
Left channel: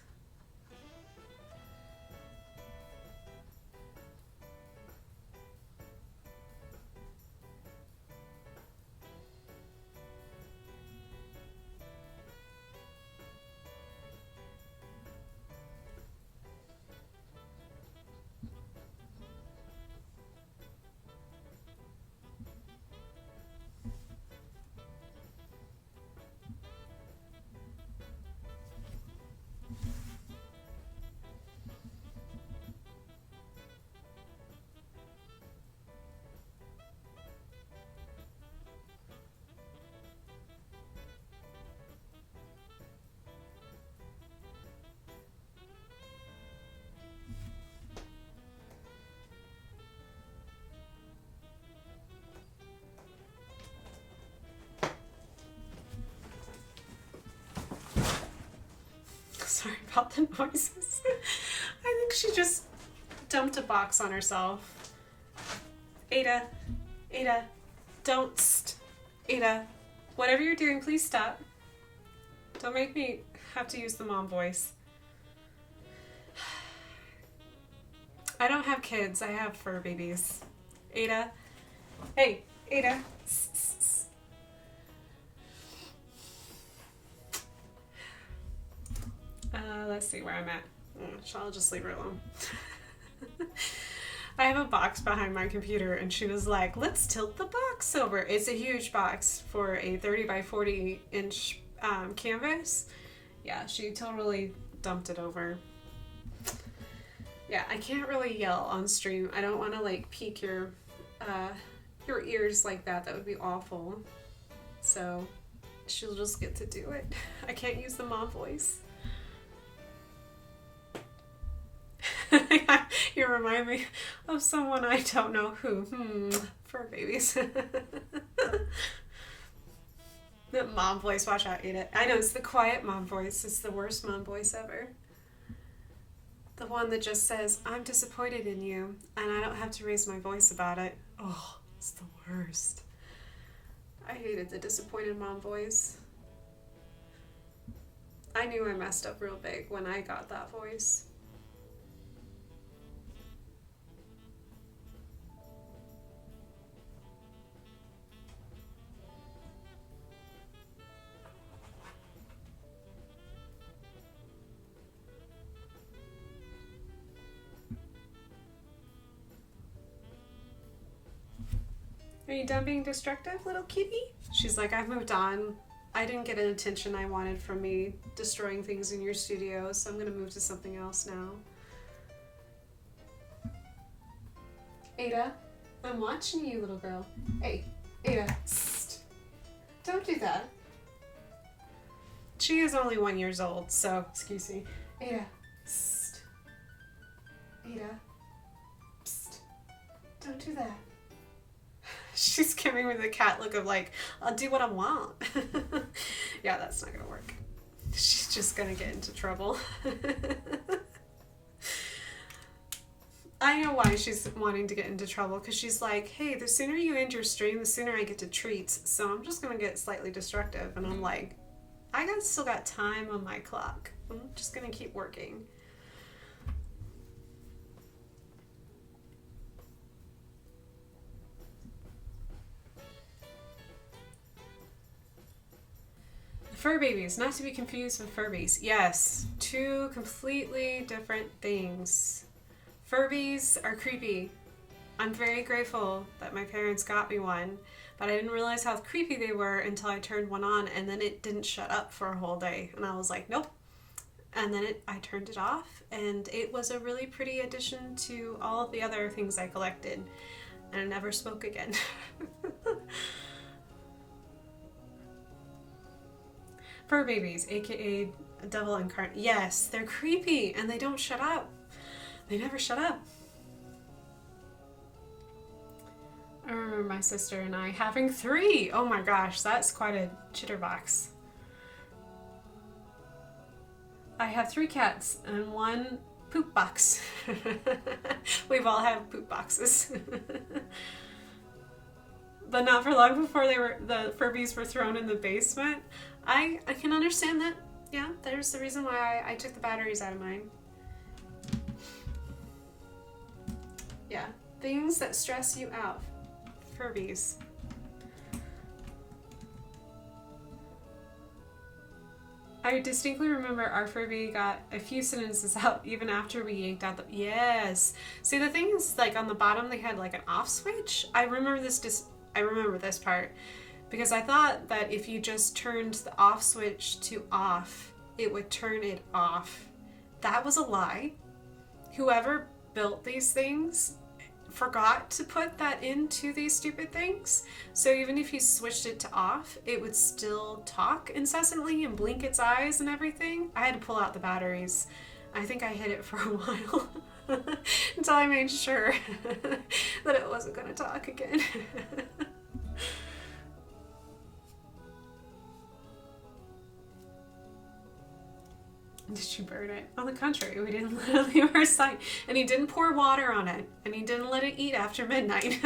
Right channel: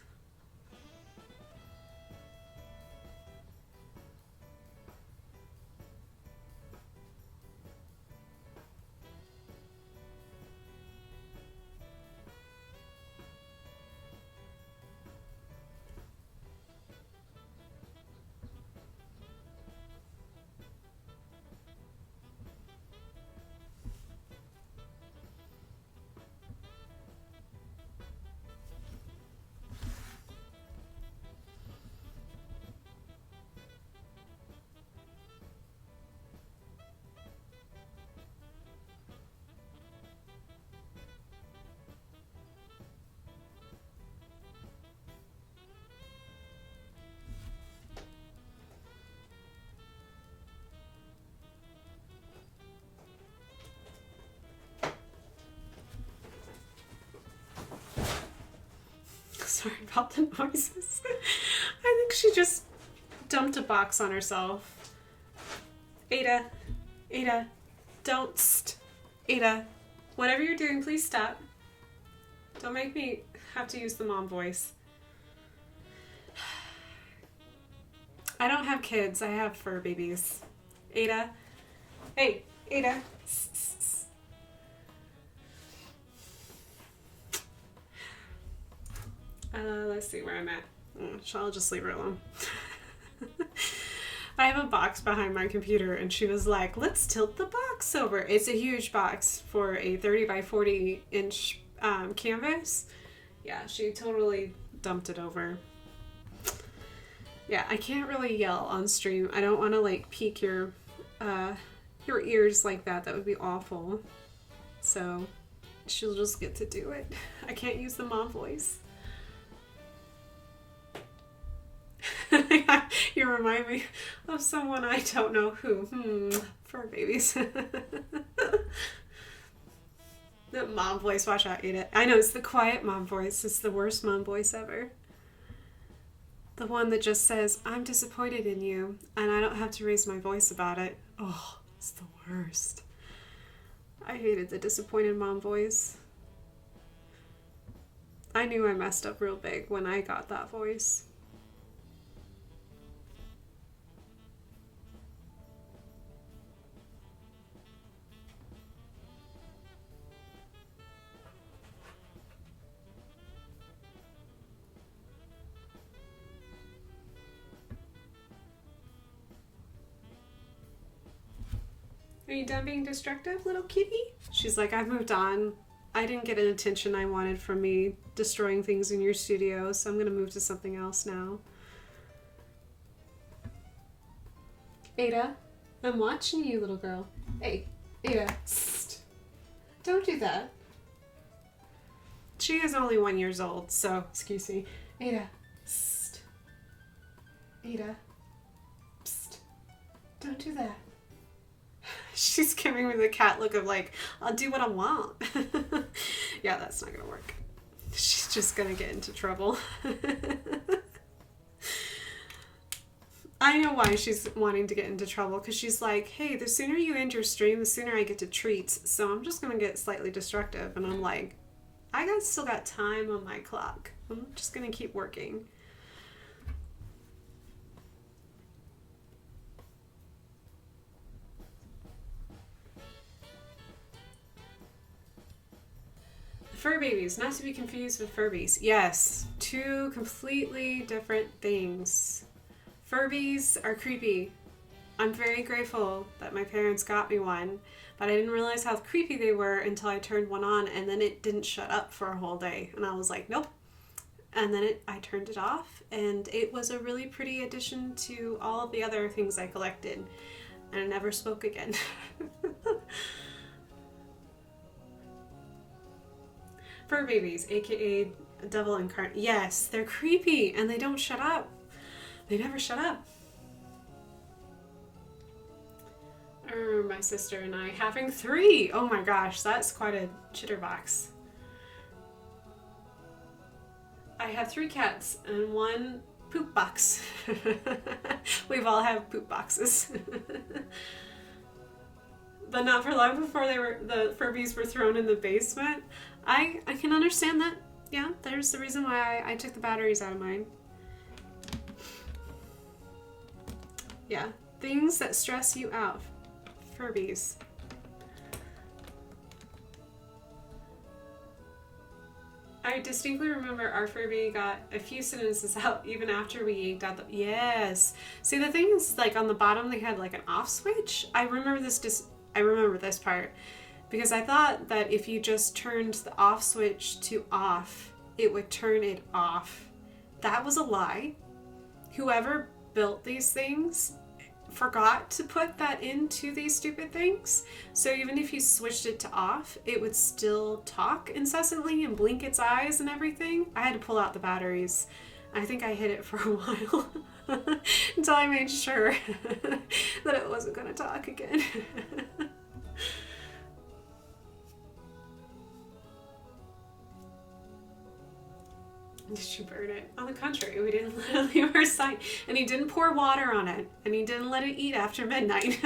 Sorry about the noises. I think she just dumped a box on herself. Ada, don't. Ada, whatever you're doing, please stop. Don't make me have to use the mom voice. I don't have kids, I have fur babies. Ada, hey, Ada. Let's see where I'm at. I'll just leave her alone. I have a box behind my computer, and she was like, let's tilt the box over. It's a huge box for a 30 by 40 inch canvas. Yeah, she totally dumped it over. Yeah, I can't really yell on stream. I don't want to like pique your ears like that. That would be awful. So she'll just get to do it. I can't use the mom voice. You remind me of someone I don't know who. Fur babies. The mom voice, watch out, Ada. I know, it's the quiet mom voice. It's the worst mom voice ever. The one that just says, I'm disappointed in you, and I don't have to raise my voice about it. Oh, it's the worst. I hated the disappointed mom voice. I knew I messed up real big when I got that voice. Are you done being destructive, little kitty? She's like, I've moved on. I didn't get an attention I wanted from me destroying things in your studio, so I'm gonna move to something else now. Ada, I'm watching you, little girl. Hey, Ada, don't do that. She is only 1 year old, so excuse me. Ada, Ada, don't do that. She's giving me the cat look of like, I'll do what I want. Yeah, that's not gonna work. She's just gonna get into trouble. I know why she's wanting to get into trouble, because she's like, hey, the sooner you end your stream, the sooner I get to treats, so I'm just gonna get slightly destructive. And I'm like, still got time on my clock. I'm just gonna keep working. Fur babies, not to be confused with Furbies. Yes, two completely different things. Furbies are creepy. I'm very grateful that my parents got me one, but I didn't realize how creepy they were until I turned one on, and then it didn't shut up for a whole day. And I was like, nope. And then I turned it off, and it was a really pretty addition to all of the other things I collected. And I never spoke again. Fur babies, aka devil incarnate. Yes, they're creepy and they don't shut up. They never shut up. I remember my sister and I having 3. Oh my gosh, that's quite a chitterbox. I have 3 cats and 1 poop box. We've all had poop boxes. But not for long before the Furbies were thrown in the basement. I can understand that. Yeah, there's the reason why I took the batteries out of mine. Yeah, things that stress you out. Furbies. I distinctly remember our Furby got a few sentences out even after we yanked out the... Yes! See, the thing is, like, on the bottom they had, like, an off switch. I remember this part. Because I thought that if you just turned the off switch to off, it would turn it off. That was a lie. Whoever built these things forgot to put that into these stupid things. So even if you switched it to off, it would still talk incessantly and blink its eyes and everything. I had to pull out the batteries. I think I hid it for a while until I made sure that it wasn't going to talk again. Did you burn it? On the contrary, we didn't let it leave our sight. And he didn't pour water on it. And he didn't let it eat after midnight.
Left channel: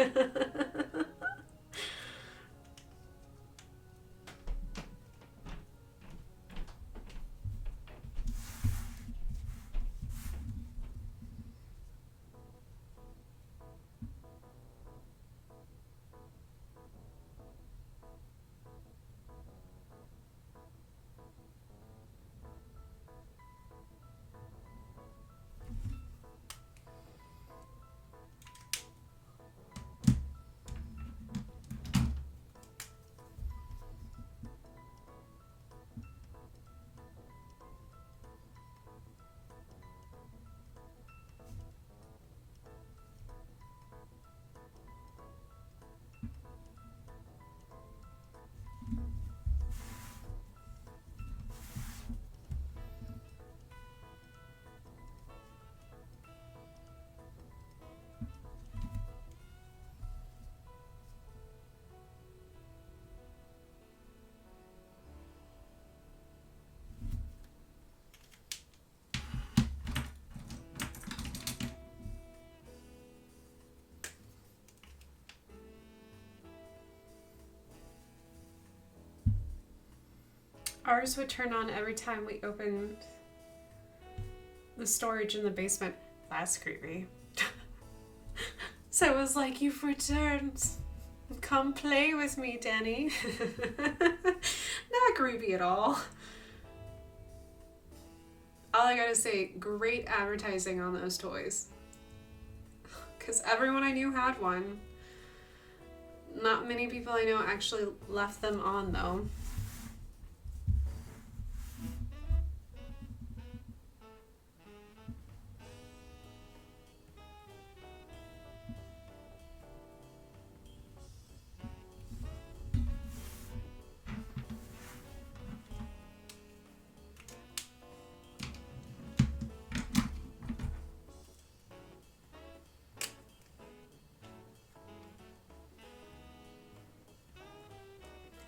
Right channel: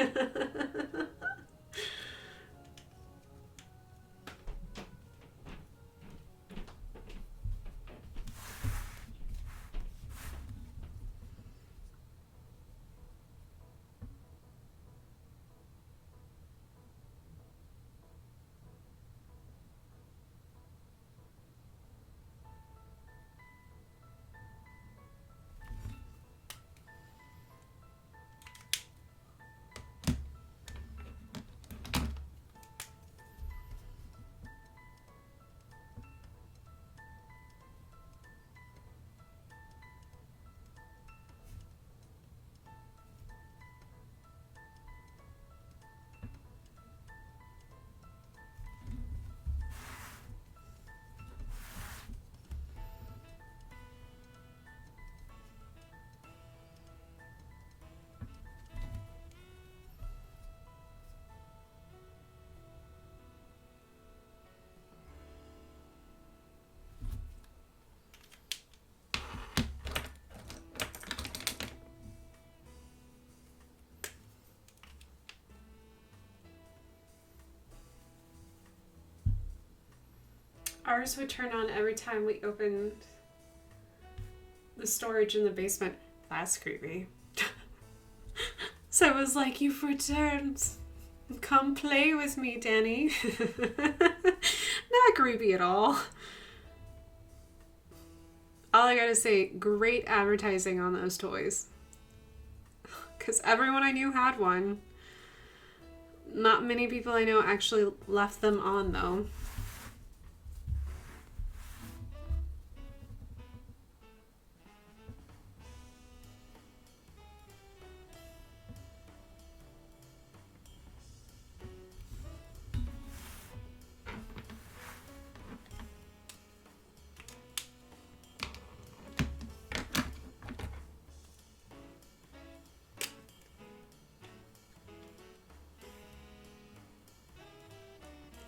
Ours would turn on every time we opened the storage in the basement. That's creepy. So it was like, you've returned. Come play with me, Danny. Not creepy at all. All I gotta say, great advertising on those toys. Because everyone I knew had one. Not many people I know actually left them on, though.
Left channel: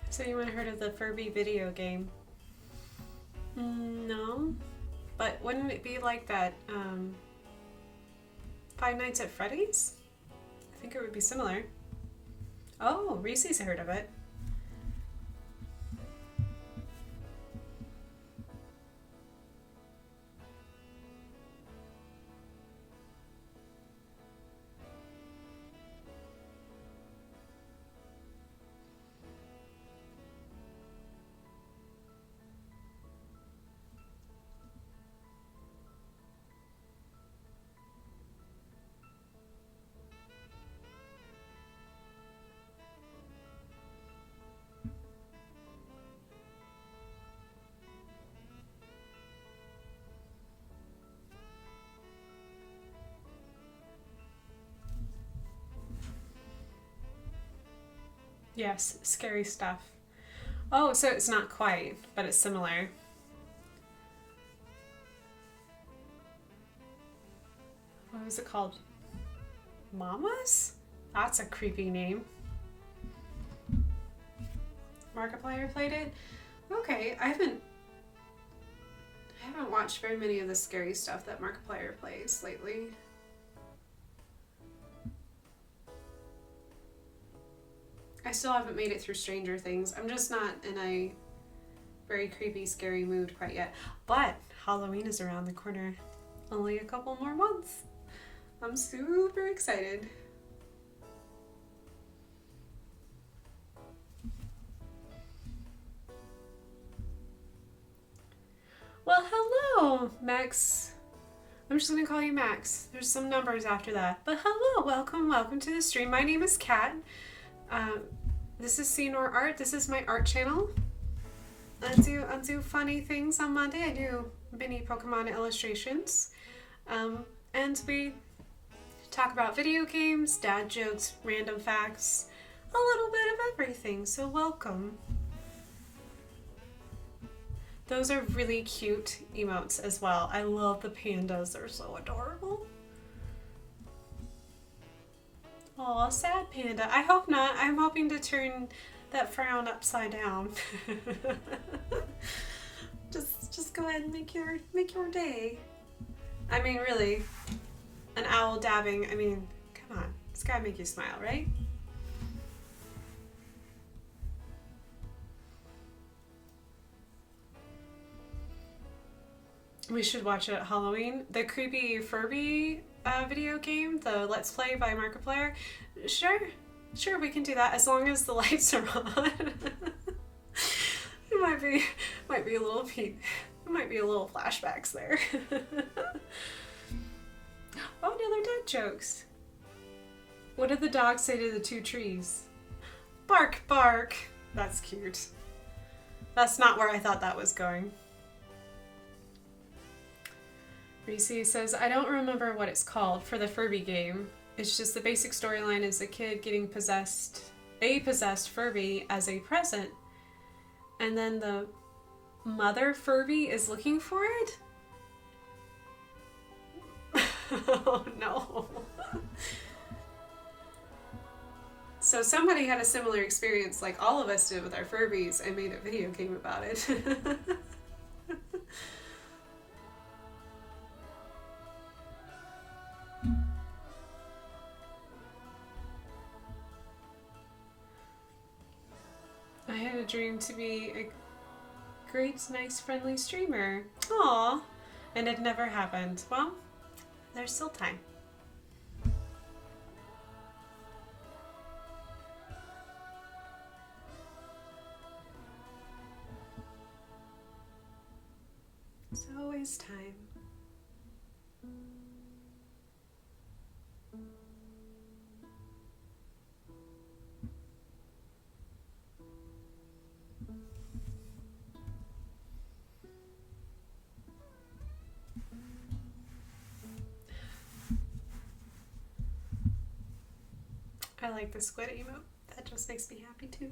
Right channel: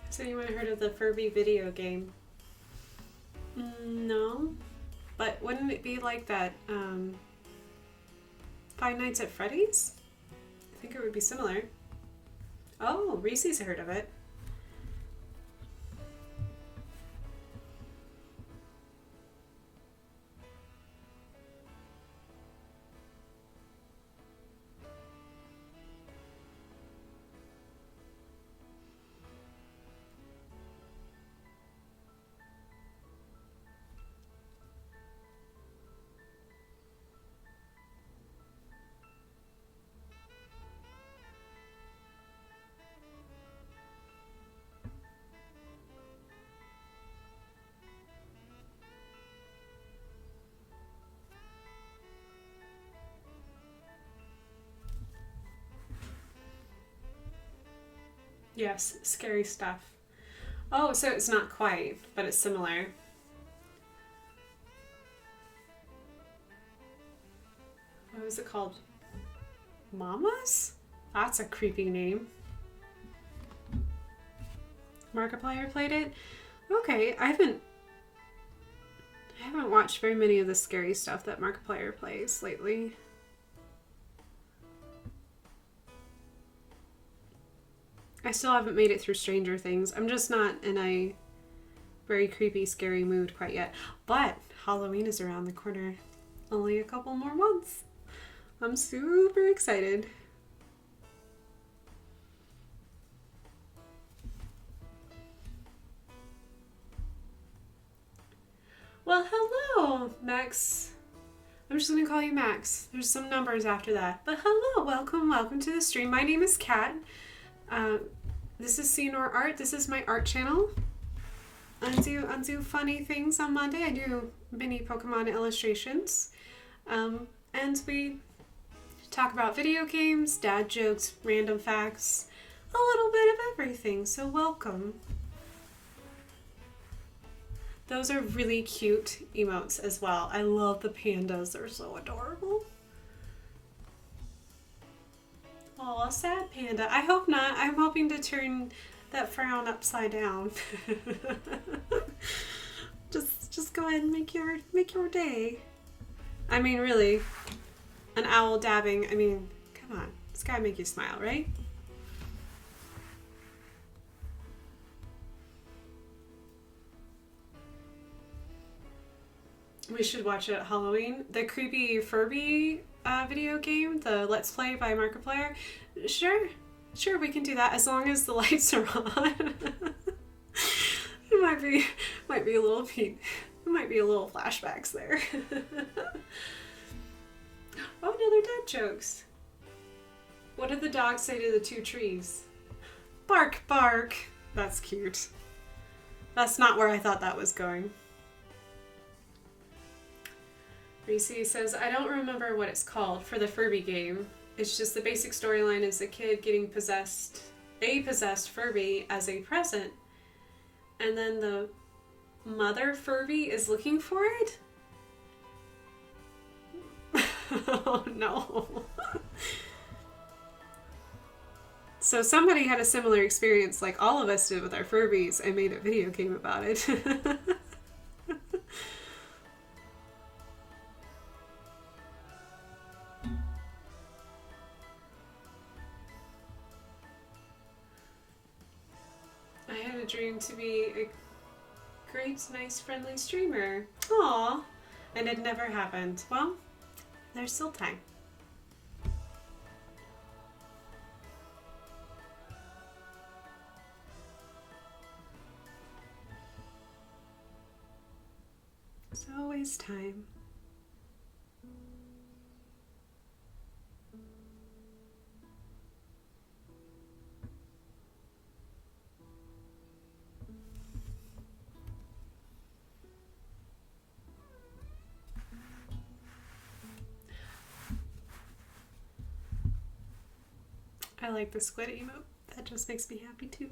Has anyone heard of the Furby video game? No. But wouldn't it be like that Five Nights at Freddy's? I think it would be similar. Oh, Reese's heard of it. Yes, scary stuff. Oh, so it's not quite, but it's similar. What was it called? Mamas? That's a creepy name. Markiplier played it? Okay, I haven't watched very many of the scary stuff that Markiplier plays lately. I still haven't made it through Stranger Things. I'm just not in a very creepy, scary mood quite yet. But Halloween is around the corner. Only a couple more months. I'm super excited. Well, hello, Max. I'm just going to call you Max. There's some numbers after that. But hello, welcome to the stream. My name is Kat. This is See Nor Art. This is my art channel. I do funny things on Monday. I do mini Pokemon illustrations. And we talk about video games, dad jokes, random facts, a little bit of everything. So welcome. Those are really cute emotes as well. I love the pandas. They're so adorable. Oh, sad panda. I hope not. I'm hoping to turn that frown upside down. just go ahead and make your day. I mean, really, an owl dabbing. I mean, come on. It's gotta make you smile, right? We should watch it at Halloween. The creepy Furby video game, the Let's Play by Markiplier. Sure, we can do that as long as the lights are on. It might be a little flashbacks there. Oh, no, they're dad jokes. What did the dog say to the two trees? Bark, bark. That's cute. That's not where I thought that was going. Reese says, I don't remember what it's called for the Furby game. It's just the basic storyline is a kid getting a possessed Furby as a present. And then the mother Furby is looking for it? Oh no. So somebody had a similar experience like all of us did with our Furbies and made a video game about it. I had a dream to be a great, nice, friendly streamer. Aw, and it never happened. Well, there's still time. There's always time. I like the squid emote. That just makes me happy too.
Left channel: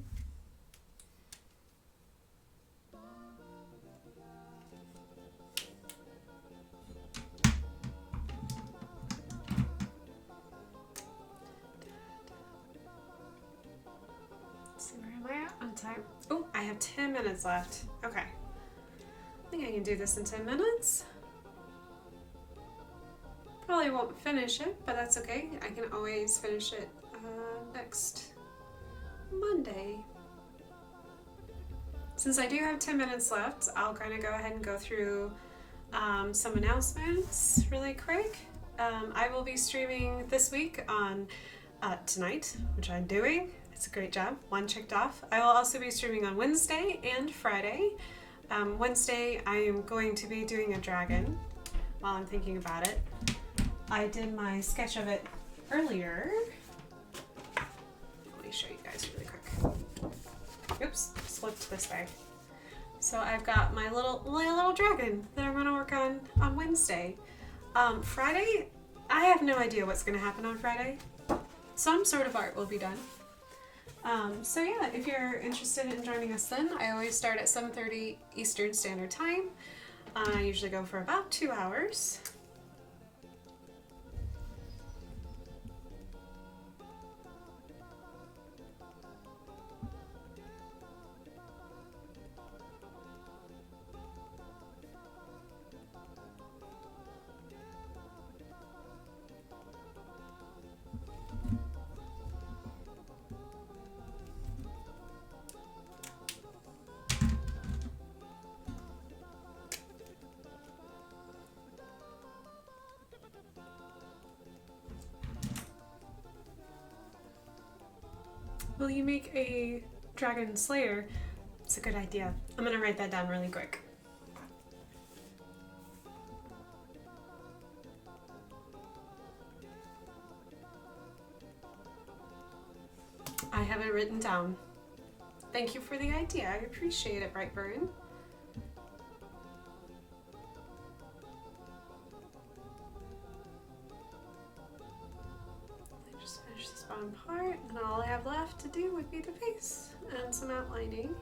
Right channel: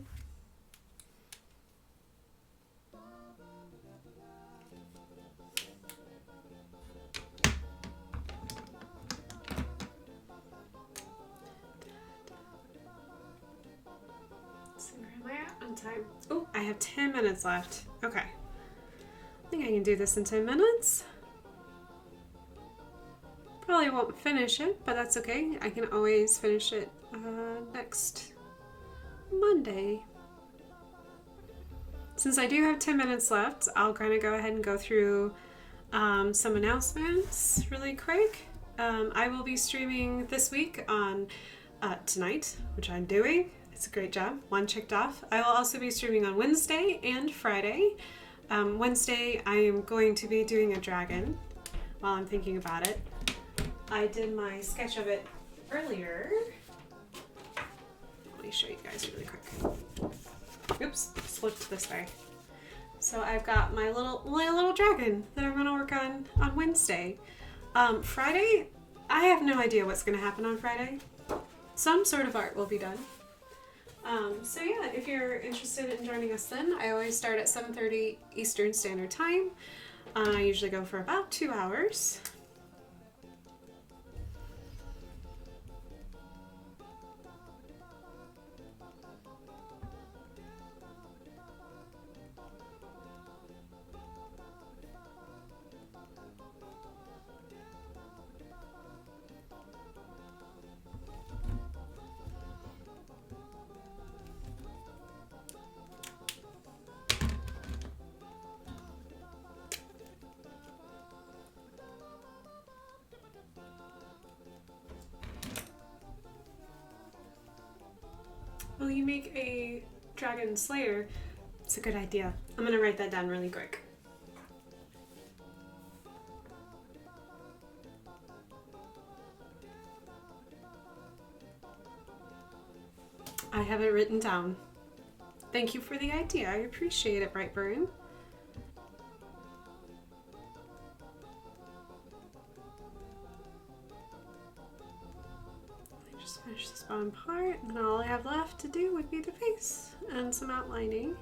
Let's see, where am I at on time? Oh, I have 10 minutes left. Okay. I think I can do this in 10 minutes. Probably won't finish it, but that's okay. I can always finish it next Monday. Since I do have 10 minutes left, I'll kind of go ahead and go through some announcements really quick. I will be streaming this week on tonight, which I'm doing. It's a great job. One checked off. I will also be streaming on Wednesday and Friday. Wednesday, I am going to be doing a dragon while I'm thinking about it. I did my sketch of it earlier. Let me show you guys really quick. Oops, slipped this way. So I've got my little dragon that I'm going to work on Wednesday. Friday, I have no idea what's going to happen on Friday. Some sort of art will be done. So yeah, if you're interested in joining us then, I always start at 7:30 Eastern Standard Time. I usually go for about 2 hours. Will you make a dragon slayer? It's a good idea. I'm gonna write that down really quick. I have it written down. Thank you for the idea. I appreciate it, Brightburn. Finish this bottom part, and all I have left to do would be the face and some outlining.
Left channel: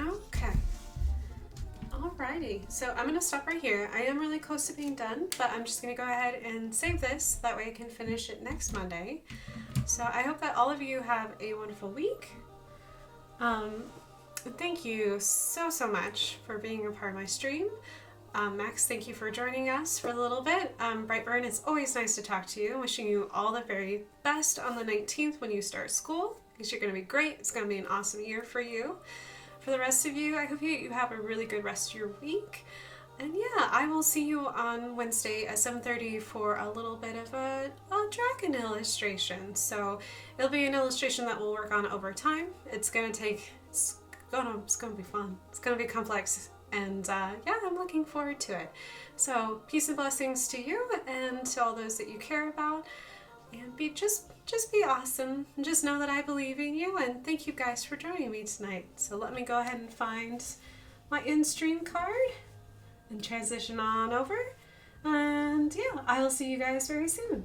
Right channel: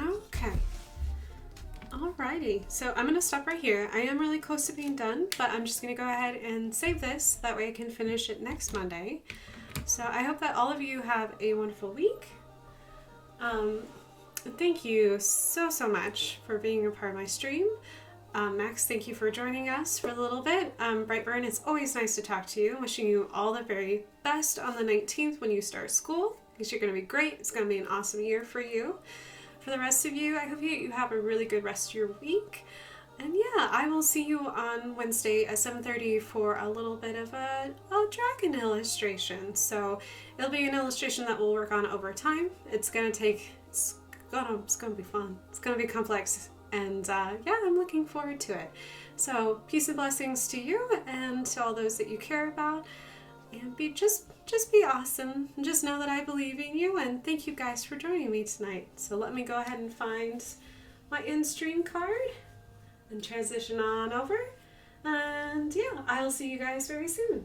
Okay. Alrighty, so I'm gonna stop right here. I am really close to being done, but I'm just gonna go ahead and save this. That way I can finish it next Monday. So I hope that all of you have a wonderful week. Thank you so much for being a part of my stream. Max, thank you for joining us for a little bit. Brightburn, it's always nice to talk to you. Wishing you all the very best on the 19th when you start school, because you're gonna be great. It's gonna be an awesome year for you. For the rest of you, I hope you have a really good rest of your week. And yeah, I will see you on Wednesday at 7:30 for a little bit of a dragon illustration. So it'll be an illustration that we'll work on over time. It's gonna be fun. It's gonna be complex. And yeah, I'm looking forward to it. So peace and blessings to you and to all those that you care about. And just be awesome. And just know that I believe in you. And thank you guys for joining me tonight. So let me go ahead and find my in-stream card and transition on over. And yeah, I'll see you guys very soon.